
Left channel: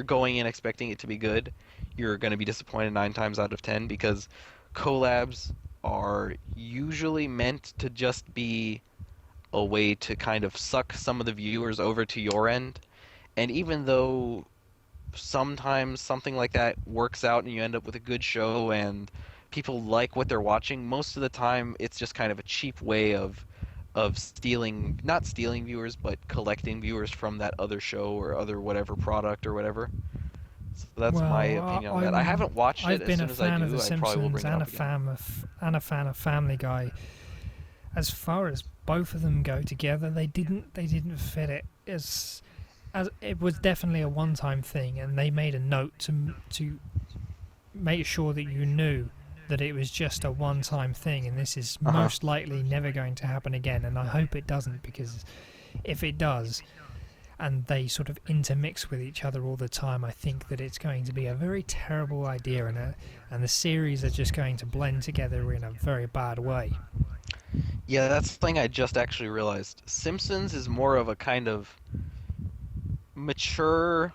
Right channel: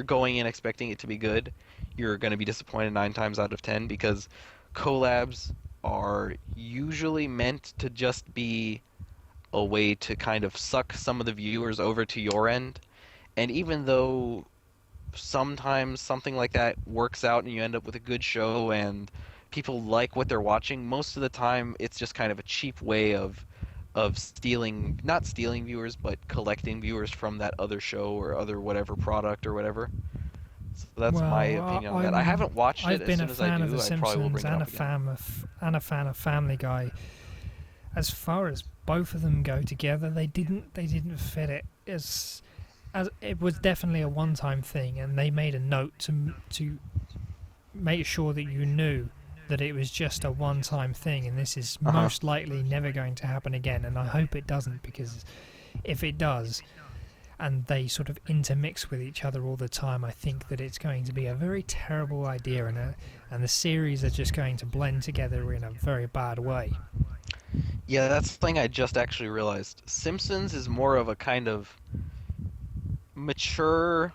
going in expecting it to be good, you're going to be disappointed 9 times out of 10 because collabs are usually meant to just be a way to kind of suck some of the viewers over to your end. And even though sometimes something like that works out and you end up with a good show and people like what they're watching, most of the time it's just kind of a cheap way of stealing, not stealing viewers, but collecting viewers from that other show or other whatever product or whatever. So that's my Well, opinion on that. I haven't watched it. I've As been soon a as I fan of The do, I probably will Simpsons bring it and up again. a fan of Family Guy. As far as both of them go together, they didn't fit it. As it was definitely a one-time thing, and they made a note to make sure that you knew that it was just a one-time thing, and this is Uh-huh. most likely never going to happen again. And I hope it doesn't, because if it does, and they sort of intermix with each other all the time, I think that it's going to be a very terrible idea, and the series are just going to blend together in a very bad way. Yeah, that's the thing I just actually realized. Simpsons is more of a kind of mature,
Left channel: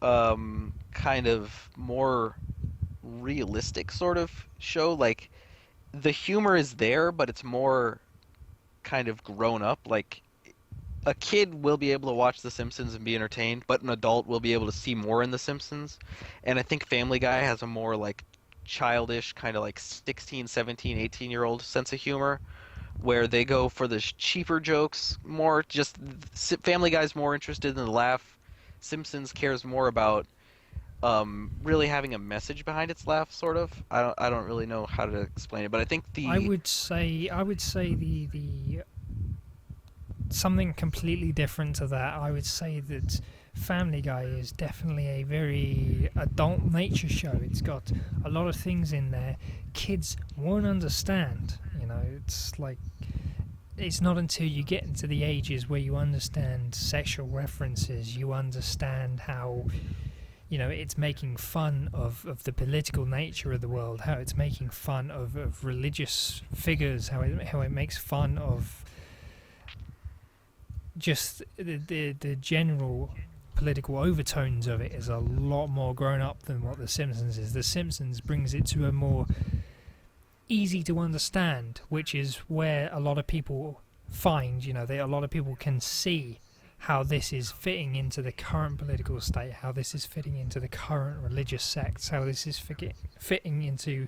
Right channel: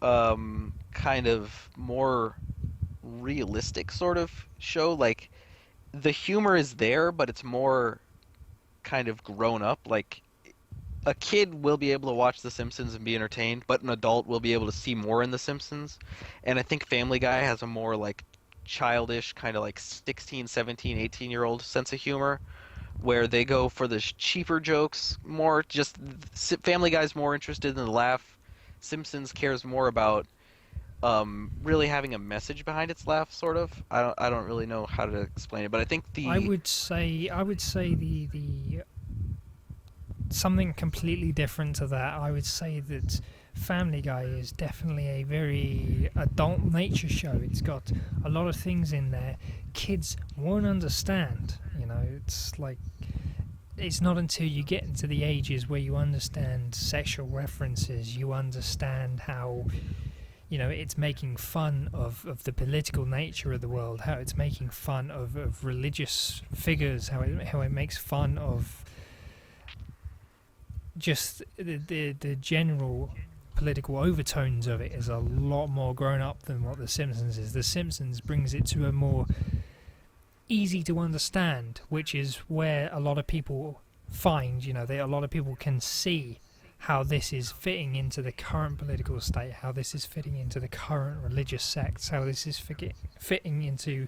kind of more realistic sort of show. Like the humor is there, but it's more kind of grown up. Like a kid will be able to watch The Simpsons and be entertained, but an adult will be able to see more in The Simpsons. And I think Family Guy has a more like childish, kind of like 16, 17, 18-year-old sense of humor where they go for the cheaper jokes more. Just Family Guy's more interested in the laugh. Simpsons cares more about really having a message behind its laugh, sort of. I don't really know how to explain it, but I think I the would say I would say the something completely different to that, I would say that Family Guy is definitely a very adult nature show. It's got a lot of things in there kids won't understand. You know, it's like it's not until you get into the ages where you understand sexual references, you understand how, you know, it's making fun of the political nature of the world, how it's making fun of religious figures, how it makes fun of just the general political overtones of it is a lot more grown up than what The Simpsons is. The Simpsons brings it to a more easy to understand, which is where a lot of people find, you know, a lot of people can see how this is fitting into the current political state, how this is fitting into the current religious sects, how this is fitting into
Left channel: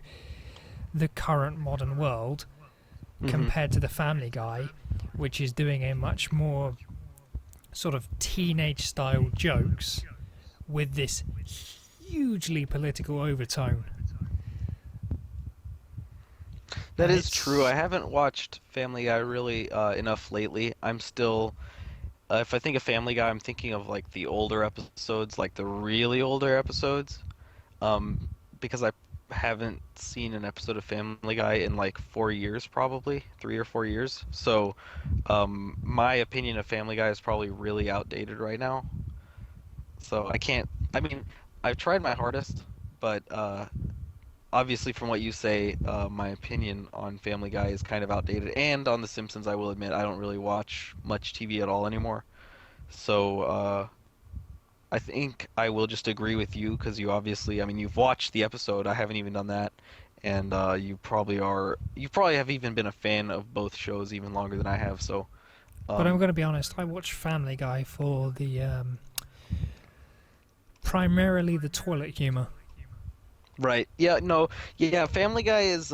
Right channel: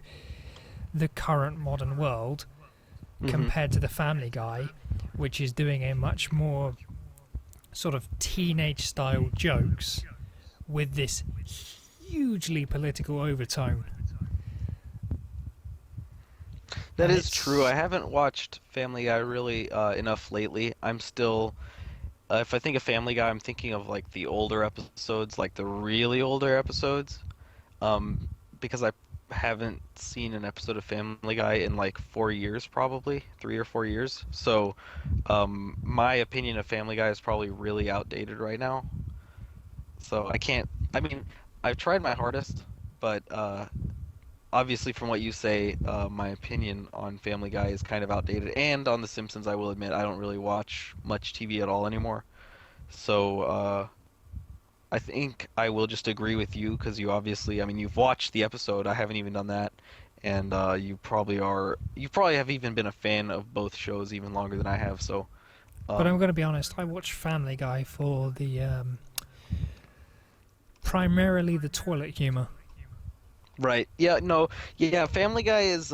the current modern world, Hmm. compared to the Family Guy, which is doing a much more sort of teenage style jokes with this hugely political overtone. That And is true. I it's haven't watched Family Guy really enough lately. I'm still, if I think of Family Guy, I'm thinking of like the older episodes, like the really older episodes. Um, because I haven't seen an episode of Family Guy in like 4 years, probably 3 or 4 years. So, my opinion of Family Guy is probably really outdated right now. So I can't. I mean, I've tried my hardest, but obviously, from what you say, my opinion on Family Guy is kind of outdated. And on The Simpsons, I will admit, I don't really watch much TV at all anymore. So, I think I will just agree with you because you obviously, I mean, you've watched the episode. I haven't even done that. And you probably have even been a fan of both shows even longer than I have. So, but I'm um, going to be honest, I watch Family Guy for the primarily the toilet humor. right. Yeah, no, yeah, Family Guy is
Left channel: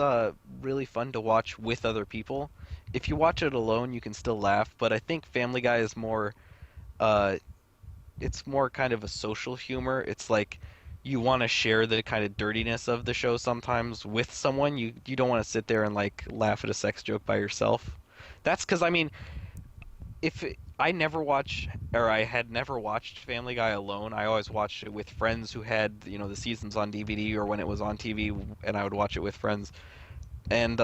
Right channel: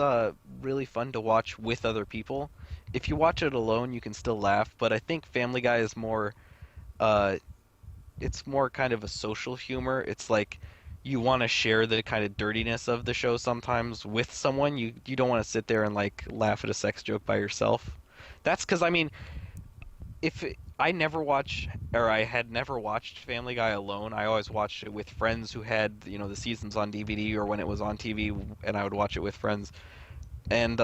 really fun to watch with other people. If you watch it alone, you can still laugh, but I think Family Guy is more uh it's more kind of a social humor. It's like you want to share the kind of dirtiness of the show sometimes with someone. You don't want to sit there and like laugh at a sex joke by yourself. That's because I mean, if it, I never watch or I had never watched Family Guy alone. I always watched it with friends who had, the seasons on DVD or when it was on TV and I would watch it with friends. And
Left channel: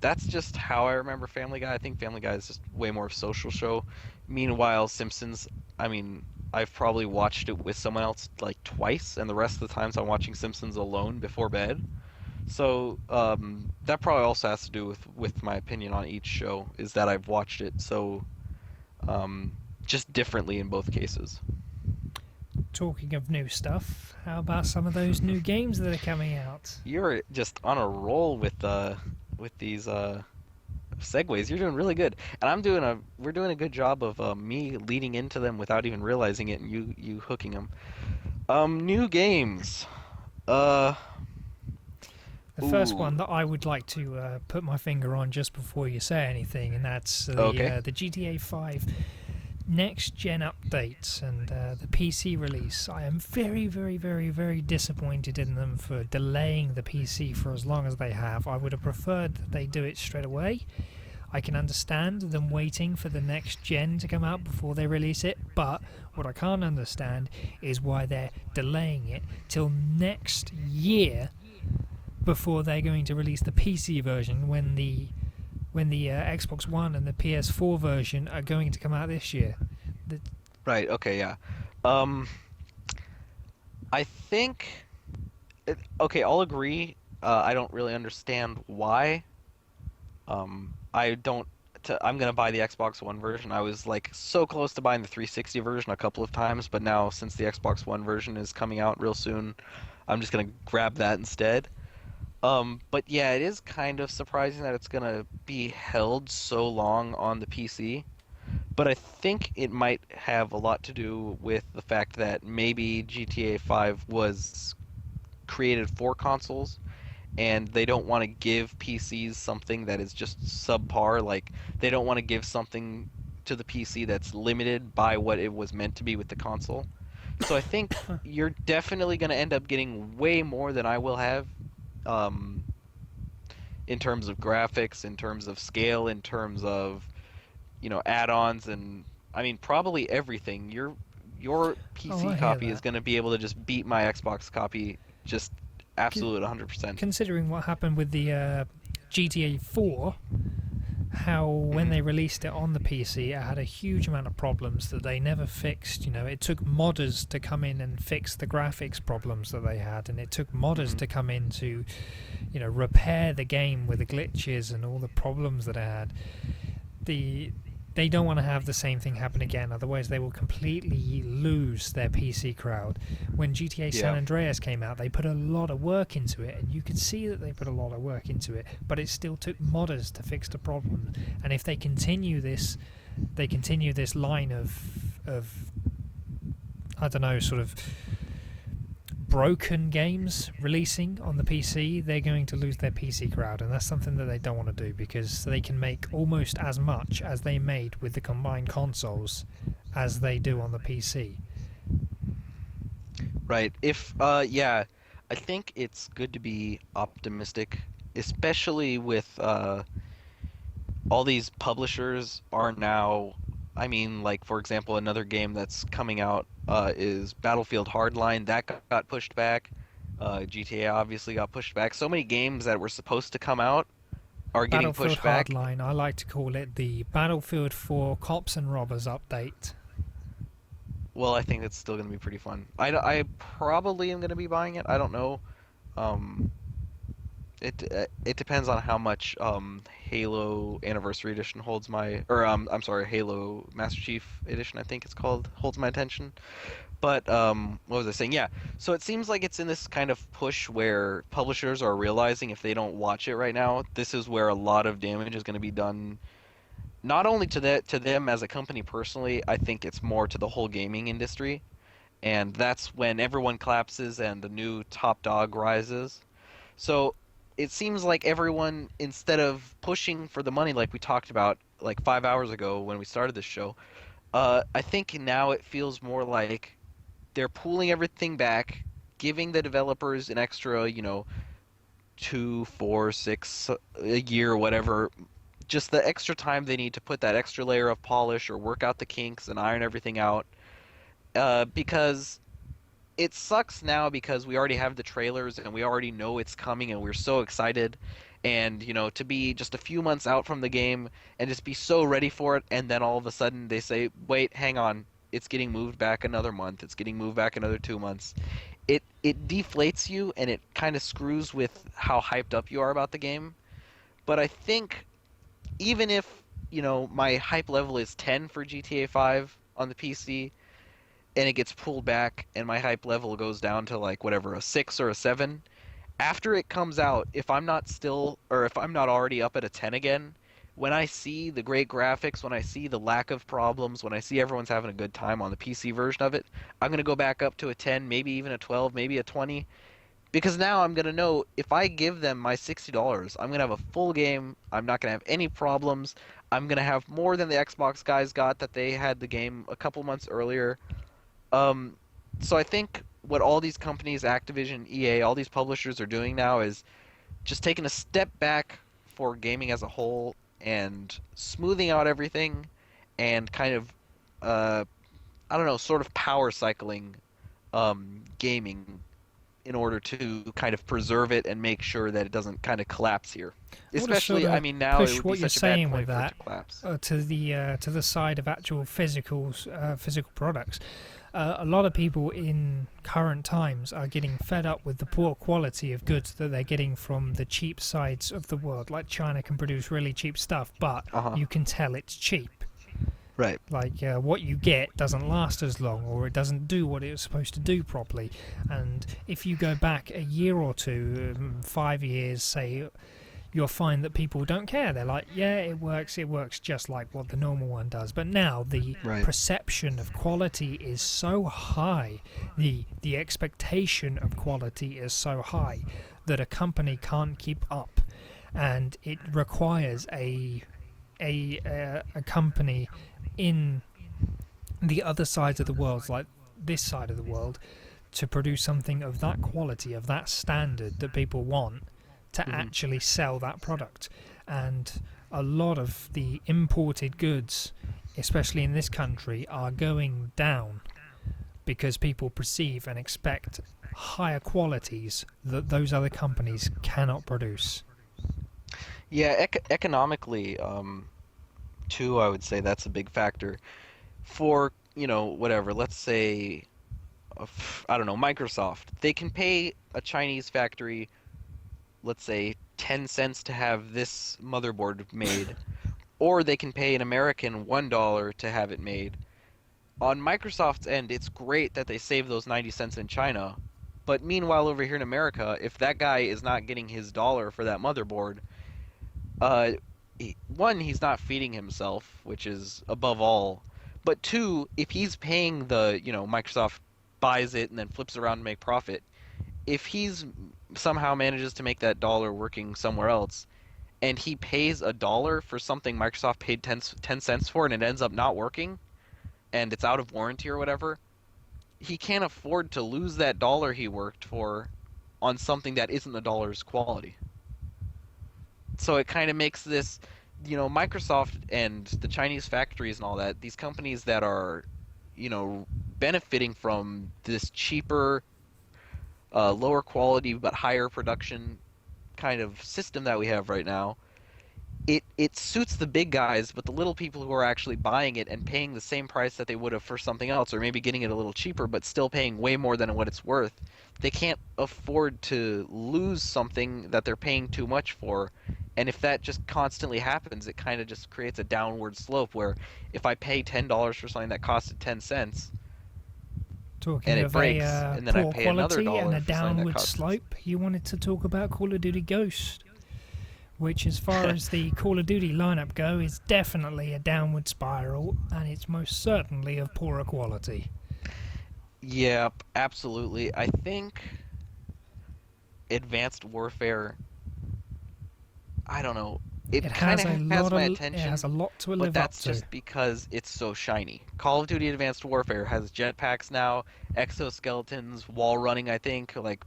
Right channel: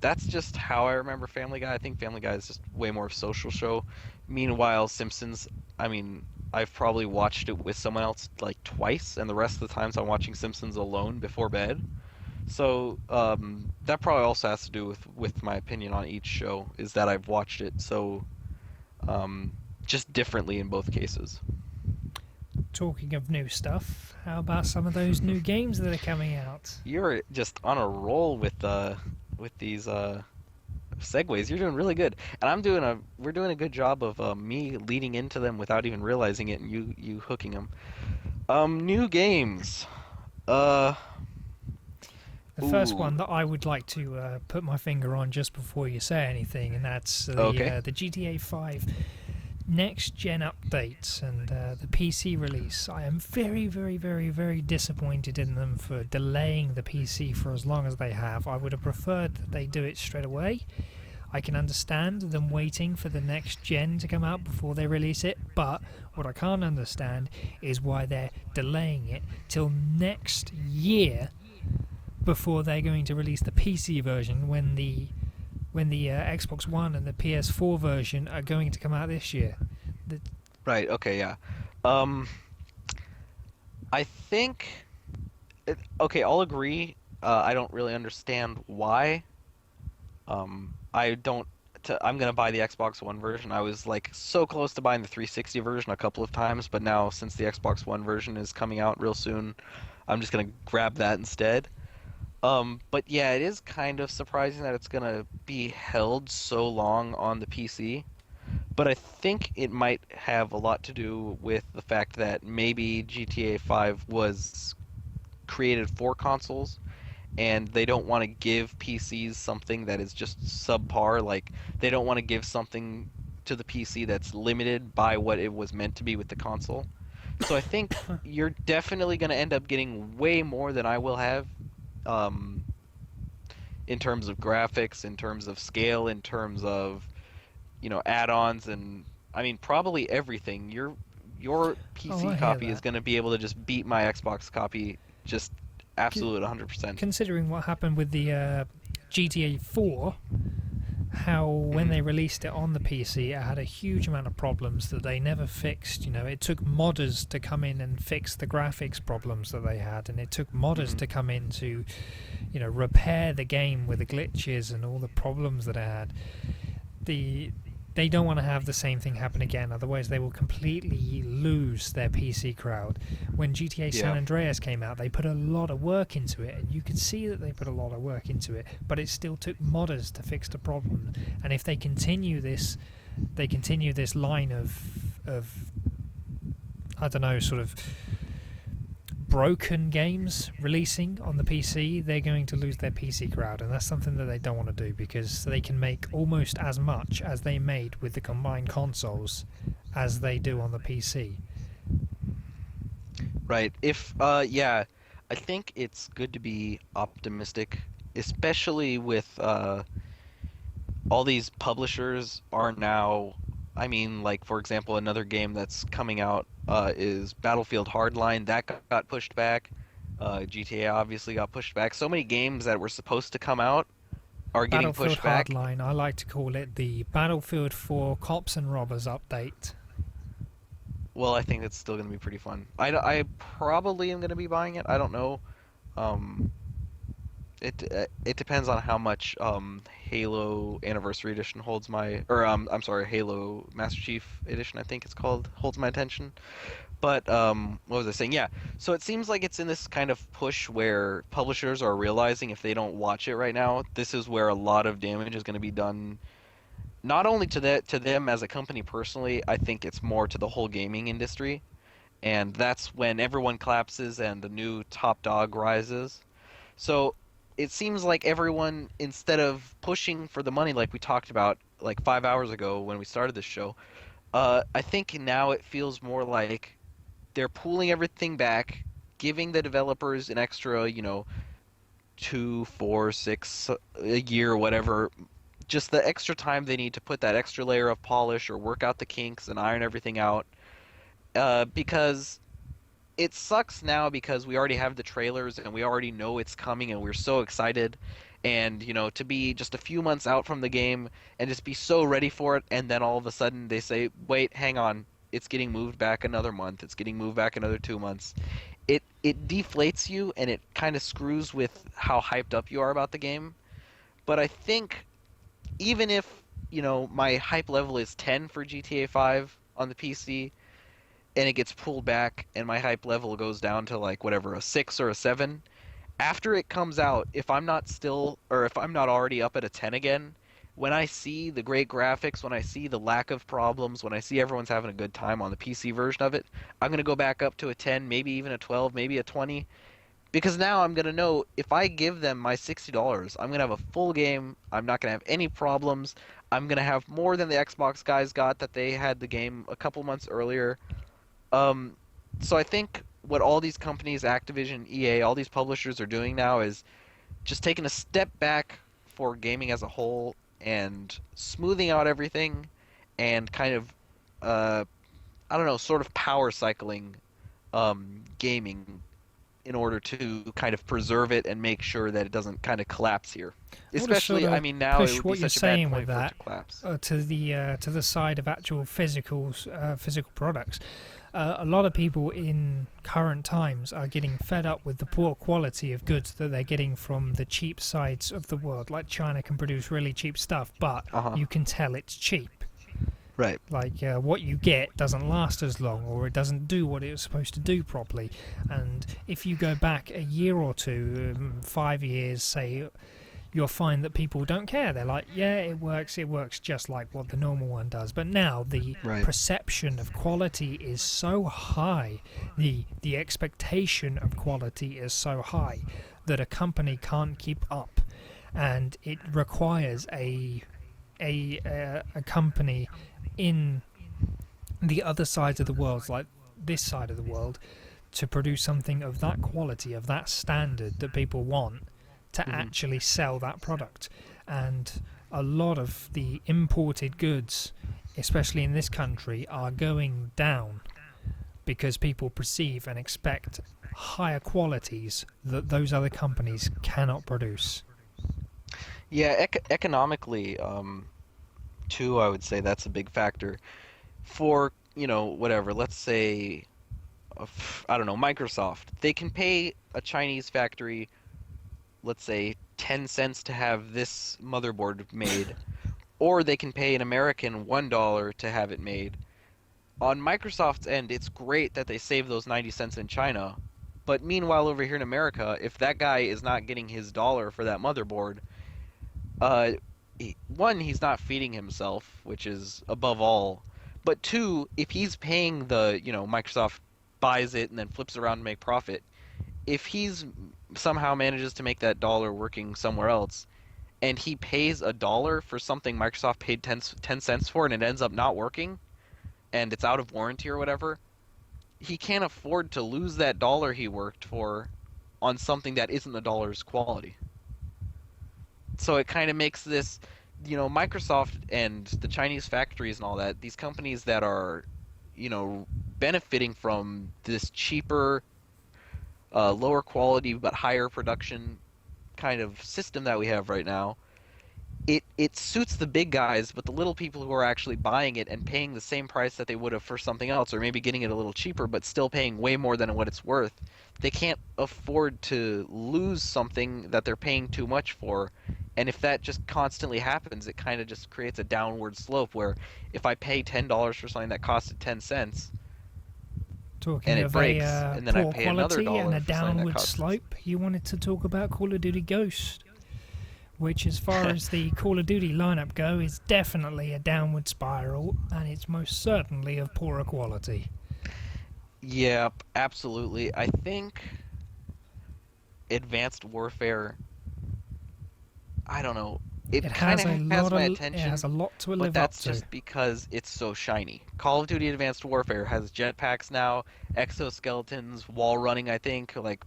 that's just how I remember Family Guy. I think Family Guy is just way more of a social show. Meanwhile, Simpsons, I mean, I've probably watched it with someone else like twice, and the rest of the times I'm watching Simpsons alone before bed. So that probably also has to do with my opinion on each show, is that I've watched it so um, just differently in both cases. Talking of new stuff, how about some of those new games that are coming out? You're just on a roll with these segues. You're doing really good, and we're doing a good job of me leading into them without even realizing it, and you hooking them. New games. Uh, The first ooh, one that I would like to put my finger on just before you say anything, and that's okay. the GTA 5 next gen updates and the PC release. I am very, very, very, very disappointed in them for delaying the PC for as long as they have. I would have preferred that they do it straight away. I can understand them waiting for the next gen to come out before they release it, but what I can't understand is why they're delaying it till next year before they're going to release the PC version when the Xbox One and the PS4 version are going to come out this year. The, Right. Okay. Yeah. Um, I think. Okay, I'll agree. I don't really understand why. I don't. I'm gonna buy the Xbox One version. I was like so close to buying the 360 version a couple of times, but now since the Xbox One version is coming out real soon, I'm just gonna grab that instead. But yeah, it is kind of surprising that it's gonna be held so long on the PC. But I think it might have a lot to do with the fact that maybe GTA 5 was created for consoles and they don't want to give PCs something that is just subpar. Like, they don't want to give something to the PC that's limited by what it was meant to be with the console. So I think you're definitely going to end up getting way more than I will have, um, in terms of graphics, in terms of scale, in terms of add-ons and I mean probably everything. Your Oh, PC I hear copy is that. going to be able to just beat my Xbox copy just C- absolute 100%. Considering what happened with the GTA 4, how when Hmm. they released it on the PC, it had a huge amount of problems that they never fixed. It took modders to come in and fix the graphics problems that they had, and it took modders Hmm. to come in to, repair the game with the glitches and all the problems that it had. the they don't want to have the same thing happen again, otherwise they will completely lose their PC crowd. When GTA San Yeah. Andreas came out, they put a lot of work into it, and you could see that they put a lot of work into it, but it still took modders to fix the problem. And if they continue this line of I don't know, sort of broken games releasing on the PC, they're going to lose their PC crowd, and that's something that they don't want to do, because they can make almost as much as they made with the combined consoles as they do on the PC. Right. If yeah, I think it's good to be optimistic, especially with all these publishers are now, I mean, like for example, another game that's coming out is Battlefield Hardline that got pushed back. GTA obviously got pushed back. So many games that were supposed to come out are getting Battlefield pushed back. Hardline, I like to call it the Battlefield 4 Cops and Robbers update. Well, I think it's still going to be pretty fun. I probably am going to be buying it. I don't know. Um, it depends on how much Halo Anniversary Edition holds my, or I'm sorry, Halo Master Chief Edition I think it's called, holds my attention. But what was I saying? Yeah. So it seems like it's in this kind of push where publishers are realizing if they don't watch it right now, this is where a lot of damage is going to be done. Not only to them as a company personally, I think it's more to the whole gaming industry, and that's when everyone collapses and the new top dog rises. So it seems like everyone, instead of pushing for the money like we talked about like 5 hours ago when we started this show, I think now it feels more like they're pulling everything back, giving the developers an extra, 2, 4, 6 a year, whatever, just the extra time they need to put that extra layer of polish or work out the kinks and iron everything out. Because it sucks now because we already have the trailers and we already know it's coming and we're so excited. And, to be just a few months out from the game and just be so ready for it, and then all of a sudden they say, wait, hang on, it's getting moved back another month, it's getting moved back another 2 months. It deflates you and it kind of screws with how hyped up you are about the game. But I think even if, my hype level is 10 for GTA 5 on the PC, and it gets pulled back and my hype level goes down to like whatever, a 6 or a 7, after it comes out, if I'm not still or if I'm not already up at a 10 again, when I see the great graphics, when I see the lack of problems, when I see everyone's having a good time on the PC version of it, I'm going to go back up to a 10, maybe even a 12, maybe a 20, because now I'm going to know if I give them my $60, I'm going to have a full game, I'm not going to have any problems. I'm going to have more than the Xbox guys got that they had the game a couple months earlier. Um, so I think what all these companies, Activision, EA, all these publishers are doing now is just taking a step back for gaming as a whole and smoothing out everything and kind of, uh, I don't know, sort of power cycling gaming in order to kind of preserve it and make sure that it doesn't kind of collapse here. I want to sort Especially, I of mean, now it push would be what you're such a bad saying with point for it to that collapse. to the side of actual physical products. A lot of people in current times are getting fed up with the poor quality of goods that they're getting from the cheap sides of the world. Like China can produce really cheap stuff, but Uh-huh. you can tell it's cheap. Right. Like what you get doesn't last as long, or it doesn't do what it was supposed to do properly. And if you go back a year or two, 5 years, say, you'll find that people don't care. They're like, yeah, it works just like what the normal one does. But now the Right. perception of quality is so high, the expectation of quality is so high that a company can't keep up, and it requires a company in the other sides of the world, like this side of the world, to produce something of that quality, of that standard that people want, to Hmm. actually sell that product. And a lot of the imported goods, especially in this country, are going down because people perceive and expect higher qualities that those other companies cannot produce. Yeah, economically, too, I would say that's a big factor. For, whatever, let's say, I don't know, Microsoft, they can pay a Chinese factory, let's say, 10 cents to have this motherboard made, or they can pay an American $1 to have it made. On Microsoft's end, it's great that they save those 90 cents in China, but meanwhile, over here in America, if that guy is not getting his dollar for that motherboard, uh, one, he's not feeding himself, which is above all. But two, if he's paying Microsoft buys it and then flips around to make profit, if he's somehow manages to make that dollar working somewhere else, and he pays a dollar for something Microsoft paid 10 cents for and it ends up not working, and it's out of warranty or whatever, he can't afford to lose that dollar he worked for on something that isn't the dollar's quality. So it kind of makes this, Microsoft and the Chinese factories and all that, these companies that are, benefiting from this cheaper, lower quality but higher production kind of system that we have right now, it suits the big guys, but the little people who are actually buying it and paying the same price that they would have for something else, or maybe getting it a little cheaper, but still paying way more than what it's worth, they can't afford to lose something that they're paying too much for. And if that just constantly happens, it kind of just creates a downward slope where if I pay $10 for something that costed 10 cents and Talking it of a breaks, and then I poor pay another quality and dollar a for something that downward costs. slope, you wanted to talk about Call of Duty Ghost, which, as far as the Call of Duty lineup go, is definitely a downward spiral, and it's most certainly of poorer quality. Yep, absolutely. I think Advanced Warfare, I don't know. It kind of has my It has attention, a lot to but live up that's to. just because it's so shiny. Call of Duty Advanced Warfare has jetpacks now, exoskeletons, wall running, I think, like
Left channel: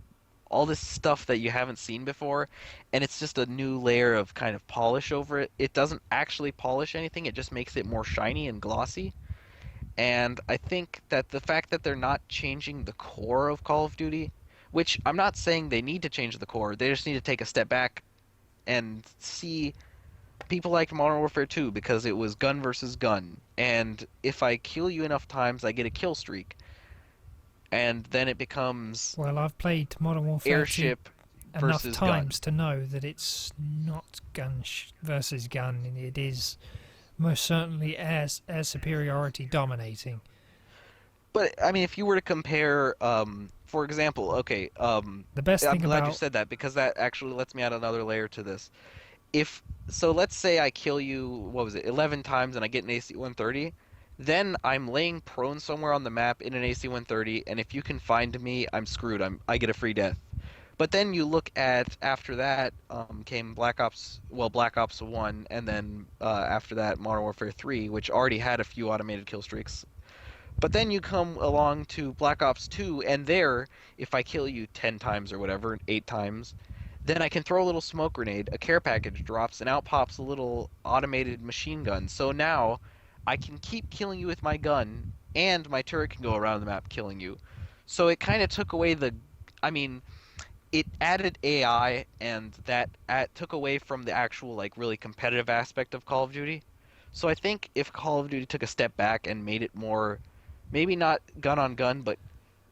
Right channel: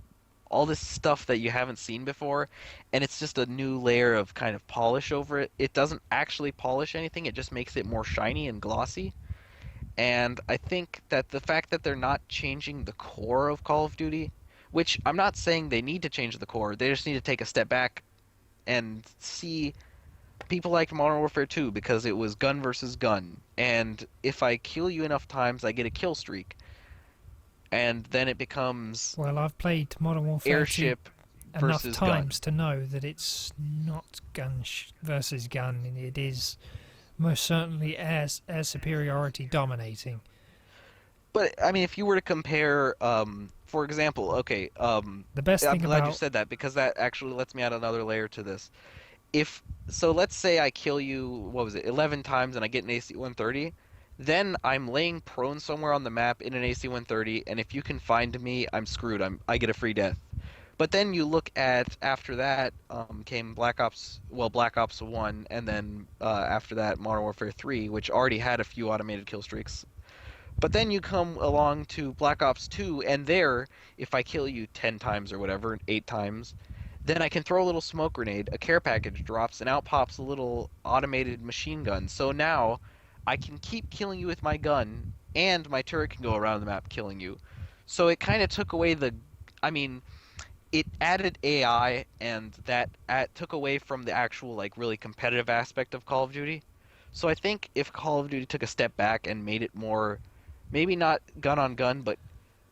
all this stuff that you haven't seen before, and it's just a new layer of kind of polish over it. It doesn't actually polish anything, it just makes it more shiny and glossy. And I think that the fact that they're not changing the core of Call of Duty, which I'm not saying they need to change the core, they just need to take a step back and see. People liked Modern Warfare 2 because it was gun versus gun, and if I kill you enough times, I get a kill streak, and then it becomes Well, I've played Modern Warfare 2 airship enough versus gun. times to know that it's not gun versus gun, and it is most certainly air superiority dominating. But I mean, if you were to compare, for example, okay, The best I'm thing glad you about said that because that actually lets me add another layer to this. If so, let's say I kill you, what was it, 11 times and I get an AC-130, then I'm laying prone somewhere on the map in an AC-130, and if you can find me, I'm screwed. I get a free death. But then you look at after that came Black Ops 1, and then after that Modern Warfare 3, which already had a few automated kill streaks. But then you come along to Black Ops 2, and there, if I kill you 10 times or whatever, 8 times, then I can throw a little smoke grenade, a care package drops, and out pops a little automated machine gun. So now I can keep killing you with my gun, and my turret can go around the map killing you. So it kind of took away I mean, it added AI, and took away from the actual, like, really competitive aspect of Call of Duty. So I think if Call of Duty took a step back and made it more, maybe not gun on gun, but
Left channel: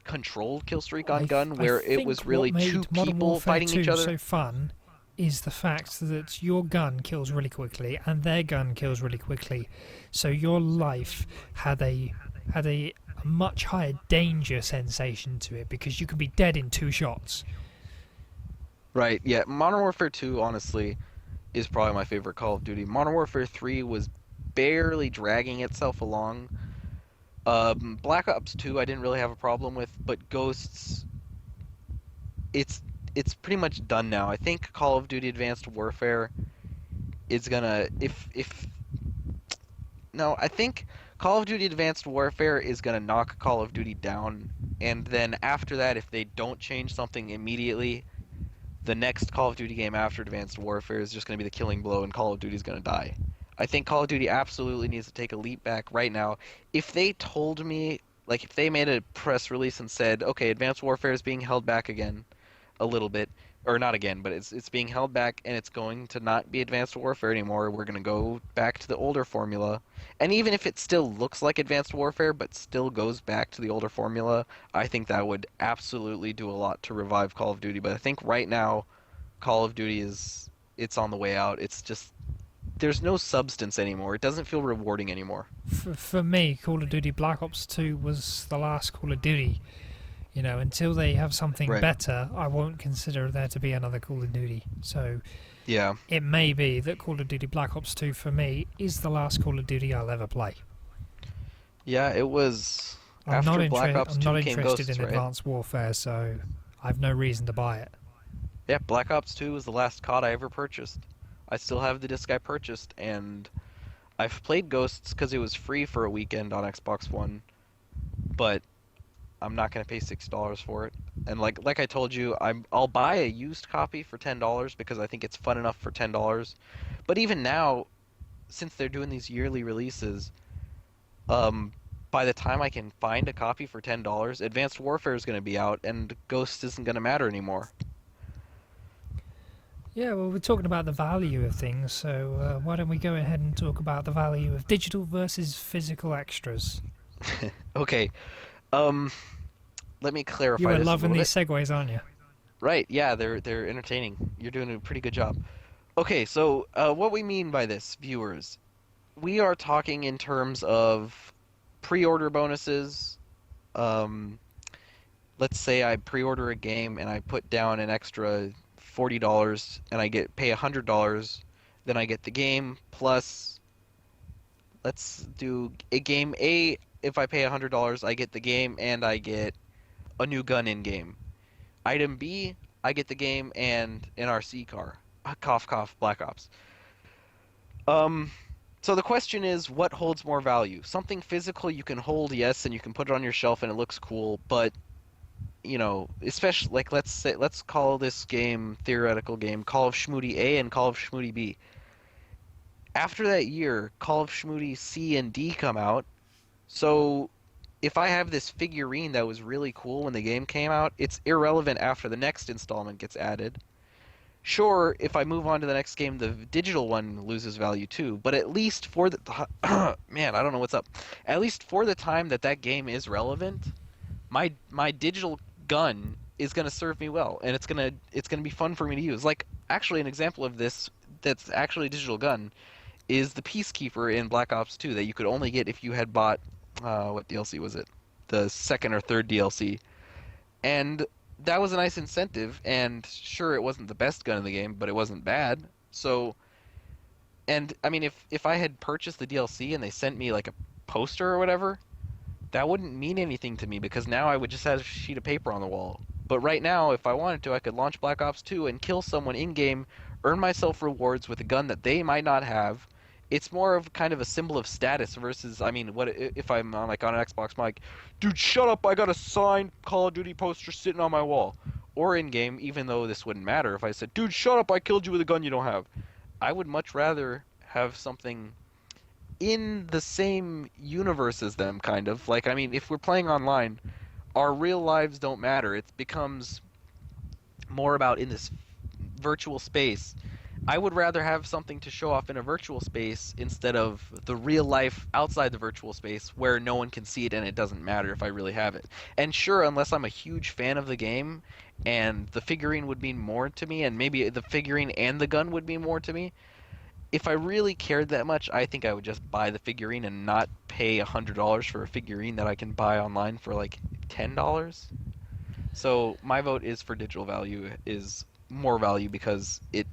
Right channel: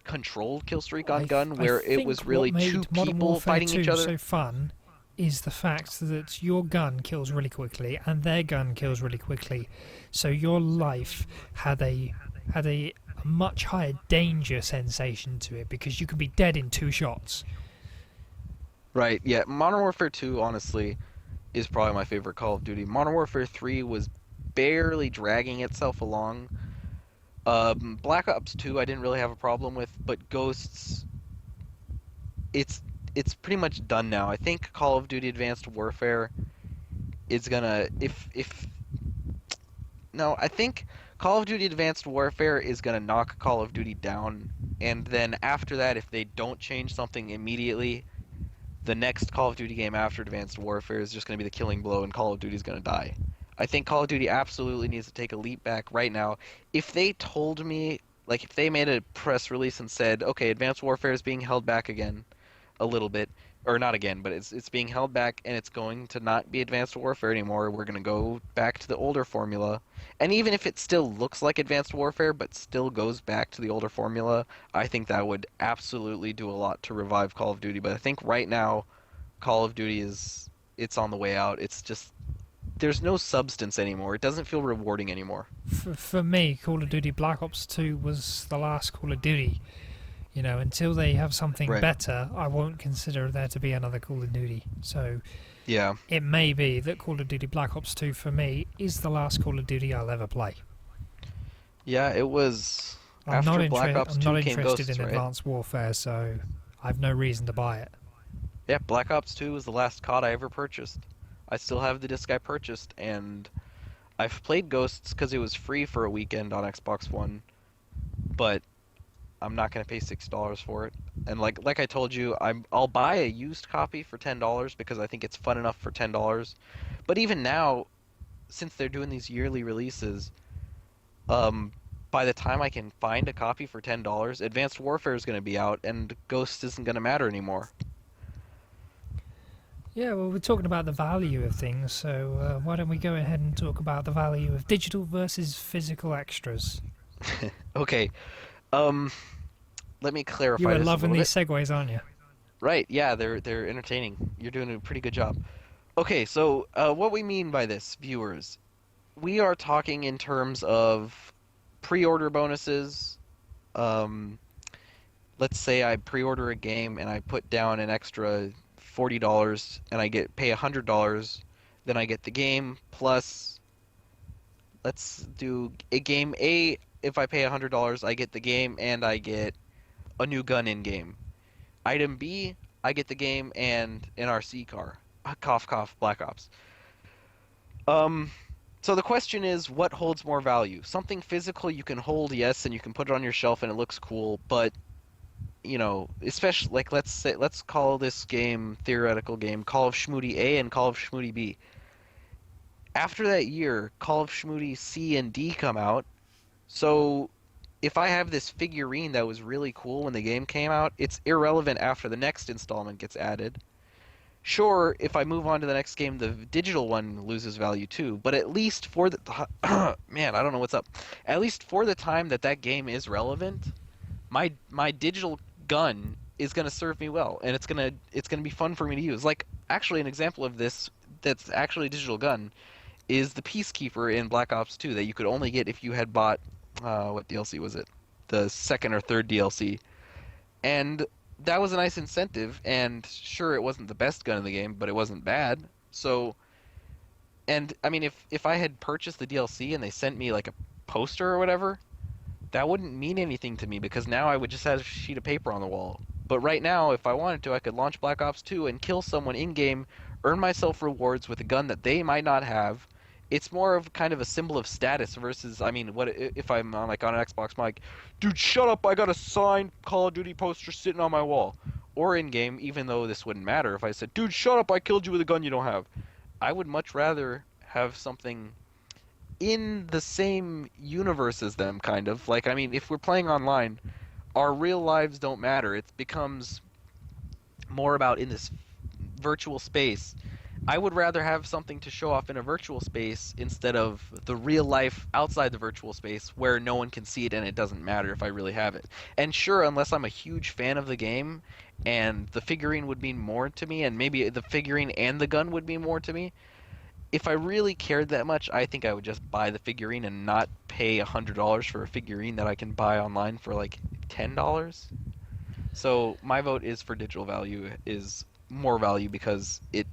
controlled kill streak on gun, I where it think was what really two made Modern people Warfare fighting each 2 other. so fun is the fact that your gun kills really quickly and their gun kills really quickly. So your life had a much higher danger sensation to it because you could be dead in 2 shots. Right, yeah. Modern Warfare 2, honestly, is probably my favorite Call of Duty. Modern Warfare 3 was barely dragging itself along. Black Ops 2, I didn't really have a problem with, but Ghosts, it's it's pretty much done now. I think Call of Duty Advanced Warfare is gonna if no, I think Call of Duty Advanced Warfare is gonna knock Call of Duty down, and then after that, if they don't change something immediately, the next Call of Duty game after Advanced Warfare is just going to be the killing blow and Call of Duty is going to die. I think Call of Duty absolutely needs to take a leap back right now. If they told me, like, if they made a press release and said, okay, Advanced Warfare is being held back again a little bit, or not again, but it's being held back and it's going to not be Advanced Warfare anymore. We're going to go back to the older formula. And even if it still looks like Advanced Warfare but still goes back to the older formula, I think that would absolutely do a lot to revive Call of Duty. But I think right now Call of Duty is it's on the way out. It's just there's no substance anymore. It doesn't feel rewarding anymore. For me, Call of Duty Black Ops 2 was the last Call of Duty. You know, until they have something Right. better, I won't consider there to be another Call of Duty. So Yeah. it may be that Call of Duty Black Ops 2 for me is the last Call of Duty I'll ever play. Yeah, it was after Black Ops I'm 2 not came interested Ghosts, in right? Advanced Warfare, so I've no reason to buy it. Yeah, Black Ops 2 was the last COD I ever purchased. I still have the disc I purchased, and I've played Ghosts because it was free for a weekend on Xbox One, but I'm not gonna pay $6 for it. And like I told you, I'll buy a used copy for $10 because I think it's fun enough for $10. But even now, since they're doing these yearly releases, um, by the time I can find a copy for $10, Advanced Warfare is gonna be out, and Ghosts isn't gonna matter anymore. Yeah, well, we're talking about the value of things, so why don't we go ahead and talk about the value of digital versus physical extras? Okay, um, let me You clarify are this a loving little these bit. segues, aren't you? Right, yeah, they're entertaining. You're doing a pretty good job. Okay, so what we mean by this, viewers, we are talking in terms of pre-order bonuses. Um, let's say I pre-order a game and I put down an extra $40 and I get pay $100, then I get the game plus let's do a game A. If I pay $100, I get the game and I get a new gun in game. Item B, I get the game and an RC car. Cough cough Black Ops. Um so the question is what holds more value? Something physical you can hold, yes, and you can put it on your shelf and it looks cool, but especially like let's call this game theoretical game Call of Schmoody A and Call of Schmoody B. After that year, Call of Schmoody C and D come out. So if I have this figurine that was really cool when the game came out, it's irrelevant after the next installment gets added. Sure, if I move on to the next game, the digital one loses value too, but at least for the man, I don't know what's up. At least for the time that that game is relevant, my digital gun is going to serve me well, and it's going to be fun for me to use. Like actually an example of this that's actually a digital gun is the Peacekeeper in Black Ops 2 that you could only get if you had bought what DLC was it? The second or third DLC. And that was a nice incentive, and sure it wasn't the best gun in the game, but it wasn't bad. So, and I mean if I had purchased the DLC and they sent me like a poster or whatever, that wouldn't mean anything to me because now I would just have a sheet of paper on the wall. But right now, if I wanted to, I could launch Black Ops 2 and kill someone in game, earn myself rewards with a gun that they might not have. It's more of kind of a symbol of status versus, I mean, what if I'm on like on an Xbox, I'm like, dude, shut up! I got a signed Call of Duty poster sitting on my wall. Or in game, even though this wouldn't matter, if I said, dude, shut up! I killed you with a gun you don't have. I would much rather have something in the same universe as them, kind of. Like, I mean, if we're playing online, our real lives don't matter. It becomes more about in this virtual space. I would rather have something to show off in a virtual space instead of the real life outside the virtual space where no one can see it and it doesn't matter if I really have it. And sure, unless I'm a huge fan of the game and the figurine would mean more to me and maybe the figurine and the gun would mean more to me, if I really cared that much, I think I would just buy the figurine and not pay $100 for a figurine that I can buy online for like $10. So my vote is for digital value is more value because it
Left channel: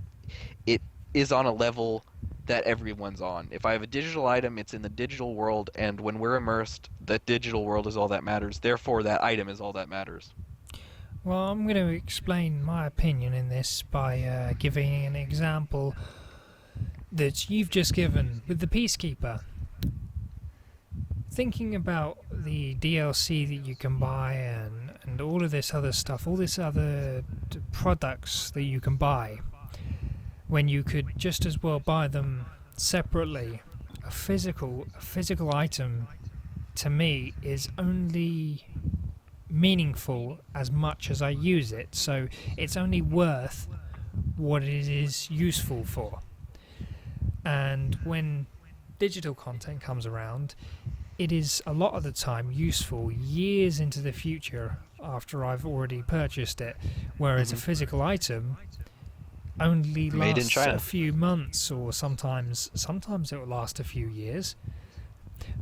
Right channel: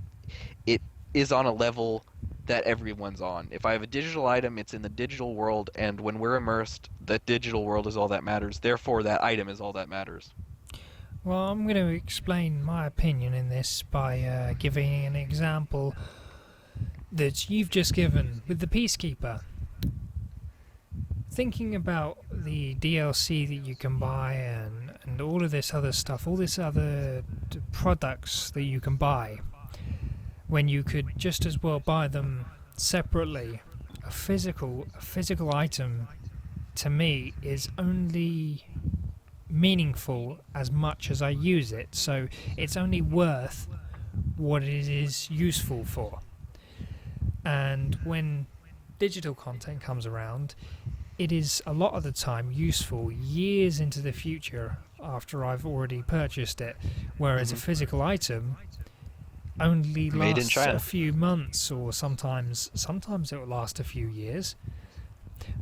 is on a level that everyone's on. If I have a digital item, it's in the digital world, and when we're immersed, the digital world is all that matters. Therefore, that item is all that matters. Well, I'm going to explain my opinion in this by giving an example that you've just given with the Peacekeeper. thinking about the DLC that you can buy and all of this other stuff, all this other products that you can buy, when you could just as well buy them separately, a physical item to me is only meaningful as much as I use it. So it's only worth what it is useful for. And when digital content comes around, it is a lot of the time useful years into the future after I've already purchased it, whereas a Hmm. physical item only Made in lasts a China. few months, or sometimes it will last a few years.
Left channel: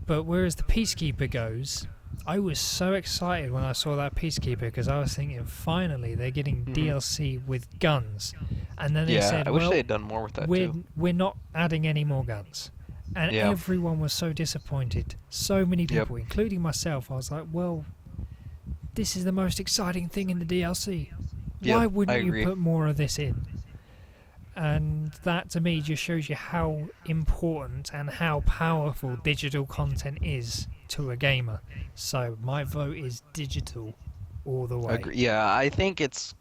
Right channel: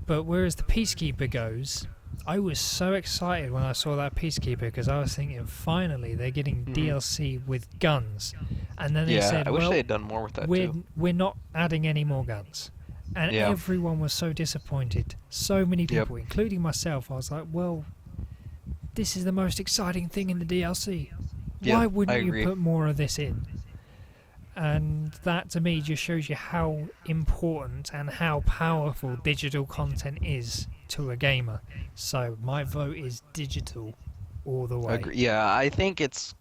But whereas the Peacekeeper goes, I was so excited when I saw that Peacekeeper because I was thinking, finally they're getting Hmm. DLC with guns, and then they Yeah, said, I wish they well, had done more with that we're too. we're not adding any more guns, and Yeah. everyone was so disappointed. So many Yep. people, including myself. I was like, well, this is the most exciting thing in the DLC. Yep. Why I wouldn't you agree. put more of this in? And that to me just shows you how important and how powerful digital content is to a gamer. So my vote is digital all the way. Agree. Yeah, I think it's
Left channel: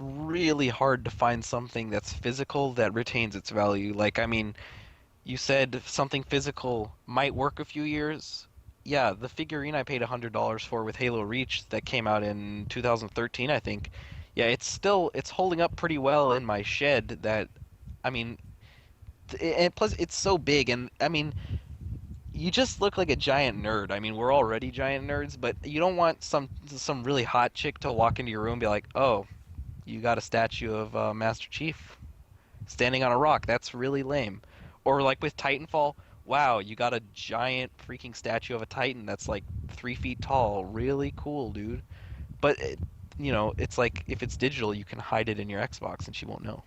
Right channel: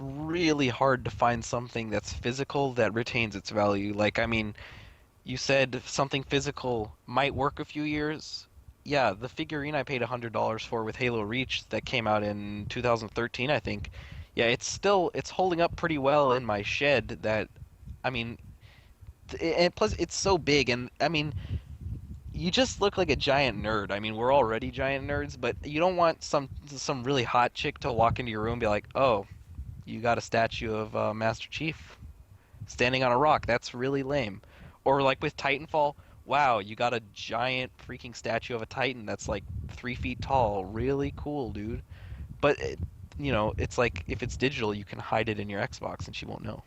really hard to find something that's physical that retains its value. Like, I mean, you said something physical might work a few years. Yeah, the figurine I paid $100 for with Halo Reach that came out in 2013, I think. Yeah, it's holding up pretty well in my shed that I mean, and plus it's so big and I mean, you just look like a giant nerd. I mean, we're already giant nerds, but you don't want some really hot chick to walk into your room and be like, "Oh, you got a statue of Master Chief standing on a rock. That's really lame." Or like with Titanfall, wow, you got a giant freaking statue of a Titan that's like 3 feet tall. Really cool, dude. But it's like if it's digital, you can hide it in your Xbox and she won't know.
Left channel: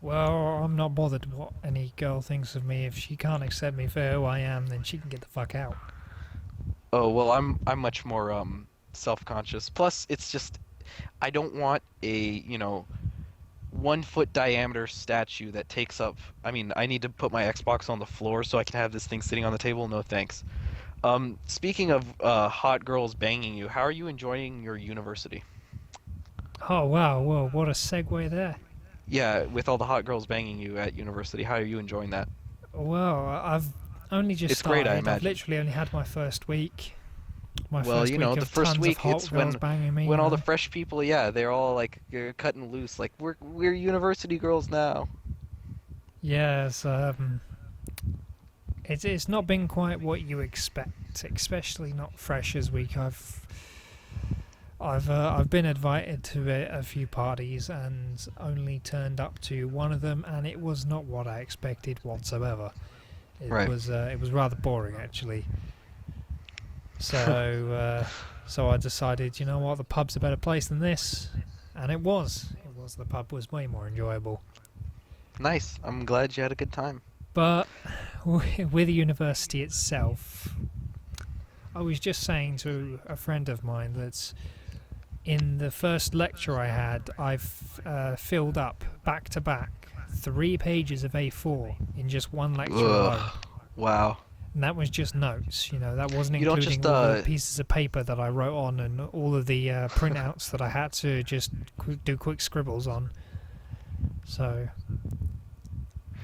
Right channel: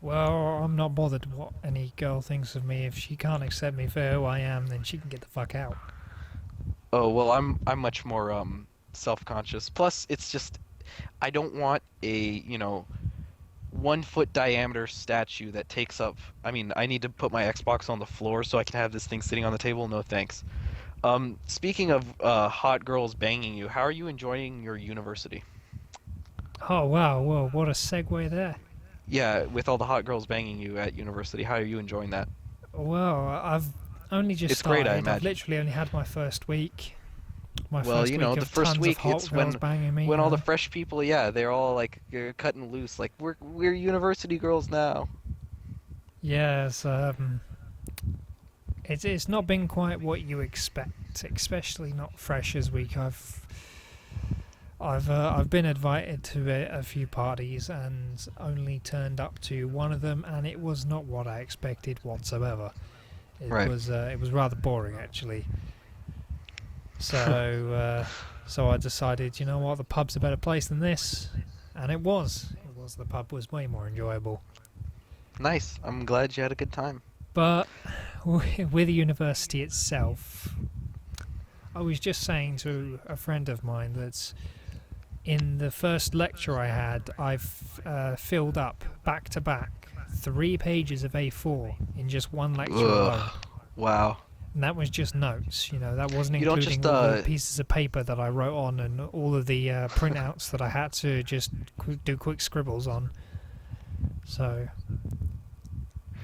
Well, I'm not bothered what any girl thinks of me. If she can't accept me for who I am, then she can get the fuck out. Oh, well, I'm much more self-conscious. Plus, it's just I don't want a, 1 foot diameter statue that takes up. I mean, I need to put my Xbox on the floor so I can have this thing sitting on the table. No thanks. Speaking of hot girls banging you, how are you enjoying your university? Oh wow, whoa, what a segue there. Yeah, with all the hot girls banging you at university, how are you enjoying that? Well, I've only just It's great, I started. I've imagine. literally only had my first week. My Well, first week the of first tons of week hot it's girls when banging me, when all the fresh people, yeah, they're all like cutting loose, like we're university girls now. Yes, it's not been quite what you expect, especially not Freshers Week. I've been invited to a few parties and only turned up to one of them, and it was not what I expected whatsoever. Right. It was rather boring actually. So so I decided, you know what, the pub's a better place than this, and it was. It was. The pub was way more enjoyable. Nice. I'm glad you had a good time. But with the university itself, I was just saying to a friend of mine that in the first lecture I had, I've filled up back to back 3 pages of A4 in just one lecture alone. Ugh. Wow. And that was just notes, that wasn't You don't including just all the pieces of paper that I wrote on and all of the printouts that I had to just do quick scribbles on. So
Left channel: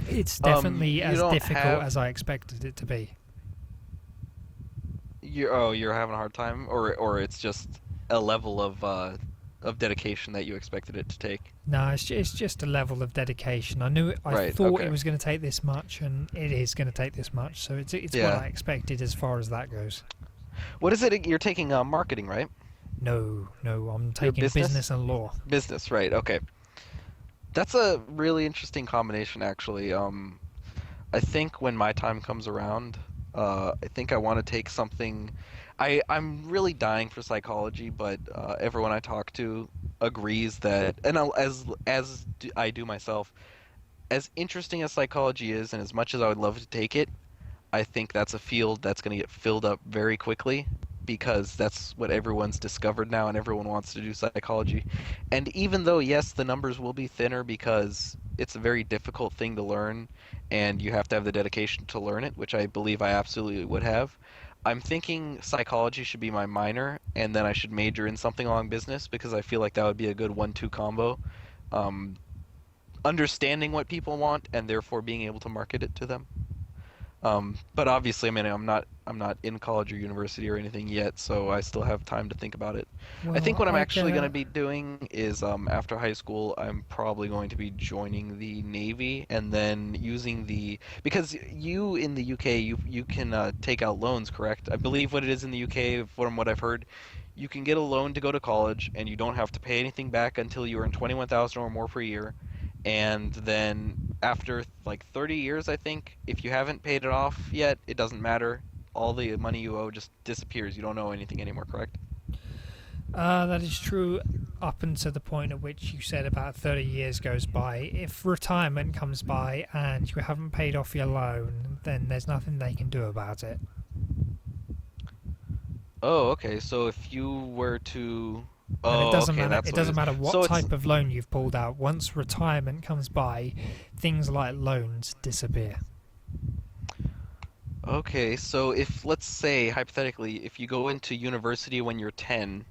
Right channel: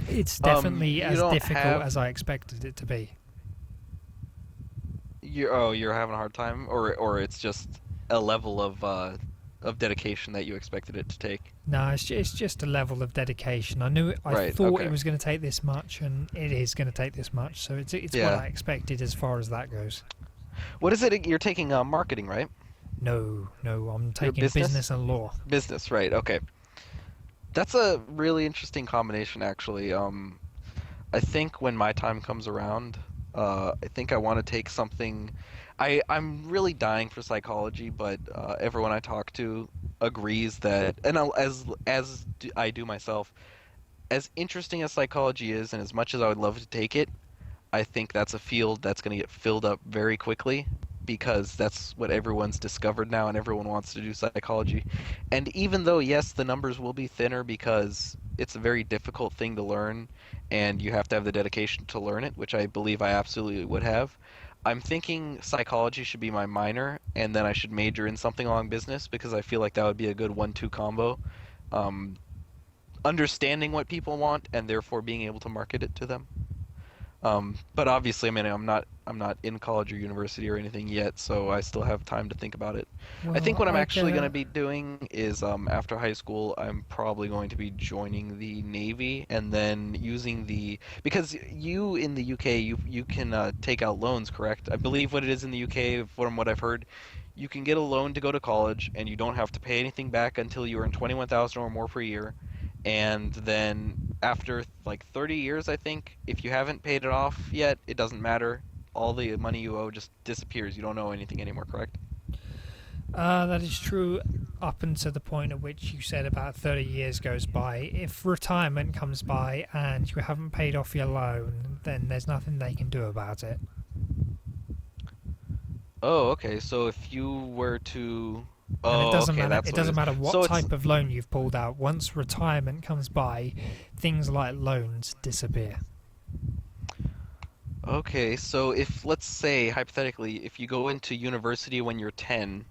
it's definitely you as don't difficult have as I expected it to be. you're having a hard time or it's just a level of dedication that you expected it to take. No, it's just a level of dedication. I Right. thought it Okay. was going to take this much, and it is going to take this much. So it's what Yeah. I expected as far as that goes. What is it you're taking marketing, right? No, no, I'm Your taking business? business and law. Business, right. Okay. That's a really interesting combination actually. I think when my time comes around, I think I want to take something. I'm really dying for psychology, but everyone I talk to agrees that, and I do myself, as interesting as psychology is, and as much as I would love to take it, I think that's a field that's going to get filled up very quickly because that's what everyone's discovered now, and everyone wants to do psychology. And even though, yes, the numbers will be thinner because it's a very difficult thing to learn, and you have to have the dedication to learn it, which I believe I absolutely would have. I'm thinking psychology should be my minor, and then I should major in something along business because I feel like that would be a good 1-2 combo. Um, Understanding what people want and therefore being able to market it to them. But obviously, I mean, I'm not in college or university or anything yet, so I still have time to think about it. I think Well, what I'm I actually going to get. be doing is after high school, I'm probably going to be joining the Navy and then using the because you in the UK you can take out loans, correct? I believe what it is in the UK, from what I've heard, you can get a loan to go to college and you don't have to pay anything back until you earn 21,000 or more per year. And then after like 30 years, I think, if you haven't paid it off yet, it doesn't matter. All the money you owe just disappears. You don't owe anything anymore, correct? That is true up until the point at which you said about 30 years goes by. If retirement comes by and you haven't paid off your loan, then there's nothing they can do about it. Oh, okay. So if you were to, And it oh, doesn't okay, matter. that's It what it doesn't is. matter what So it's type of loan you've pulled out. Once retirement comes by, things like loans disappear. okay. So if let's say hypothetically, if you go into university when you're 10,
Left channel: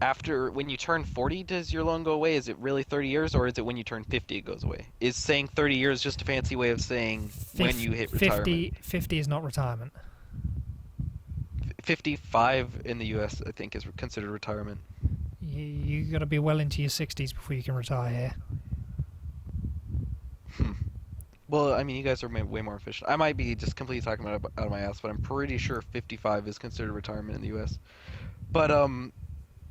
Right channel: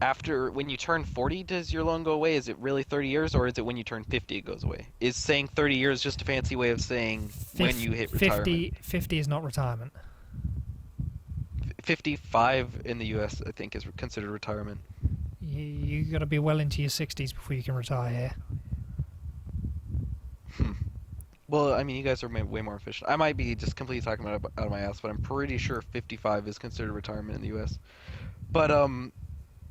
after when you turn 40, does your loan go away? Is it really 30 years, or is it when you turn 50 it goes away? Is saying 30 years just a fancy way of saying when you hit retirement? 50 is not retirement. 55 in the US, I think, is considered retirement. You got to be well into your 60s before you can retire here. Hmm. Well, I mean, you guys are way more efficient. I might be just completely talking about it out of my ass, but I'm pretty sure 55 is considered retirement in the US. But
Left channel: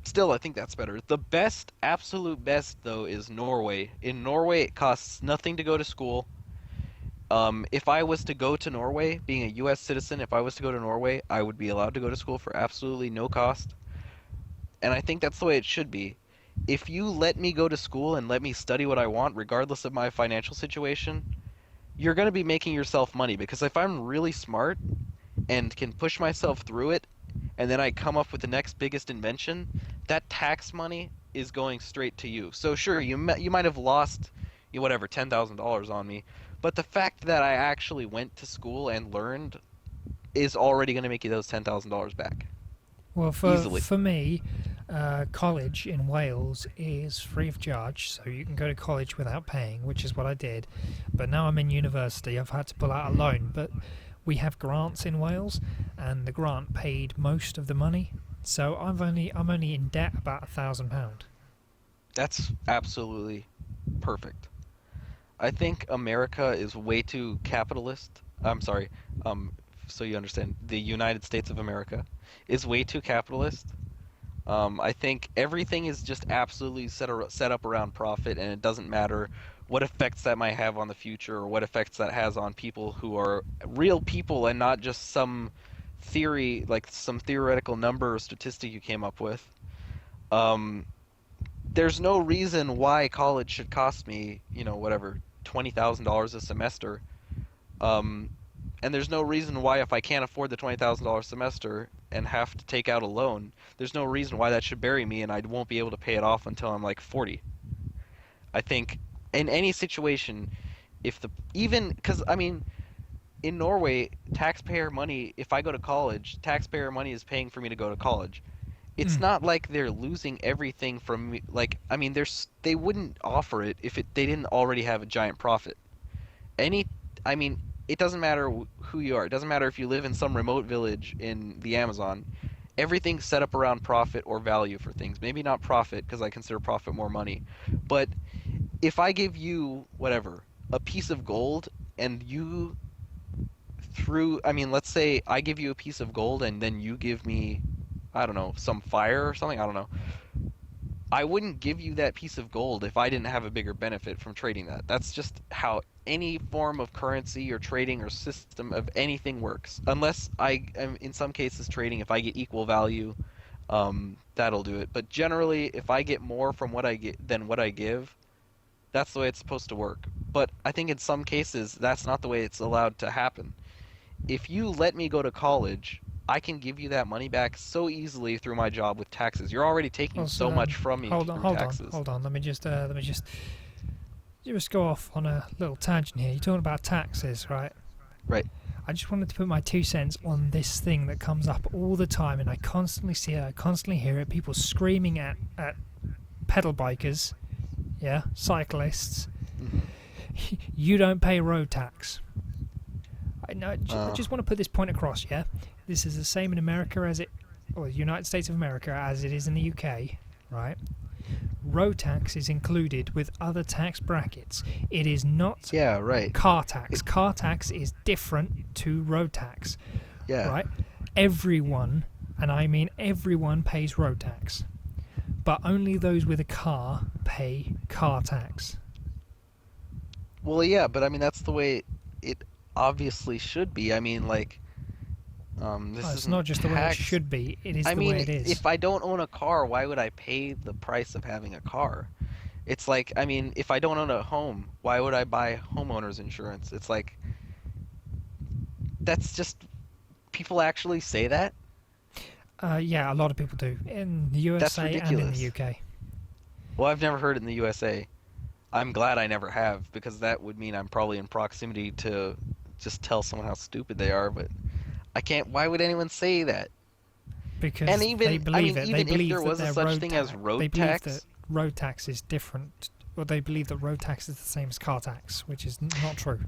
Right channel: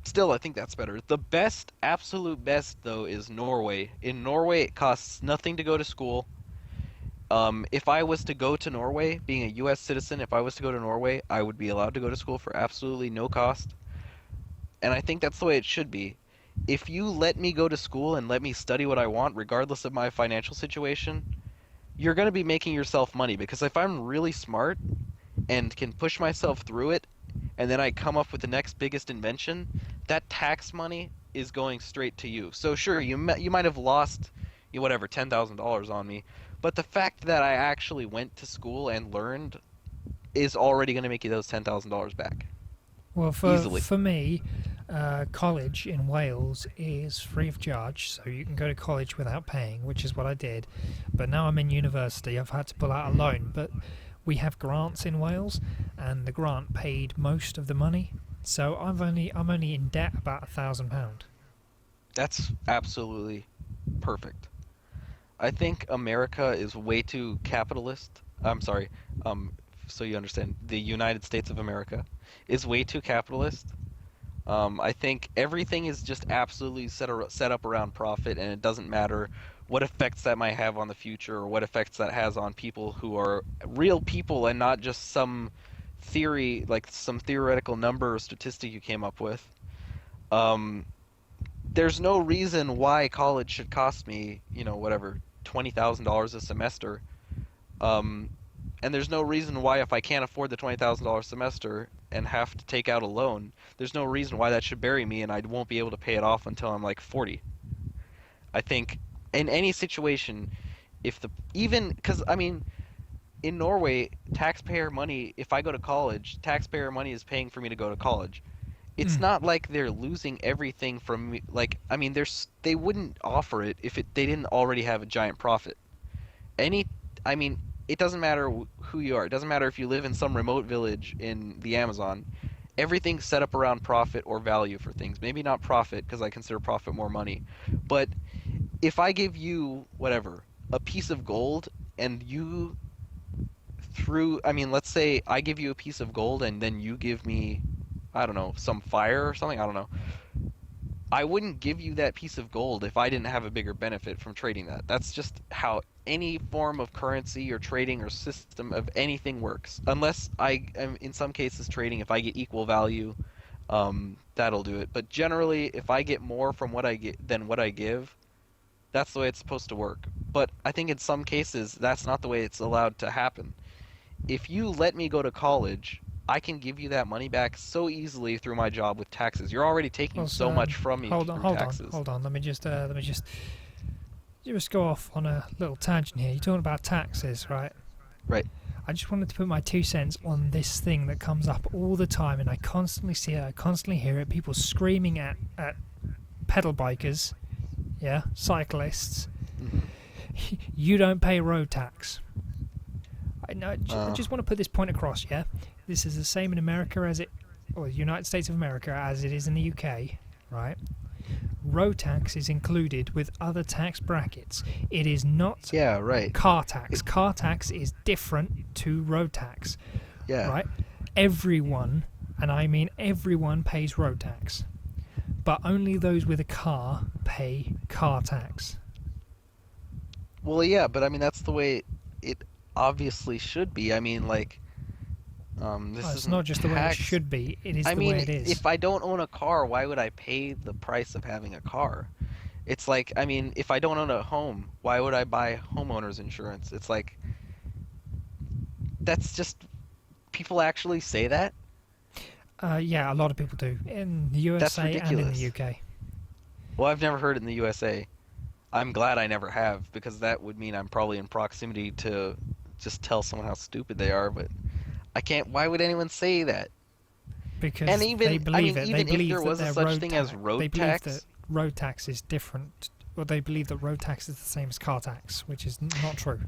still, I think that's better. The best, absolute best though, is Norway. In Norway, it costs nothing to go to school. If I was to go to Norway, being a US citizen, if I was to go to Norway, I would be allowed to go to school for absolutely no cost. And I think that's the way it should be. If you let me go to school and let me study what I want, regardless of my financial situation, you're going to be making yourself money because if I'm really smart and can push myself through it, and then I come up with the next biggest invention, that tax money is going straight to you. So sure, you might have lost, whatever, $10,000 on me, but the fact that I actually went to school and learned is already going to make you those $10,000 back Well, easily. for me, college in Wales is free of charge, so you can go to college without paying, which is what I did. But now I'm in university, I've had to pull out a loan. But we have grants in Wales, and the grant paid most of the money. So I'm only in debt about £1,000. That's absolutely perfect. I think America is way too capitalist. I'm sorry. Um, so you understand, the United States of America is way too capitalist. I think everything is just absolutely set up around profit, and it doesn't matter what effects that might have on the future or what effects that has on people who are real people and not just some theory, like some theoretical number or statistic you came up with. Um, there's no reason why college should cost me, whatever, $20,000 a semester. Um, and there's no reason why if I can't afford the $20,000 semester and have to take out a loan, there's no reason why that should bury me and I won't be able to pay it off until I'm like 40. I think in any situation, if the even because I mean in Norway, taxpayer money, if I go to college, taxpayer money is paying for me to go to college. It's Mm. not like they're losing everything from me. Like, I mean, they wouldn't offer it if they didn't already have a giant profit. Any, I mean, it doesn't matter who you are. It doesn't matter if you live in some remote village in the Amazon. Everything's set up around profit or value for things. Maybe not profit because I consider profit more money. But if I give you whatever, a piece of gold and you I mean, let's say I give you a piece of gold and then you give me, I don't know, some fire or something. I don't know. I wouldn't give you that piece of gold if I didn't have a bigger benefit from trading that. That's just how any form of currency or trading or system of anything works. Unless I am in some cases trading, if I get equal value, that'll do it. But generally, if I get more from what I get than what I give, that's the way it's supposed to work. But I think in some cases, that's not the way it's allowed to happen. If you let me go to college, I can give you that money back so easily through my job with taxes. You're already taking Also, so much from me through taxes. hold on. Let me just You just go off on a little tangent here. You're talking about taxes, right? Right. I just wanted to put my 2 cents on this thing that comes up all the time, and I constantly see it, I constantly hear it. People screaming at pedal bikers, yeah, cyclists. Hmm. You don't pay road tax. I Uh, just want to put this point across, yeah? This is the same in America as it, or the United States of America as it is in the UK, right? Road tax is included with other tax brackets. It is not yeah, right. car tax. It, Car tax is different to road tax, yeah. right? Everyone, and I mean everyone, pays road tax, but only those with a car pay car tax. Well, yeah, but I mean that's the way it obviously should be. I mean, like, Oh, this it's isn't not just the way it tax. should be, it is I the way mean, it is. if I don't own a car, why would I pay the price of having a car? It's like, I mean, if I don't own a home, why would I buy homeowners insurance? It's like, that's just, people actually say that? Yeah, a lot of people do in the That's USA and in the ridiculous. UK. Well, I've never heard it in the USA. I'm glad I never have, because that would mean I'm probably in proximity to just tell someone how stupid they are, but I can't, why would anyone say that? And Because they even, I believe mean, it. They even if there believe that was a their such road thing as tax. They road believe that tax, road tax is different. Well, they believe that road tax is the same as car tax, which is not true.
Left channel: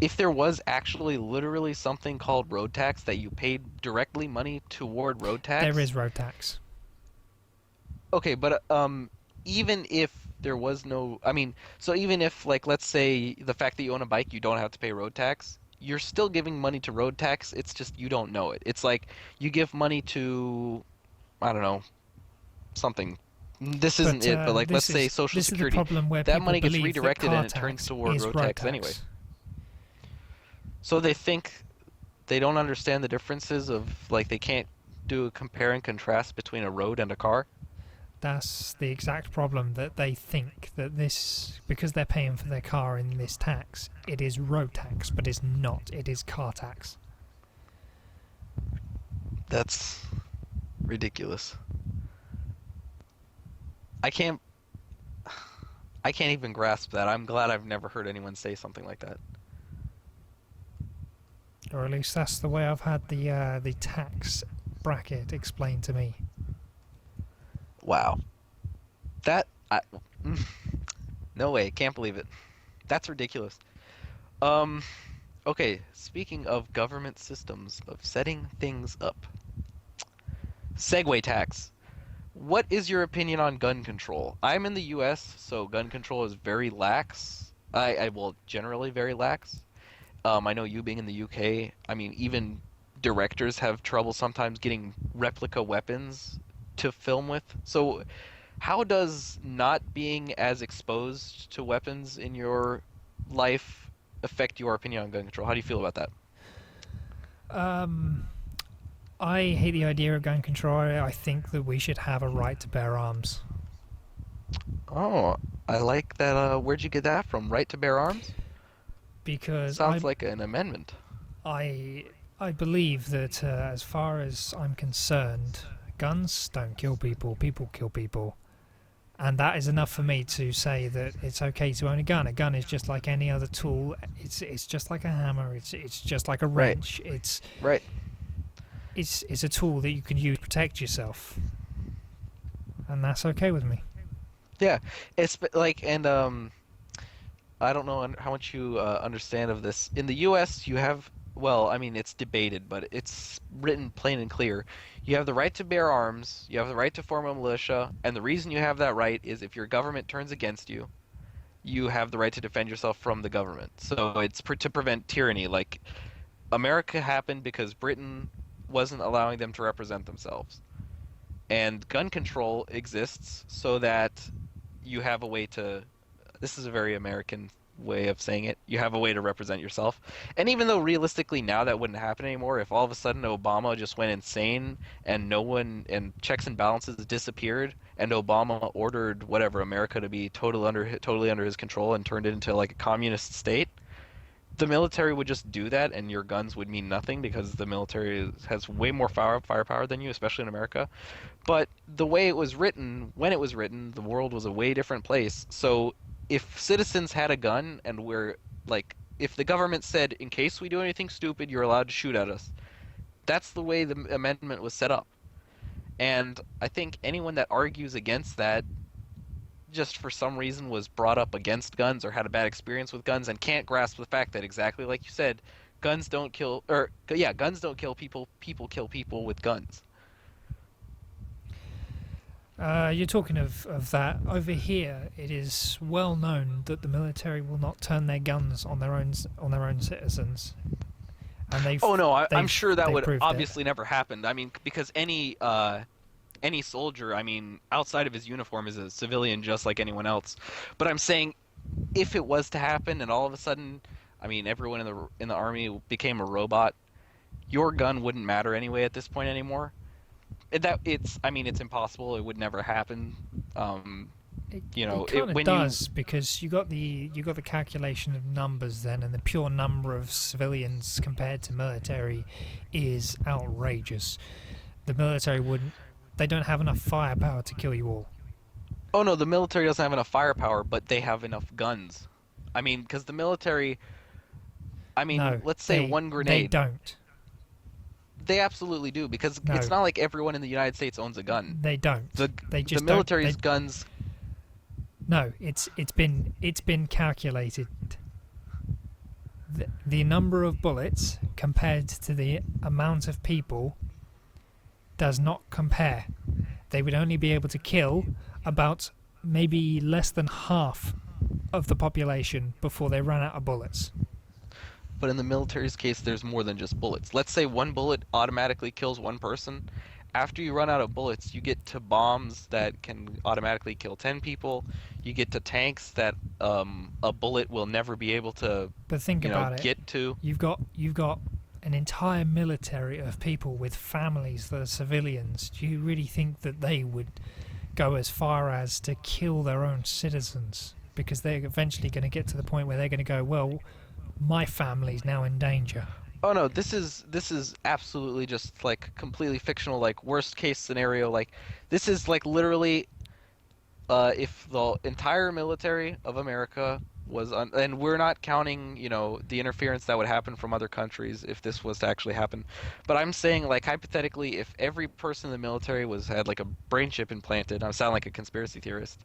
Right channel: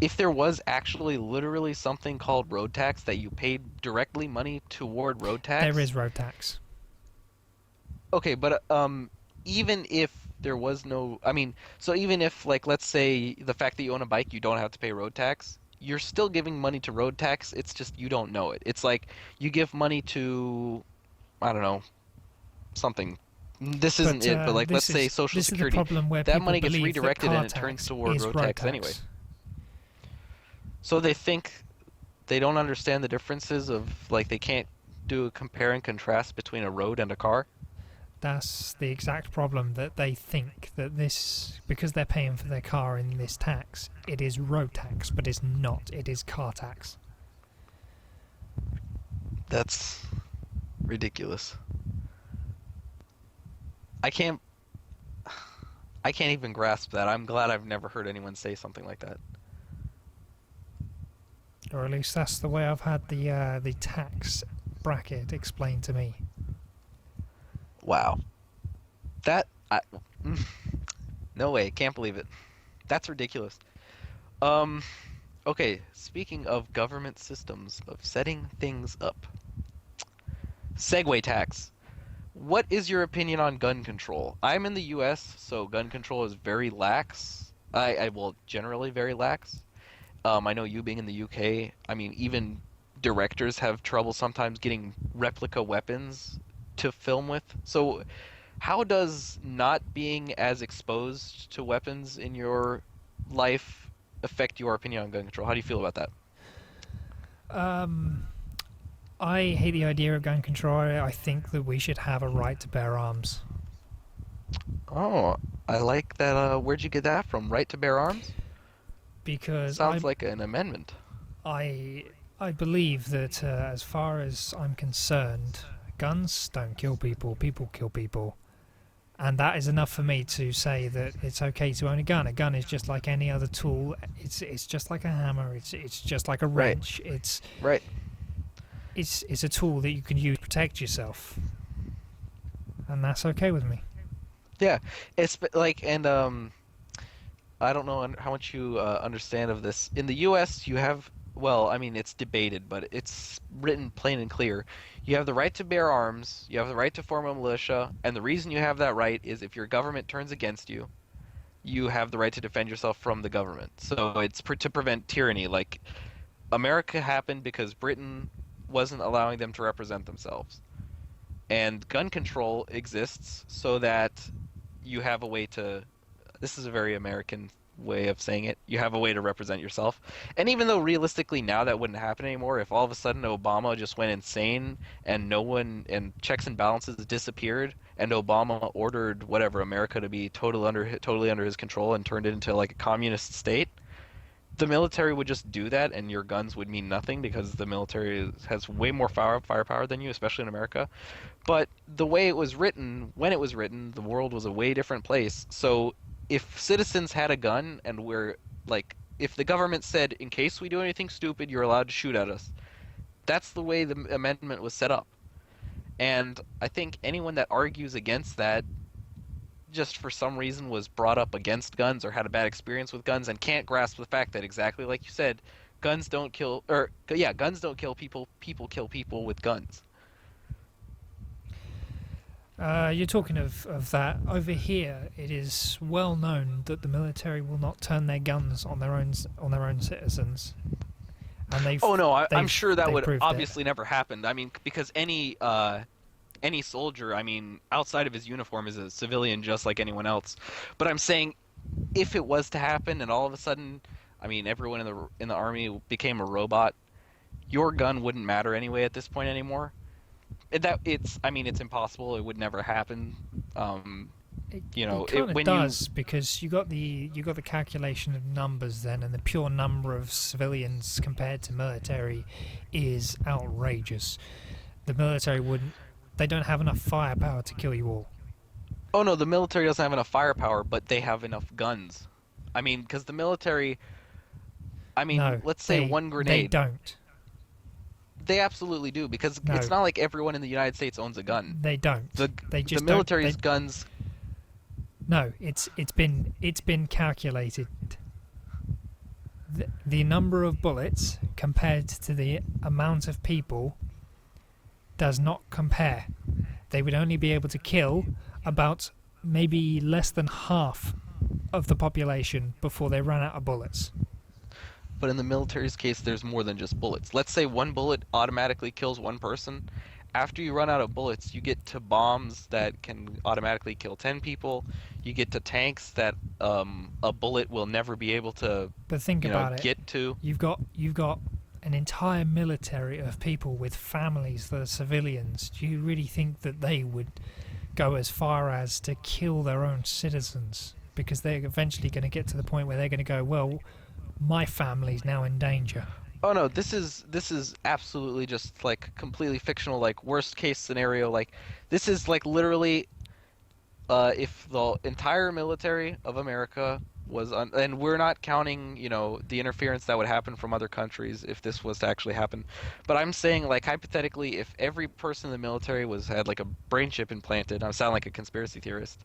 if there was actually literally something called road tax that you paid directly money toward road There tax, is road tax. okay, but even if there was no, I mean, so even if like let's say the fact that you own a bike, you don't have to pay road tax, you're still giving money to road tax. It's just you don't know it. It's like you give money to, I don't know, something. This isn't But it, but like let's say Social this is the Security. problem where That people money gets believe that redirected and car it turns tax toward is road road tax anyway. tax. So they think they don't understand the differences of like they can't do a compare and contrast between a road and a car. That's the exact problem, that they think that this, because they're paying for their car in this tax, it is road tax, but it's not. It is car tax. That's ridiculous. I can't I can't even grasp that. I'm glad I've never heard anyone say something like that. Or at least that's the way I've had the tax bracket explained to me. Wow. That I no way, can't believe it. That's ridiculous. Um okay, speaking of government systems of setting things up. Segway tax. What is your opinion on gun control? I'm in the US, so gun control is very lax. I well, generally very lax. I know you being in the UK, I mean, even directors have trouble sometimes getting replica weapons to film with. So, how does not being as exposed to weapons in your life affect your opinion on gun control? How do you feel about that? Um, I hate the idea of gun control. I think that we should have a right to bear arms. Oh, I like that. Where'd you get that from? Right to bear arms? Because Sounds like an amendment. I I believe that as far as I'm concerned, guns don't kill people. People kill people, and that is enough for me to say that it's okay to own a gun. A gun is just like any other tool. It's just like a hammer. It's just like a Right, wrench. right. It's a tool that you can use to protect yourself, and that's okay with me. Yeah, like, and I don't know how much you understand of this. In the U.S., you have, well, I mean, it's debated, but it's written plain and clear. You have the right to bear arms, you have the right to form a militia, and the reason you have that right is if your government turns against you, you have the right to defend yourself from the government. So it's to prevent tyranny. Like, America happened because Britain wasn't allowing them to represent themselves. And gun control exists so that you have a way to, this is a very American way of saying it. You have a way to represent yourself. And even though realistically now that wouldn't happen anymore, if all of a sudden Obama just went insane and no one, and checks and balances disappeared and Obama ordered whatever America to be totally under his control and turned it into like a communist state, the military would just do that and your guns would mean nothing because the military has way more firepower than you, especially in America. But the way it was written, when it was written, the world was a way different place. So if citizens had a gun and we're like, if the government said, in case we do anything stupid, you're allowed to shoot at us, that's the way the amendment was set up. And I think anyone that argues against that just for some reason was brought up against guns or had a bad experience with guns and can't grasp the fact that exactly like you said, guns don't kill or yeah, guns don't kill people, people kill people with guns. You're talking of that. Over here, it is well known that the military will not turn their guns on their own citizens, and Oh no, I'm sure that they would proved it. obviously never happen. I mean, because any soldier, I mean, outside of his uniform is a civilian just like anyone else. But I'm saying if it was to happen and all of a sudden, I mean, everyone in the army became a robot, your gun wouldn't matter anyway at this point anymore. That it's I mean, it's impossible. It would never happen. Um, It kind of when you does because you got the calculation of numbers then, and the pure number of civilians compared to military is outrageous. The military wouldn't. They don't have enough firepower to kill you all. Oh no, the military doesn't have enough firepower, but they have enough guns. I mean, because the military, I mean, No, let's say they one they grenade. don't. They absolutely do because it's No, not like everyone in the United States owns a gun. they don't. The They the just don't. military's guns. No, it's been calculated. The number of bullets compared to the amount of people does not compare. They would only be able to kill about maybe less than half of the population before they run out of bullets. But in the military's case, there's more than just bullets. Let's say one bullet automatically kills one person. After you run out of bullets, you get to bombs that can automatically kill 10 people. You get to tanks that a bullet will never be able to, But think about it. get to. You've got an entire military of people with families that are civilians. Do you really think that they would go as far as to kill their own citizens? Because they're eventually going to get to the point where they're going to go, well, my family's now in danger. Oh no, this is absolutely just like completely fictional, like worst case scenario. Like this is like literally if the entire military of America was and we're not counting, the interference that would happen from other countries if this was to actually happen. But I'm saying like hypothetically if every person in the military was had like a brain chip implanted, I sound like a conspiracy theorist,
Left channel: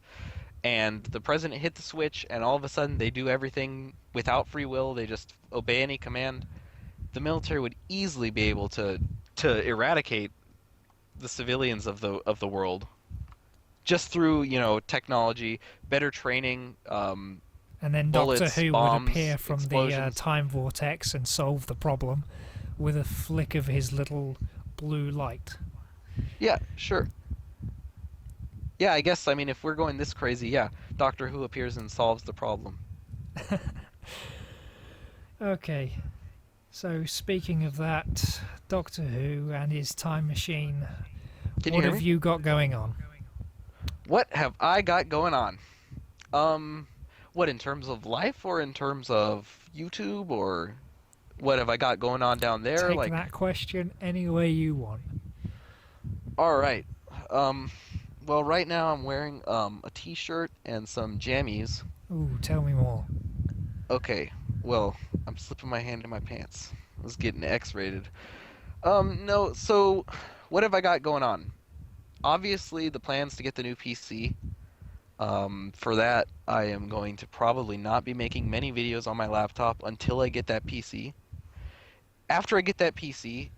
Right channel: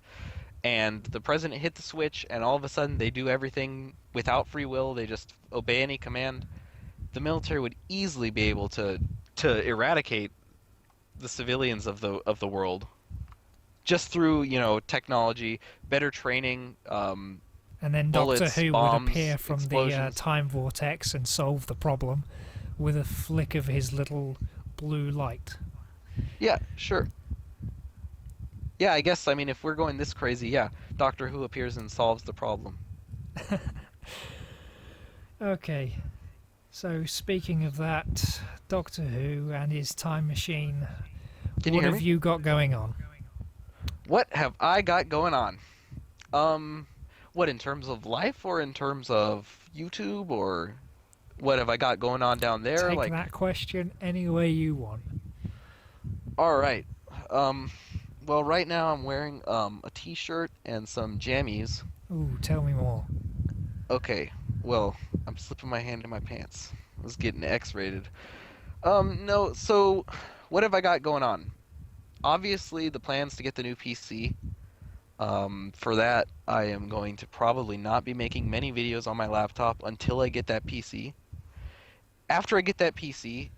and the president hit the switch and all of a sudden they do everything without free will, they just obey any command, the military would easily be able to eradicate the civilians of the world just through technology, better training, And then Doctor bullets, Who would appear bombs, from the explosions. time vortex and solve the problem with a flick of his little blue light. Yeah, sure. Yeah, I guess I mean if we're going this crazy, yeah, Doctor Who appears and solves the problem. Okay, so speaking of that, Doctor Who and his time machine, Can you what hear have me? you got going on? What have I got going on? Um, what in terms of life or in terms of YouTube or what have I got going on down there? Take Like, that question any way you want. all right. Um, well, right now I'm wearing a t-shirt and some jammies. Ooh, tell me more. Okay. Well, I'm slipping my hand in my pants. I was getting X-rated. No, so what have I got going on? Obviously, the plans to get the new PC. For that, I am going to probably not be making many videos on my laptop until I get that PC. After I get that PC,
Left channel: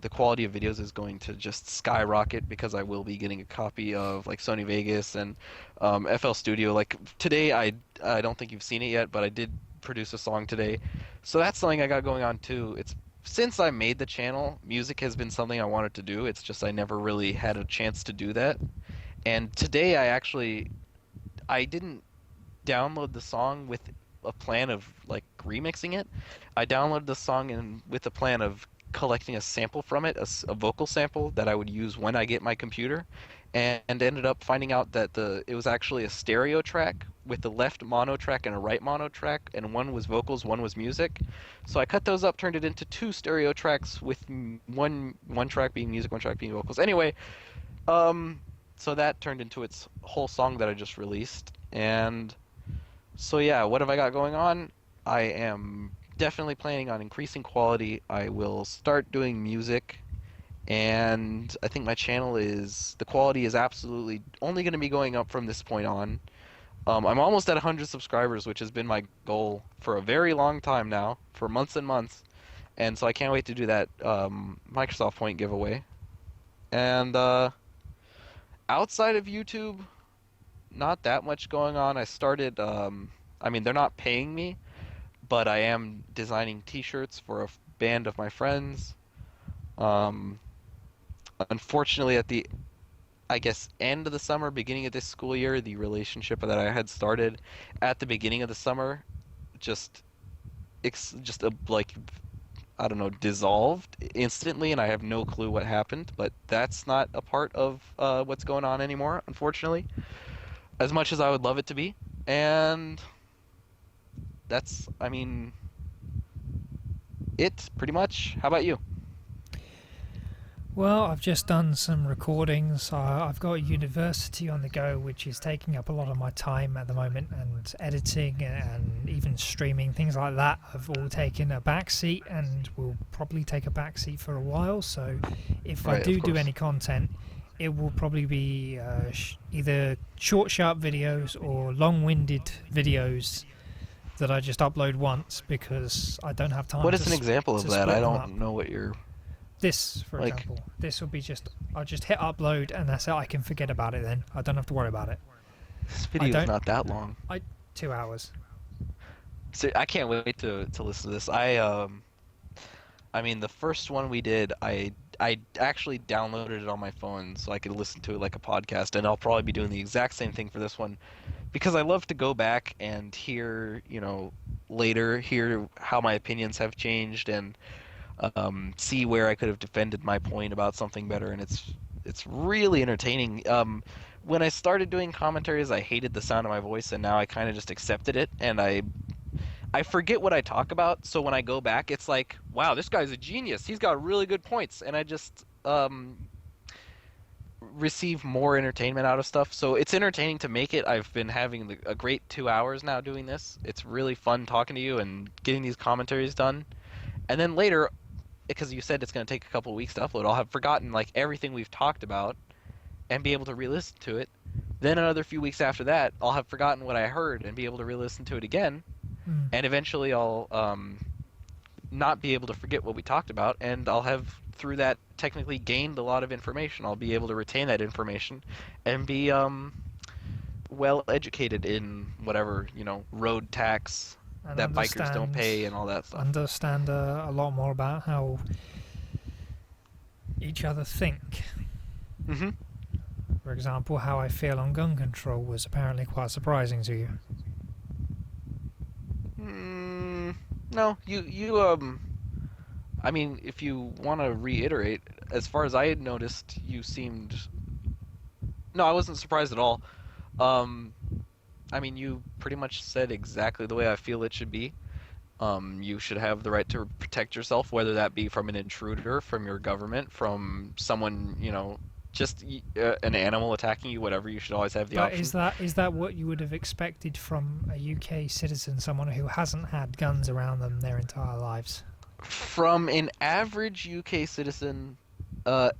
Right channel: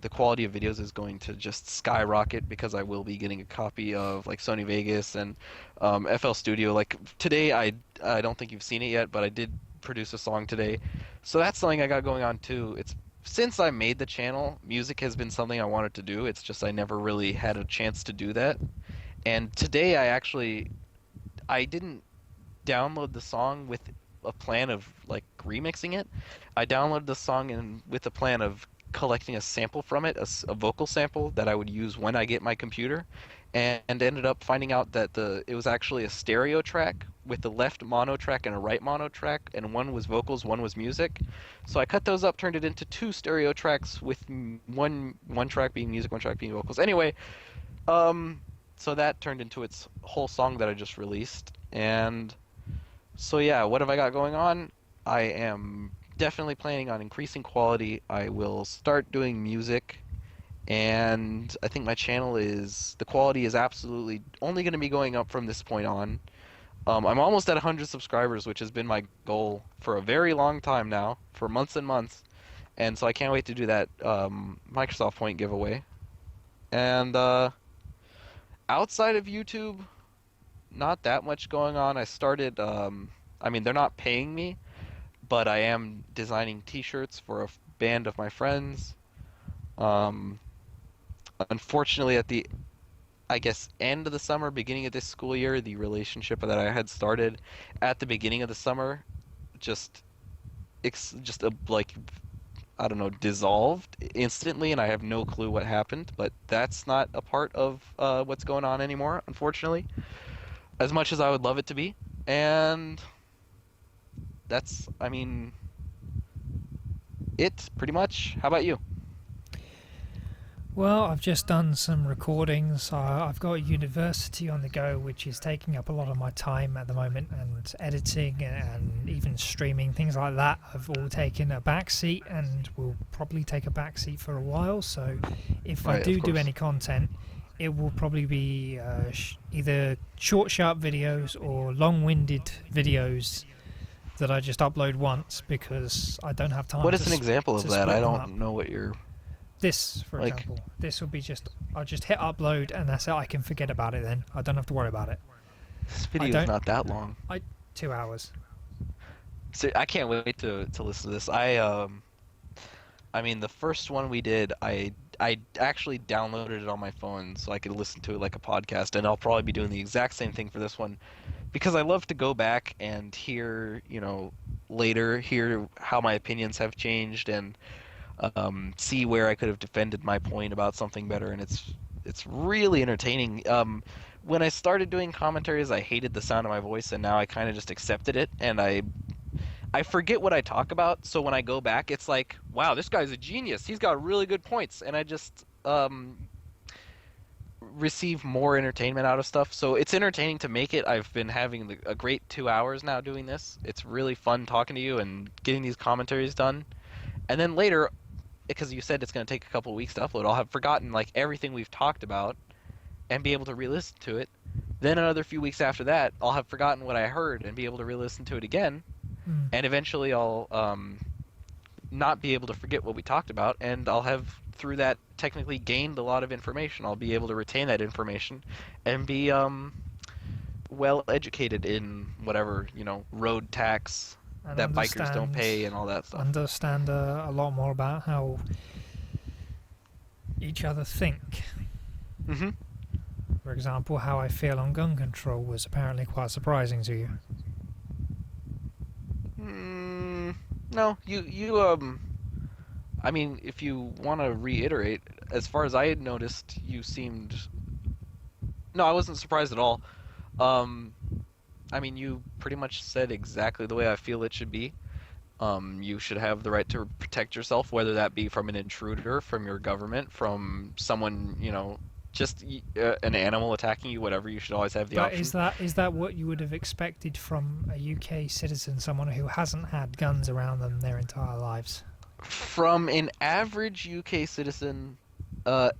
the quality of videos is going to just skyrocket because I will be getting a copy of like Sony Vegas and FL Studio. Like today, I don't think you've seen it yet, but I did produce a song today, so that's something I got going on too. It's since I made the channel, music has been something I wanted to do. It's just I never really had a chance to do that. And today I didn't download the song with a plan of like remixing it. I downloaded the song and with a plan of collecting a sample from it, a vocal sample that I would use when I get my computer, and ended up finding out that it was actually a stereo track with the left mono track and a right mono track, and one was vocals, one was music. So I cut those up, turned it into two stereo tracks with one track being music, one track being vocals. Anyway, um, so that turned into its whole song that I just released. And so yeah, what have I got going on? I am definitely planning on increasing quality. I will start doing music, and I think my channel is the quality is absolutely only going to be going up from this point on. I'm almost at 100 subscribers, which has been my goal for a very long time now, for months and months. And so I can't wait to do that Microsoft Point giveaway. And outside of YouTube, not that much going on. I started, I mean, they're not paying me, but I am designing T-shirts for a band of my friends. Um, Unfortunately, at the, I guess, end of the summer, beginning of this school year, the relationship that I had started at the beginning of the summer just, just like, I don't know, dissolved instantly, and I have no clue what happened. But that's not a part of what's going on anymore, unfortunately, as much as I would love it to be. And that's, I mean, it pretty much. How about you? Well, I've just done some recordings. I've got university on the go, which is taking up a lot of my time at the moment, and editing and even streaming, things like that, have all taken a back seat and will probably take a back seat for a while. So if I Right, of do course. any content, it will probably be either short, sharp videos or long-winded videos that I just upload once because I don't have time What is an example of to that? I split them up. don't know what you're This, for like. example, this will be just, I'll just hit upload and that's it. I can forget about it then. I don't have to worry about it. This I video is don't, not that long. I, 2 hours. So I can't wait to listen to this. I mean, the first one we did, I actually downloaded it on my phone so I could listen to it like a podcast, and I'll probably be doing the exact same thing for this one because I love to go back and hear, later hear how my opinions have changed and see where I could have defended my point about something better, and it's really entertaining. When I started doing commentaries, I hated the sound of my voice, and now I kind of just accepted it, and I forget what I talk about, so when I go back, it's like, wow, this guy's a genius. He's got really good points, and I just receive more entertainment out of stuff. So it's entertaining to make it. I've been having a great 2 hours now doing this. It's really fun talking to you and getting these commentaries done. And then later, because you said it's going to take a couple of weeks to upload, I'll have forgotten like everything we've talked about and be able to re-listen to it. Then another few weeks after that, I'll have forgotten what I heard and be able to re-listen to it again. Mm. And eventually, I'll not be able to forget what we talked about, and I'll have through that technically gained a lot of information. I'll be able to retain that information and be well educated in whatever road tax And that bikers don't pay and all that stuff. understand a lot more about how each other think. Hmm. For example, how I feel on gun control was apparently quite surprising to you. No, I mean, if you want to reiterate, as far as I had noticed, you seemed. No, I wasn't surprised at all. Um, I mean, you pretty much said exactly the way I feel it should be. You should have the right to protect yourself, whether that be from an intruder, from your government, from someone, just an animal attacking you, whatever. You should always have the But option. is that what you would have expected from a UK citizen, someone who hasn't had guns around them their entire lives? From an average UK citizen,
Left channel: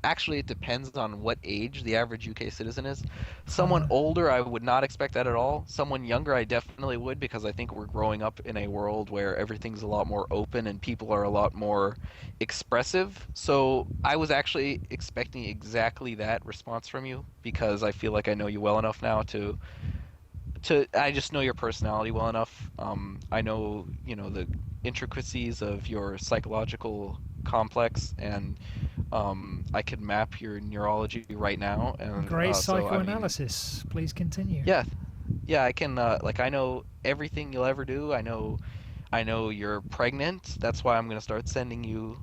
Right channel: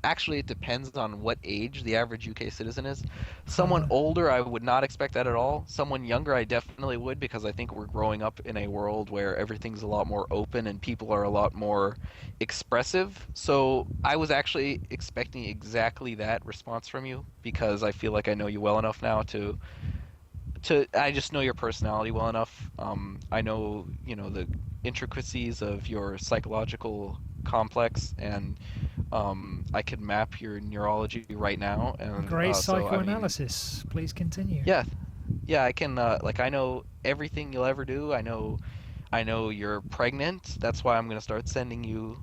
actually, it depends on what age the average UK citizen is. Someone Uh, older, I would not expect that at all. Someone younger, I definitely would because I think we're growing up in a world where everything's a lot more open and people are a lot more expressive. So I was actually expecting exactly that response from you because I feel like I know you well enough now to I just know your personality well enough. I know the intricacies of your psychological complex, and I could map your neurology right now, and Great so I mean, psychoanalysis. Please continue. yeah, yeah, I can like I know everything you'll ever do. I know you're pregnant. That's why I'm gonna start sending you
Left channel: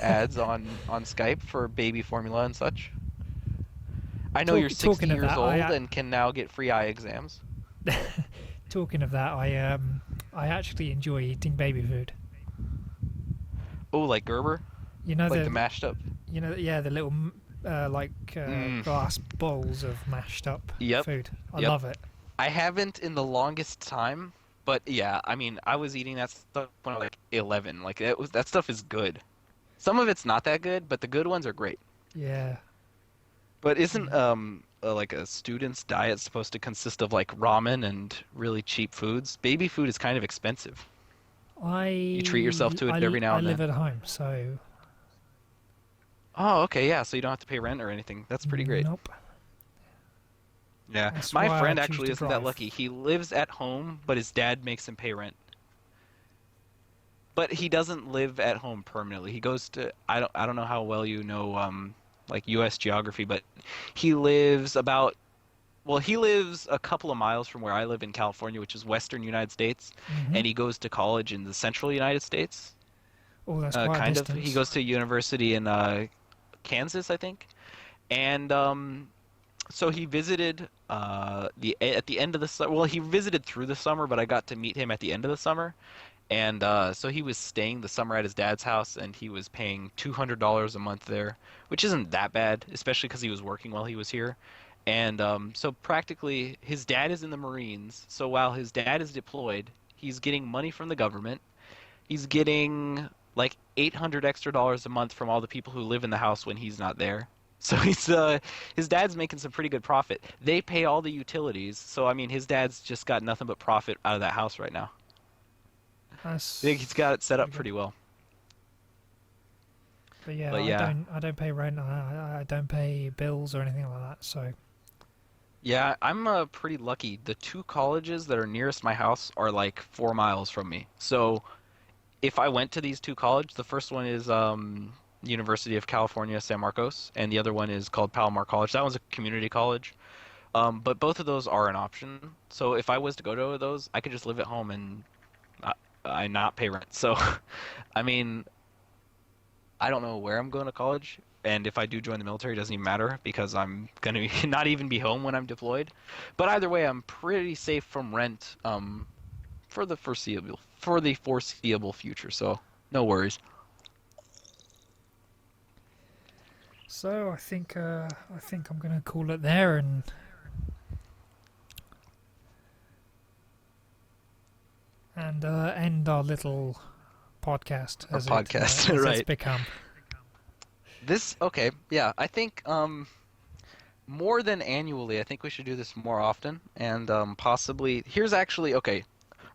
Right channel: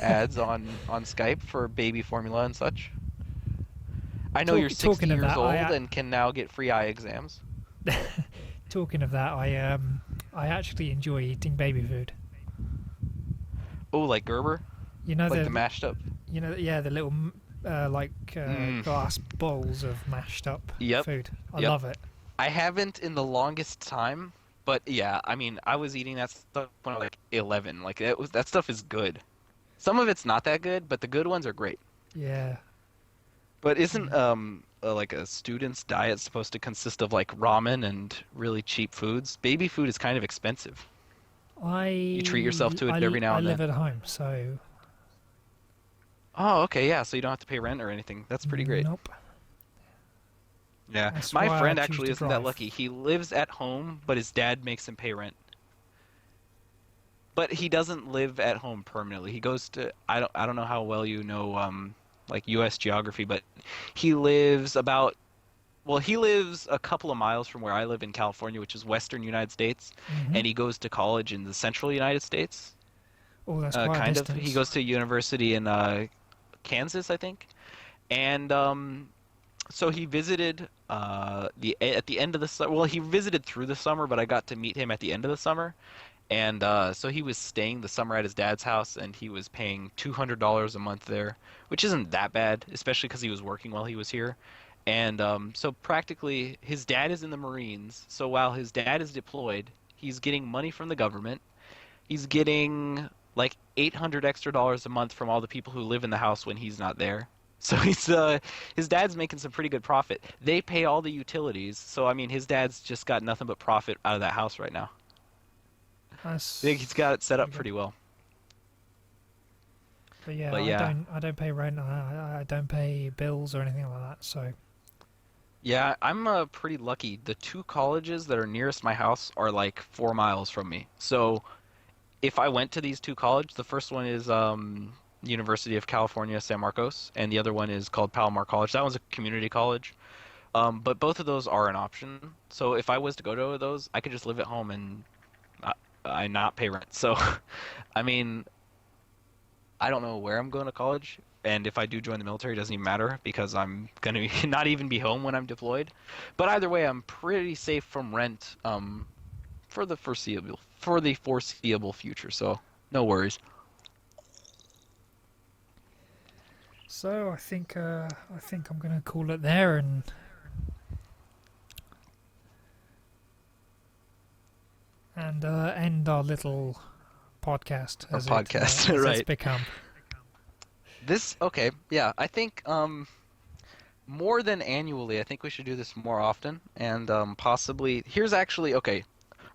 ads on Skype for baby formula and such. I know you're 60 Talking of years that, old and can now get free eye exams. talking of that, I actually enjoy eating baby food. Oh, like Gerber? You know Like the the mashed up. yeah, the little Mm, glass bowls of mashed up yep, food. I yep. love it. I haven't in the longest time, but yeah, I mean, I was eating that stuff when I was like 11. Like that stuff is good. Some of it's not that good, but the good ones are great. Yeah, But isn't yeah. like a student's diet supposed to consist of like ramen and really cheap foods? Baby food is kind of expensive. You treat yourself to it every now I and live then. at home, so Oh, okay, yeah, so you don't have to pay rent or anything. That's pretty great. nope. Yeah, That's my why I friend choose actually to isn't that drive. lucky. He lives at home, but his dad makes him pay rent. But he doesn't live at home permanently. He goes to I don't know how well you know like US geography, but he lives about well, he lives a couple of miles from where I live in California, which is western United States, Hmm. and he goes to college in the central United States. Oh, that's quite a Kind of. He distance. goes to university in Kansas, I think. And so he visited the at the end of the summer. Well, he visited through the summer, but I got to meet him at the end of the summer. And so he was staying the summer at his dad's house, and he was paying $200 a month there, which isn't that bad, especially because he was working while he was here. And so practically, his dad is in the Marines. So while his dad is deployed, he's getting money from the government. He's getting like 800 extra dollars a month from all the people who live in the house when he's not there. So his dad's making some pretty good profit. They pay all the utilities, so I mean his dad's just got nothing but profit out of that house right now. I think he's got That's it set pretty up good. pretty well. But yeah, But yeah, I don't pay rent. I don't pay bills or anything like that. So yeah, I'm pretty lucky. The two colleges that are nearest my house are like 4 miles from me. So if I went to these two colleges, the first one is University of California, San Marcos, and the other one is called Palomar College. That one's a community college. But both of those are an option. So if I was to go to those, I could just live at home and I not pay rent. So, I mean, I don't know where I'm going to college, and if I do join the military, it doesn't even matter because I'm gonna be, not even be home when I'm deployed. But either way, I'm pretty safe from rent for the foreseeable future. So no worries. I think I'm gonna call it there and end our little podcast Our podcast, as it's right? become. This okay, yeah. I think more than annually, I think we should do this more often, and possibly here's actually okay.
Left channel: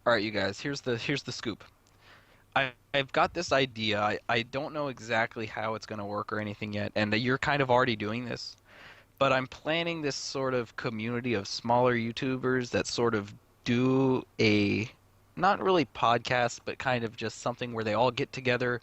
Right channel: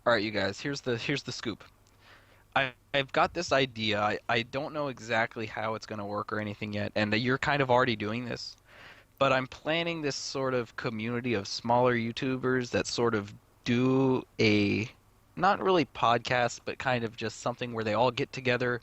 All right, you guys. Here's the scoop. I've got this idea. I don't know exactly how it's going to work or anything yet, and you're kind of already doing this, but I'm planning this sort of community of smaller YouTubers that sort of do a not really podcast, but kind of just something where they all get together,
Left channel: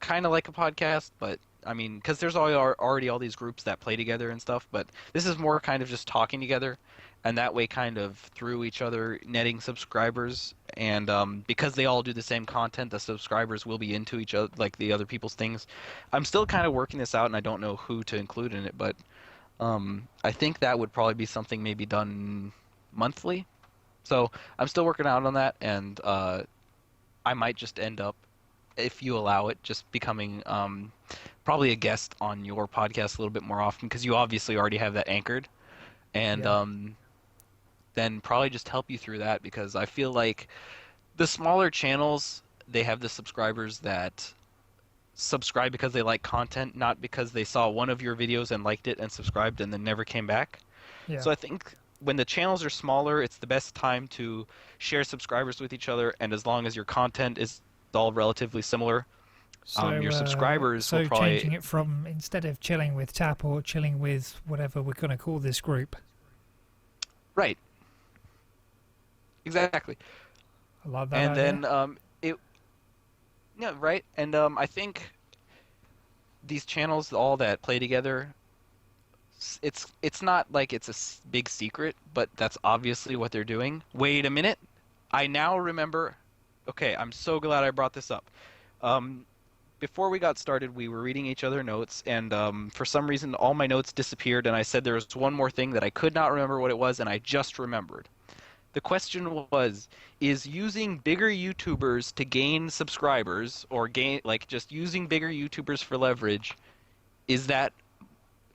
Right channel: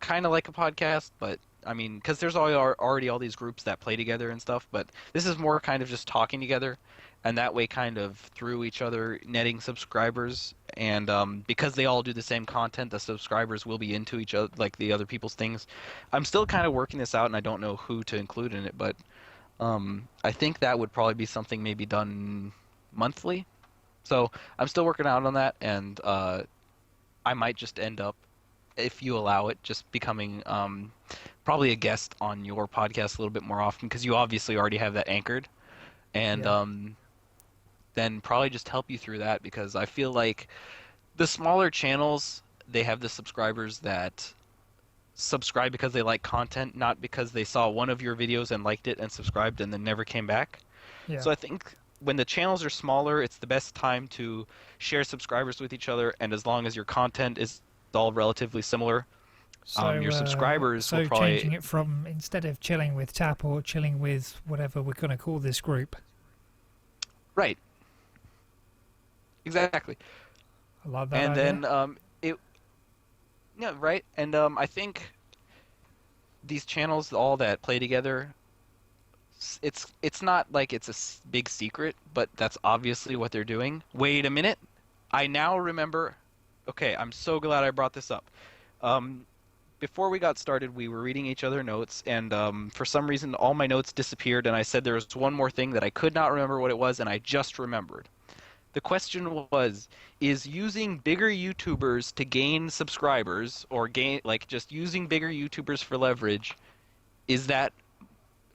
kind of like a podcast, but I mean, because there's already all these groups that play together and stuff, but this is more kind of just talking together, and that way kind of through each other netting subscribers, and because they all do the same content, the subscribers will be into each other, like the other people's things. I'm still kind of working this out, and I don't know who to include in it, but I think that would probably be something maybe done monthly. So I'm still working out on that, and I might just end up if you allow it, just becoming probably a guest on your podcast a little bit more often because you obviously already have that anchored, and Yeah. then probably just help you through that because I feel like the smaller channels they have the subscribers that subscribe because they like content, not because they saw one of your videos and liked it and subscribed and then never came back. Yeah. So I think when the channels are smaller, it's the best time to share subscribers with each other, and as long as your content is all relatively similar, your subscribers will So probably changing it from instead of chilling with Tap or chilling with whatever we're gonna call this group. right, exactly. I like that And idea. then it yeah, right. And I think these channels all that play together, it's not like it's a big secret, but that's obviously what they're doing. Wait a minute. I now remember. Okay, I'm so glad I brought this up. Um, Before we got started, we were reading each other notes, and for some reason, all my notes disappeared, and I said there was one more thing that I could not remember what it was, and I just remembered. The question was, is using bigger YouTubers to gain subscribers, or gain, like just using bigger YouTubers for leverage, is that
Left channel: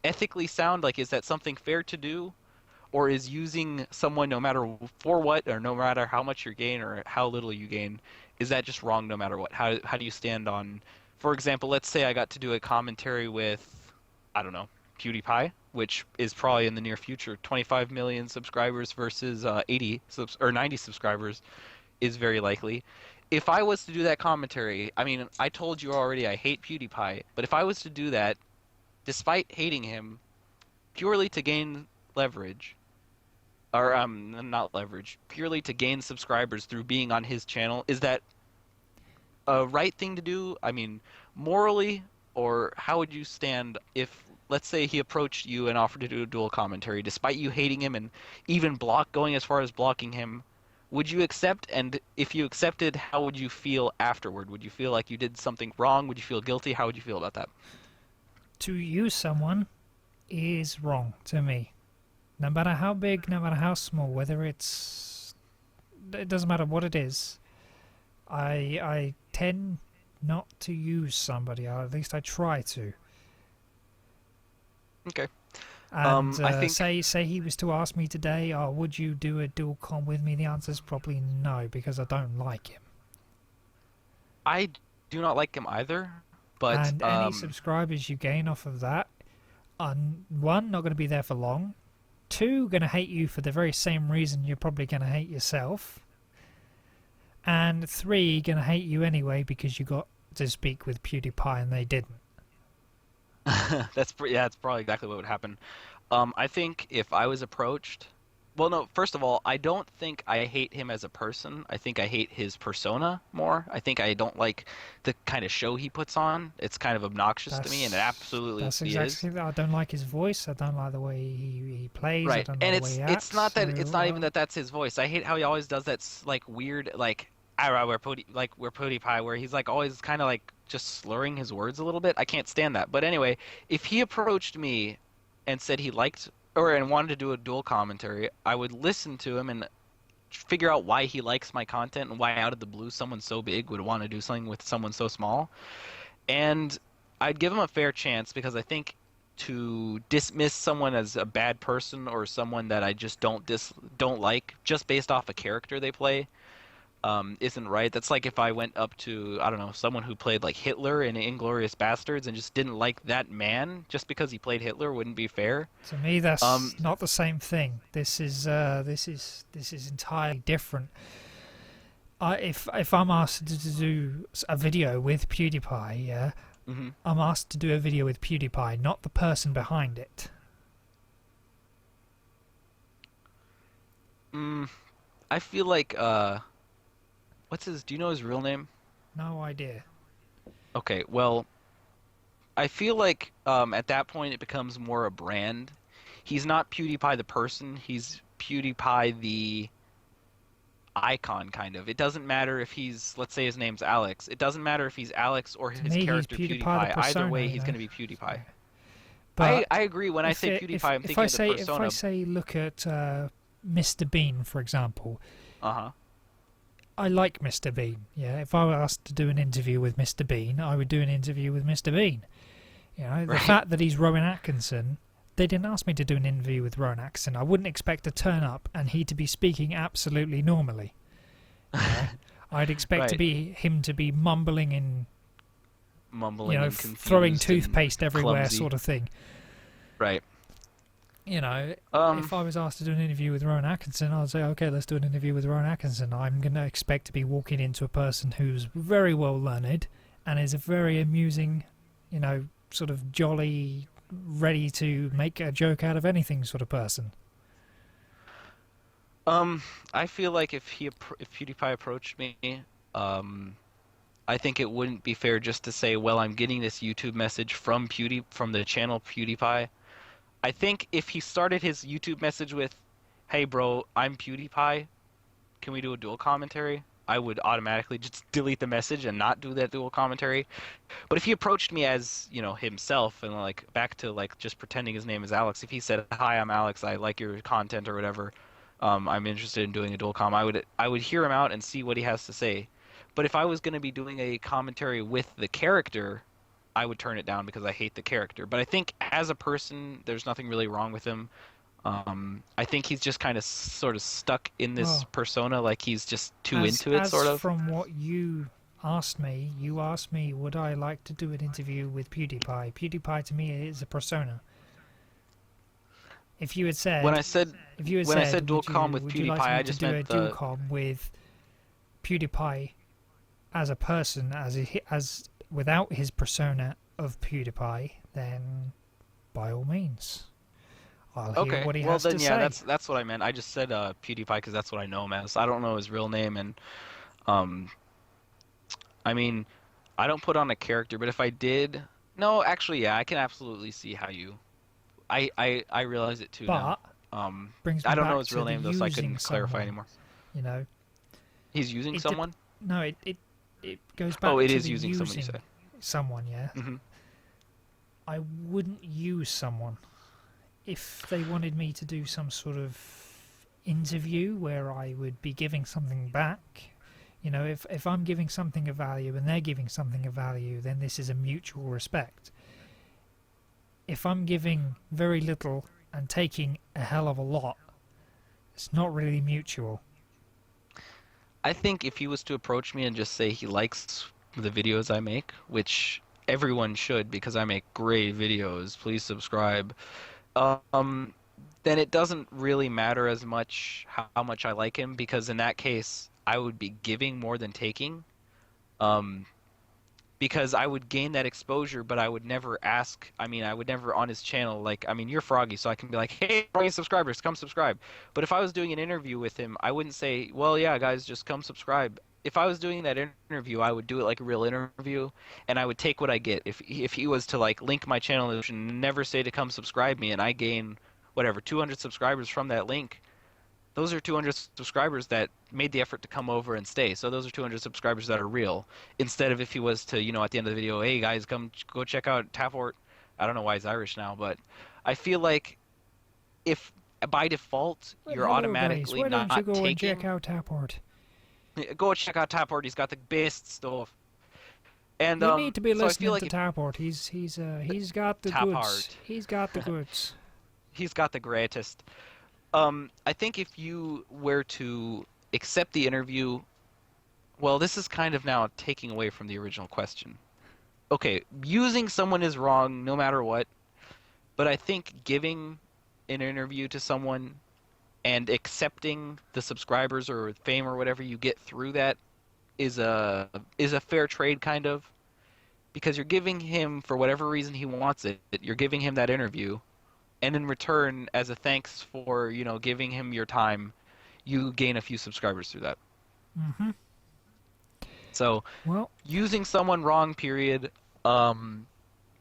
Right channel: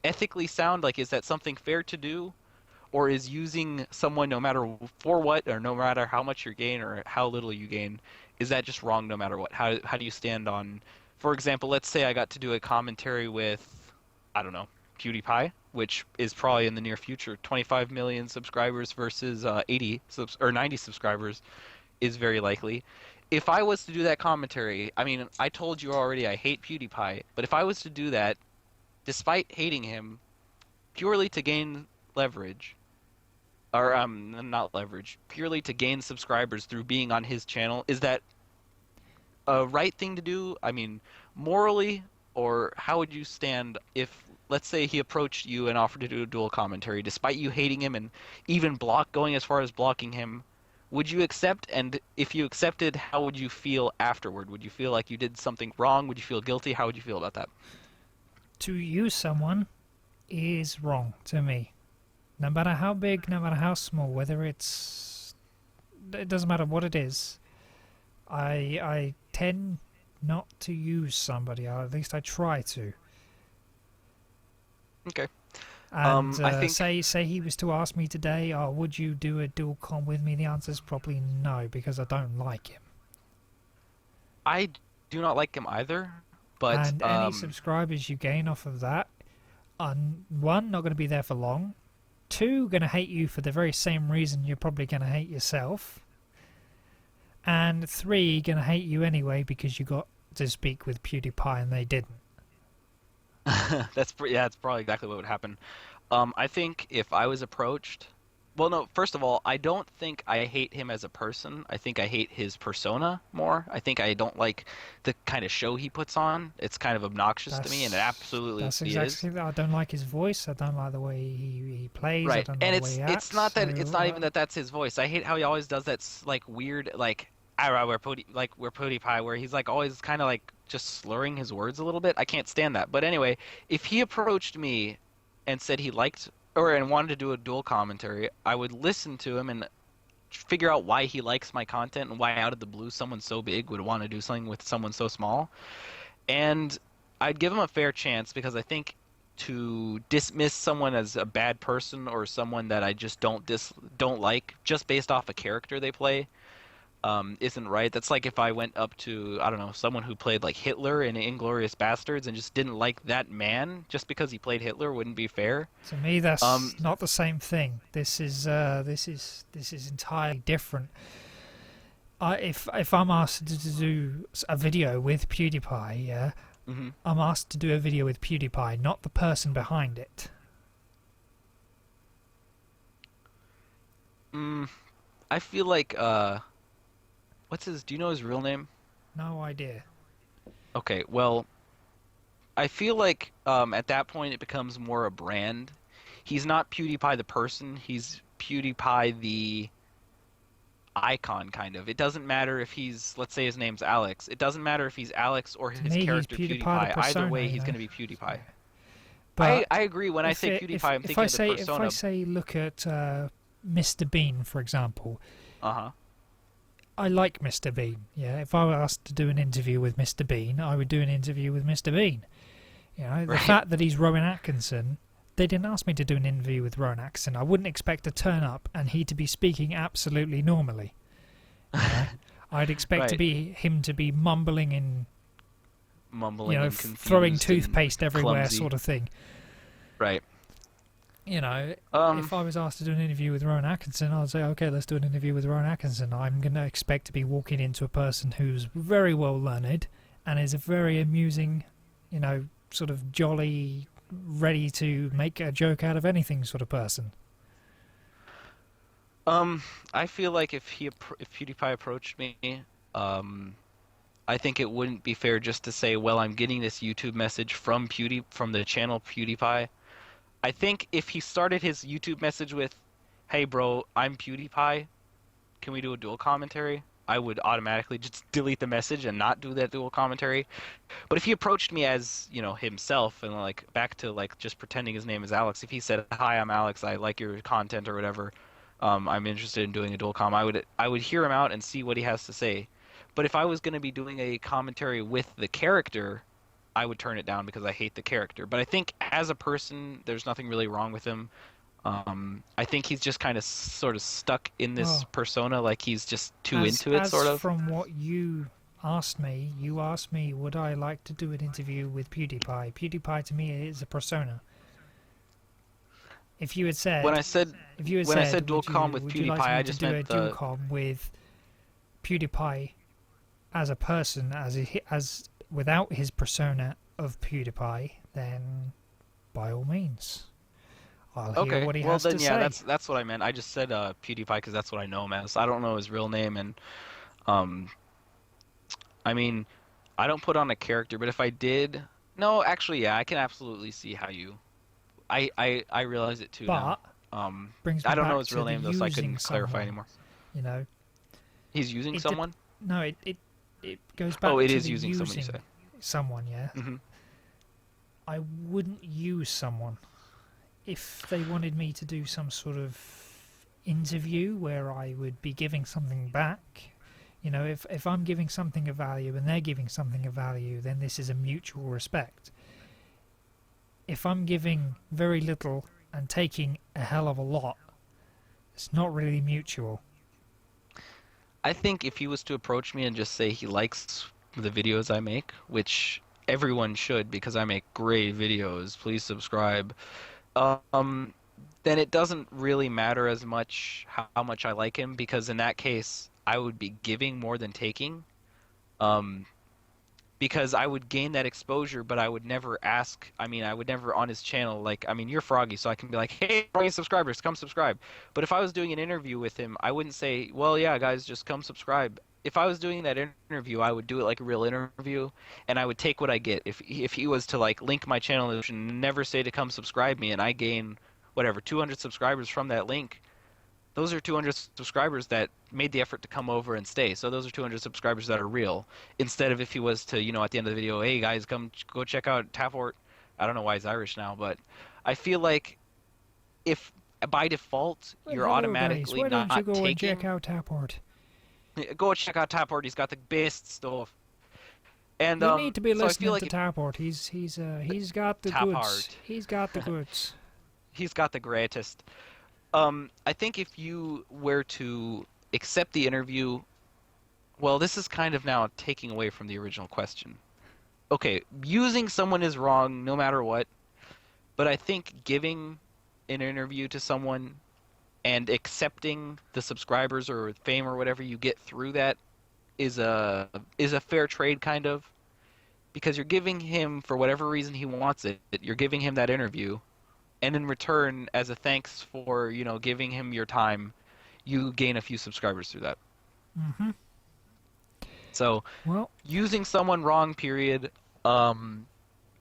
ethically sound? Like, is that something fair to do? Or is using someone no matter for what, or no matter how much you gain or how little you gain, is that just wrong no matter what? How do you stand on, for example, let's say I got to do a commentary with, I don't know, PewDiePie, which is probably in the near future, 25 million subscribers versus 80 subs or 90 subscribers is very likely. If I was to do that commentary, I mean, I told you already I hate PewDiePie, but if I was to do that, despite hating him, purely to gain leverage, or not leverage, purely to gain subscribers through being on his channel, is that a right thing to do? I mean, morally, or how would you stand if, let's say, he approached you and offered to do a dual commentary, despite you hating him and even going as far as blocking him? Would you accept? And if you accepted, how would you feel afterward? Would you feel like you did something wrong? Would you feel guilty? How would you feel about that? To use someone is wrong to me. No matter how big, no matter how small, whether it doesn't matter what it is. I tend not to use somebody, or at least I try to. Okay. And I think say he was to ask me today, "Oh, would you do a dual com with me?" The answer is probably no, because I don't like him. I do not like him either, but And any subscribers you gain off of that are, one, not going to be there for long. Two, going to hate you for the very same reason you're probably going to hate yourself. And three, going to hate you anyway because you got to speak with PewDiePie and they didn't. yeah, that's probably exactly what would happen. I think if I was approached, well, no, first of all, I don't think I hate him as a person. I think I hate his persona more. I think I don't like the kind of show he puts on. It's kind of obnoxious to me, and it absolutely That's is. exactly that. I don't like his voice. I don't like the way he plays. I Right. don't like And the way he it's acts. not that it's So not even that that's his voice. I hate how he always does that like weird like "Ah, we're PewDiePie where he's like always kind of like just slurring his words a little bit. I can't stand that. But anyway, if he approached me and said he liked or and wanted to do a dual commentary, I would listen to him and figure out why he likes my content and why out of the blue someone so big would want to do something with someone so small. And I'd give him a fair chance because I think to dismiss someone as a bad person or someone that I just don't like just based off a character they play isn't right. That's like if I went up to, I don't know, someone who played like Hitler in Inglorious Bastards and just didn't like that man just because he played Hitler wouldn't be fair. to me, Um, that's not the same thing. This is entirely different. If I'm asked to do a video with PewDiePie, yeah, mhm. I'm asked to do a video with PewDiePie, not the person behind it. mm, I feel like do you know his real name? No idea. Okay, well, I feel like at that point it becomes more a brand. He's not PewDiePie the person, he's PewDiePie the icon kind of. It doesn't matter if he's, let's say his name's Alex. It doesn't matter if he's Alex or To his me, he's character PewDiePie the PewDiePie. Either persona, way, you he's know. going to be PewDiePie. But I agree. When I say PewDiePie, I'm if thinking I of the say persona. look at Mr. Bean, for example, Uh-huh. I like Mr. Bean. Yeah, if I were asked to do an interview with Mr. Bean, I would do an interview with Mr. Bean. You know, the Right. fact that he's Rowan Atkinson, they didn't ask me to do an interview with Rowan Atkinson. I wouldn't expect to turn up and he to be speaking absolutely normally. You know? I'd expect Right. him to be mumbling and Mumbling and throwing confused and toothpaste everywhere, clumsy. sort of thing. Right. You know, Um, if I was asked to do an interview with Rowan Atkinson, I'd say, okay, let's do an interview with Rowan Atkinson. I'm going to expect to be walking into a person who's very well learned and is a very amusing, sort of jolly, ready to make a joke out of anything sort of person. I feel like if PewDiePie approached me, um, I think it wouldn't be fair just to say, well, I'm getting this YouTube message from the channel PewDiePie. I think if he started his YouTube message with, "Hey bro, I'm PewDiePie. Can we do a dual commentary?" I would automatically just delete the message and not do that dual commentary. But if he approached me as, himself and like back to like just pretending his name is Alex, if he said, "Hi, I'm Alex. I like your content or whatever. I'm interested in doing a dual com." I would hear him out and see what he has to say. But if I was going to be doing a commentary with the character, I would turn it down because I hate the character. But I think as a person, there's nothing really wrong with him. I think he's just kind of sort of stuck in this Well, persona, like he's just too as into it, as sort of. from what you asked me, would I like to do an interview with PewDiePie? PewDiePie to me is a persona. If you had When said, I said if you had when I said, said dual com with would you PewDiePie, like I me to just do a meant dual the com with PewDiePie as a person, as without his persona of PewDiePie, then by all means, I'll hear okay. what he Well has to then, yeah, say. that's what I meant. I just said PewDiePie because that's what I know him as. I don't know his real name, and um, I mean, I don't put on a character, but if I did, no, actually, yeah, I can absolutely see how you. I realize it too now. But brings I me don't know back his to real the name though, so I using couldn't clarify someone. anymore. You know, He's using it dep someone? no, it goes Oh, back it to is the using someone, you using say. someone. Yeah, Hmm. I wouldn't use someone if they wanted me to do some sort of interview where I would be giving something back. You know, if I'm giving something of value and they're giving something of value, then this is a mutual respect. If I'm giving very little and taking a hell of a lot, it's not really mutual. I think if he was to approach me and just say he likes the videos I make, which everyone should because I make great videos, please subscribe. Um, then it doesn't really matter as much how much I like him because in that case, I would be giving more than taking. Um, because I would gain that exposure, but I would never ask. I mean, I would never on his channel, like, I mean, you're Froggy, so I can be like, hey, Froggy subscribers, come subscribe. But if I was doing an interview with him, I wouldn't say, well, yeah, guys, just come subscribe. If I was doing that interview, I would do it like a real interview, and I would take what I get. If he was to like link my channel and never say to come subscribe me, and I gain whatever 200 subscribers from that link, those are 200 subscribers that made the effort to come over and stay. So those are 200 subscribers that are real. Instead of if he was to, at the end of the video, hey guys, come go check out Tapport. I don't know why he's Irish now, but I feel like if by default But you're hello, guys. automatically Why don't you not go and check taking, out Tapport? go check out Tapport. He's got the best stuff. And You need to be so I feel listening like to if Tapport. He's got the goods. Tapport, He's got the goods. he's got the greatest. I think if you were to accept the interview, well, this is kind of now taking away from the original question. Okay, using someone is wrong no matter what, but I think giving an interview to someone and accepting the subscribers or fame or whatever you get through that is a fair trade kind of because you're giving him for whatever reason he wants it. You're giving him that interview, and in return, as a thanks for, giving him your time, you gain a few subscribers through that. Mm-hmm. So, Well, using someone wrong, period.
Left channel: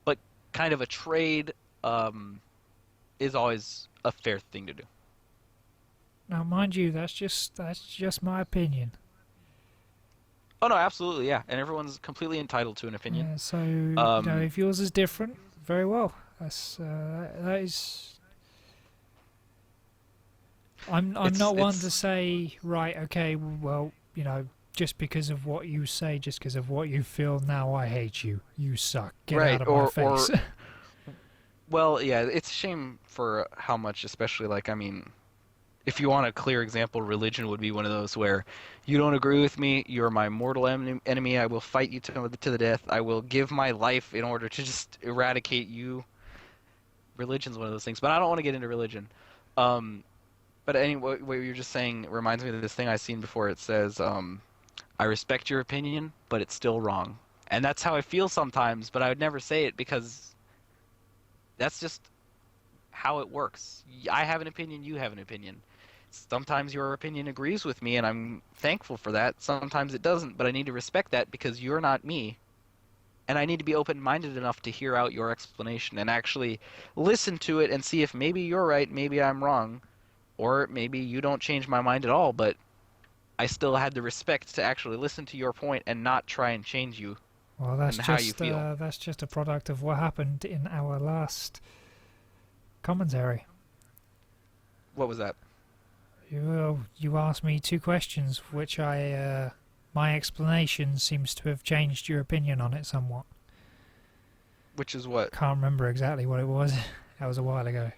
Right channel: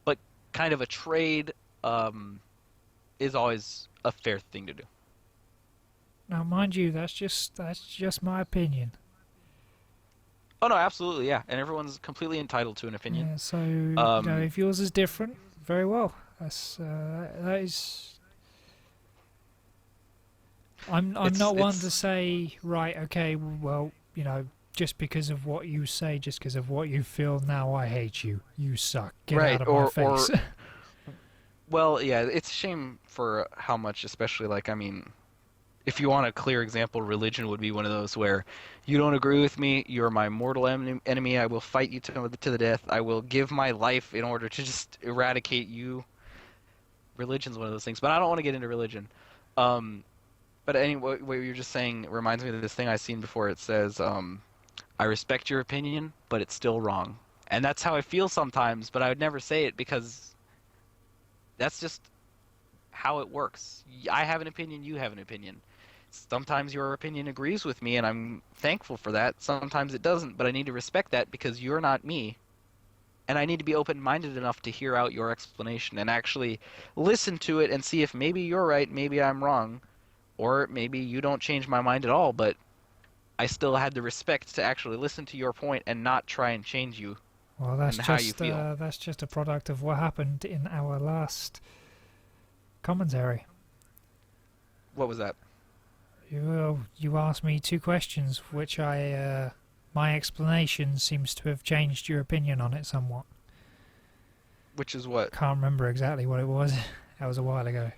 But kind of a trade um, is always a fair thing to do. now mind you, that's just my opinion. Oh no, absolutely, yeah, and everyone's completely entitled to an opinion. Yeah. So Um, if yours is different, very well. That is. I'm it's not one to it's say right. Okay. Well, just because of what you say, just because of what you feel, now I hate you. You suck. Get out right, of my or face. well, yeah, it's a shame for how much, especially like I mean, if you want a clear example, religion would be one of those where you don't agree with me, you're my mortal enemy. I will fight you to the death. I will give my life in order to just eradicate you. Religion's one of those things, but I don't want to get into religion. Um, But anyway, what you're just saying reminds me of this thing I've seen before. It says, "I respect your opinion, but it's still wrong," and that's how I feel sometimes. But I would never say it because that's just how it works. I have an opinion, you have an opinion. Sometimes your opinion agrees with me, and I'm thankful for that. Sometimes it doesn't, but I need to respect that because you're not me, and I need to be open-minded enough to hear out your explanation and actually listen to it and see if maybe you're right, maybe I'm wrong. Or maybe you don't change my mind at all, but I still had the respect to actually listen to your point and not try and change you Well, and how you feel. that's just a product of what happened in our last commentary. What was that? You asked me two questions, which my explanation seems to have changed your opinion on it somewhat. Which is what? Can't remember exactly what it was. That was a while ago.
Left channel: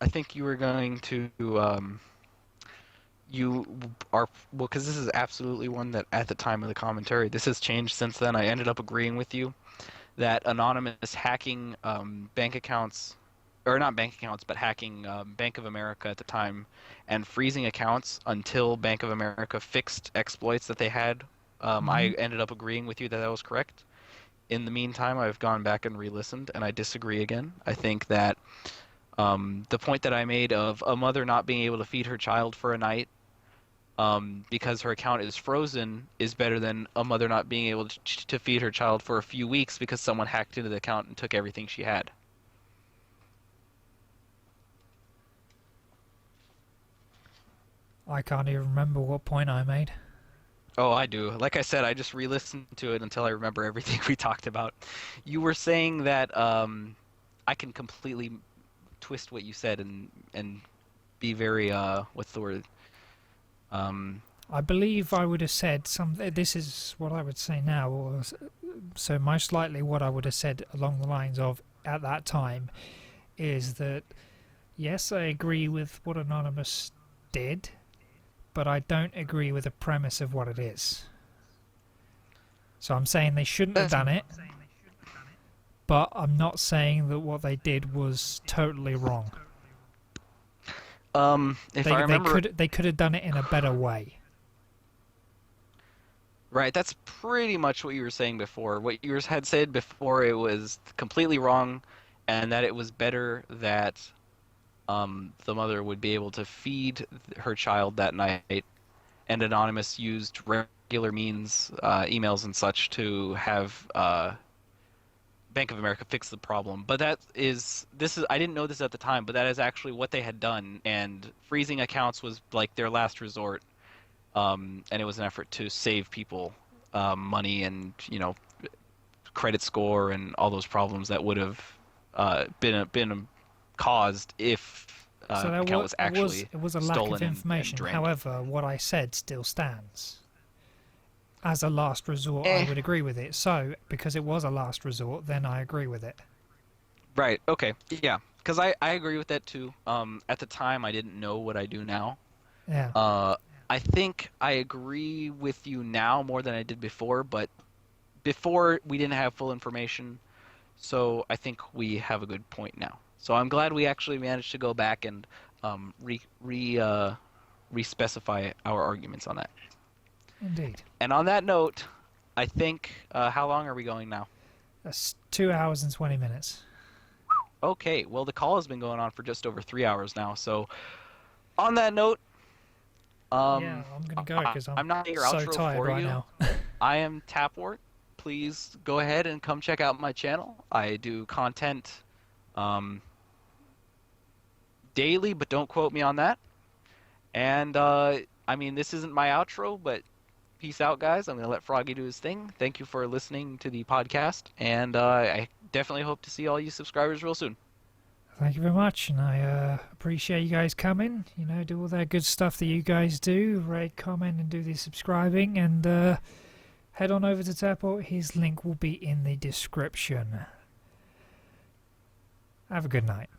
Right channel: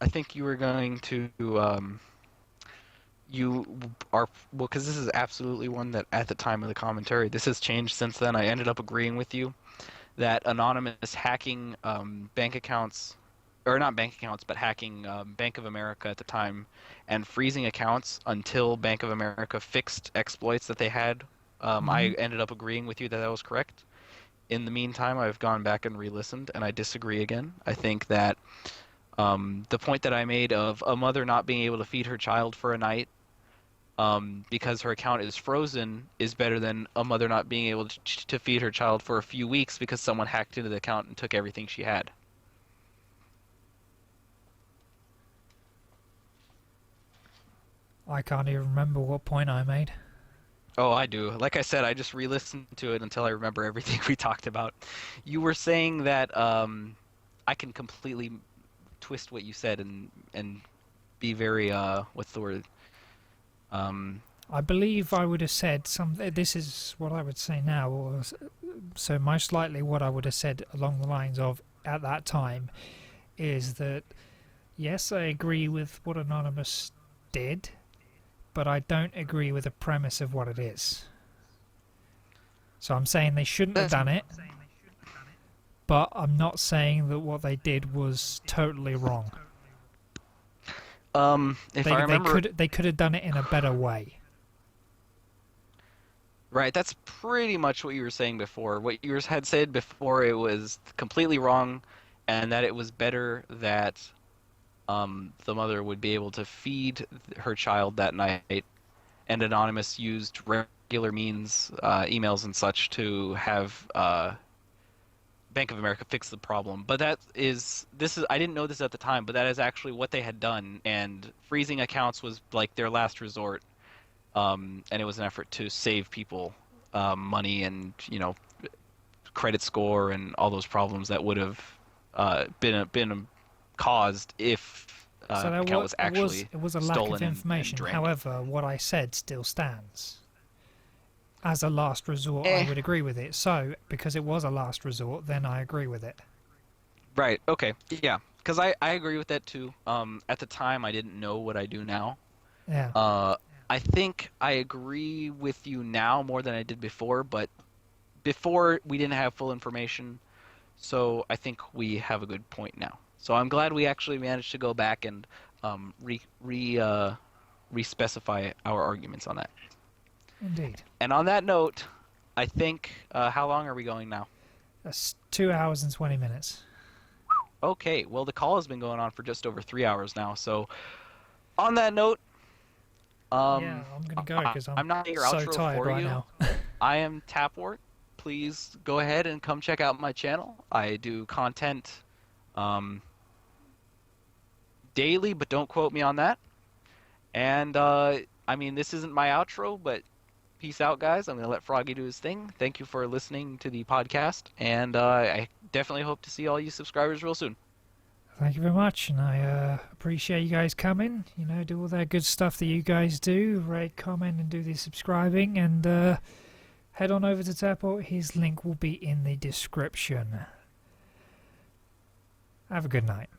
I think you were going to you are well, because this is absolutely one that at the time of the commentary, this has changed since then. I ended up agreeing with you that anonymous hacking bank accounts, or not bank accounts, but hacking Bank of America at the time and freezing accounts until Bank of America fixed exploits that they had. Hmm. I ended up agreeing with you that that was correct. In the meantime, I've gone back and re-listened, and I disagree again. I think that the point that I made of a mother not being able to feed her child for a night because her account is frozen is better than a mother not being able to feed her child for a few weeks because someone hacked into the account and took everything she had. I can't even remember what point I made. Oh, I do. Like I said, I just re-listened to it until I remember everything we talked about. You were saying that I can completely twist what you said and be very what's the word? Um, I believe I would have said some. This is what I would say now, or so most likely what I would have said along the lines of at that time is that yes, I agree with what Anonymous did, but I don't agree with the premise of what it is. So I'm saying they shouldn't have that's done it, but I'm not saying that what they did was totally wrong. if I remember They could have done it in a better way. right, that's pretty much what you were saying before. What you had said before, it was completely wrong, and that it was better that the mother would be able to feed her child that night, and Anonymous used regular means, emails and such, to have Bank of America fix the problem. But this is I didn't know this at the time, but that is actually what they had done, and freezing accounts was like their last resort, and it was an effort to save people money and credit score and all those problems that would have been caused if So account was actually it was a lack of stolen and information. drained. However, what I said still stands. As a last resort, I Eh, would agree with it. So, because it was a last resort, then I agree with it. right. Okay. Yeah. Because I agree with that too. At the time, I didn't know what I do now. Yeah, Uh, I think I agree with you now more than I did before, but before we didn't have full information, so I think we have a good point now. So I'm glad we actually managed to go back and re-specify our arguments on that. indeed. And on that note, I think how long are we going now? That's 2 hours and 20 minutes. Okay, well the call has been going on for just over 3 hours now. So on that note, Yeah, I'm going to go because I'm I'm not your so outro tired for right you. now. I am Tapport. Please go ahead and come check out my channel. I do content um, daily, but don't quote me on that. And I mean, this isn't my outro, but peace out, guys. I'm going to let Froggy do his thing. Thank you for listening to the podcast, and I definitely hope to see all you subscribers real soon. Thank you very much, and I appreciate you guys coming. You know, do all that good stuff that you guys do. Rate, comment, and do the subscribing. And head on over to Tapport. His link will be in the description. Have a good night.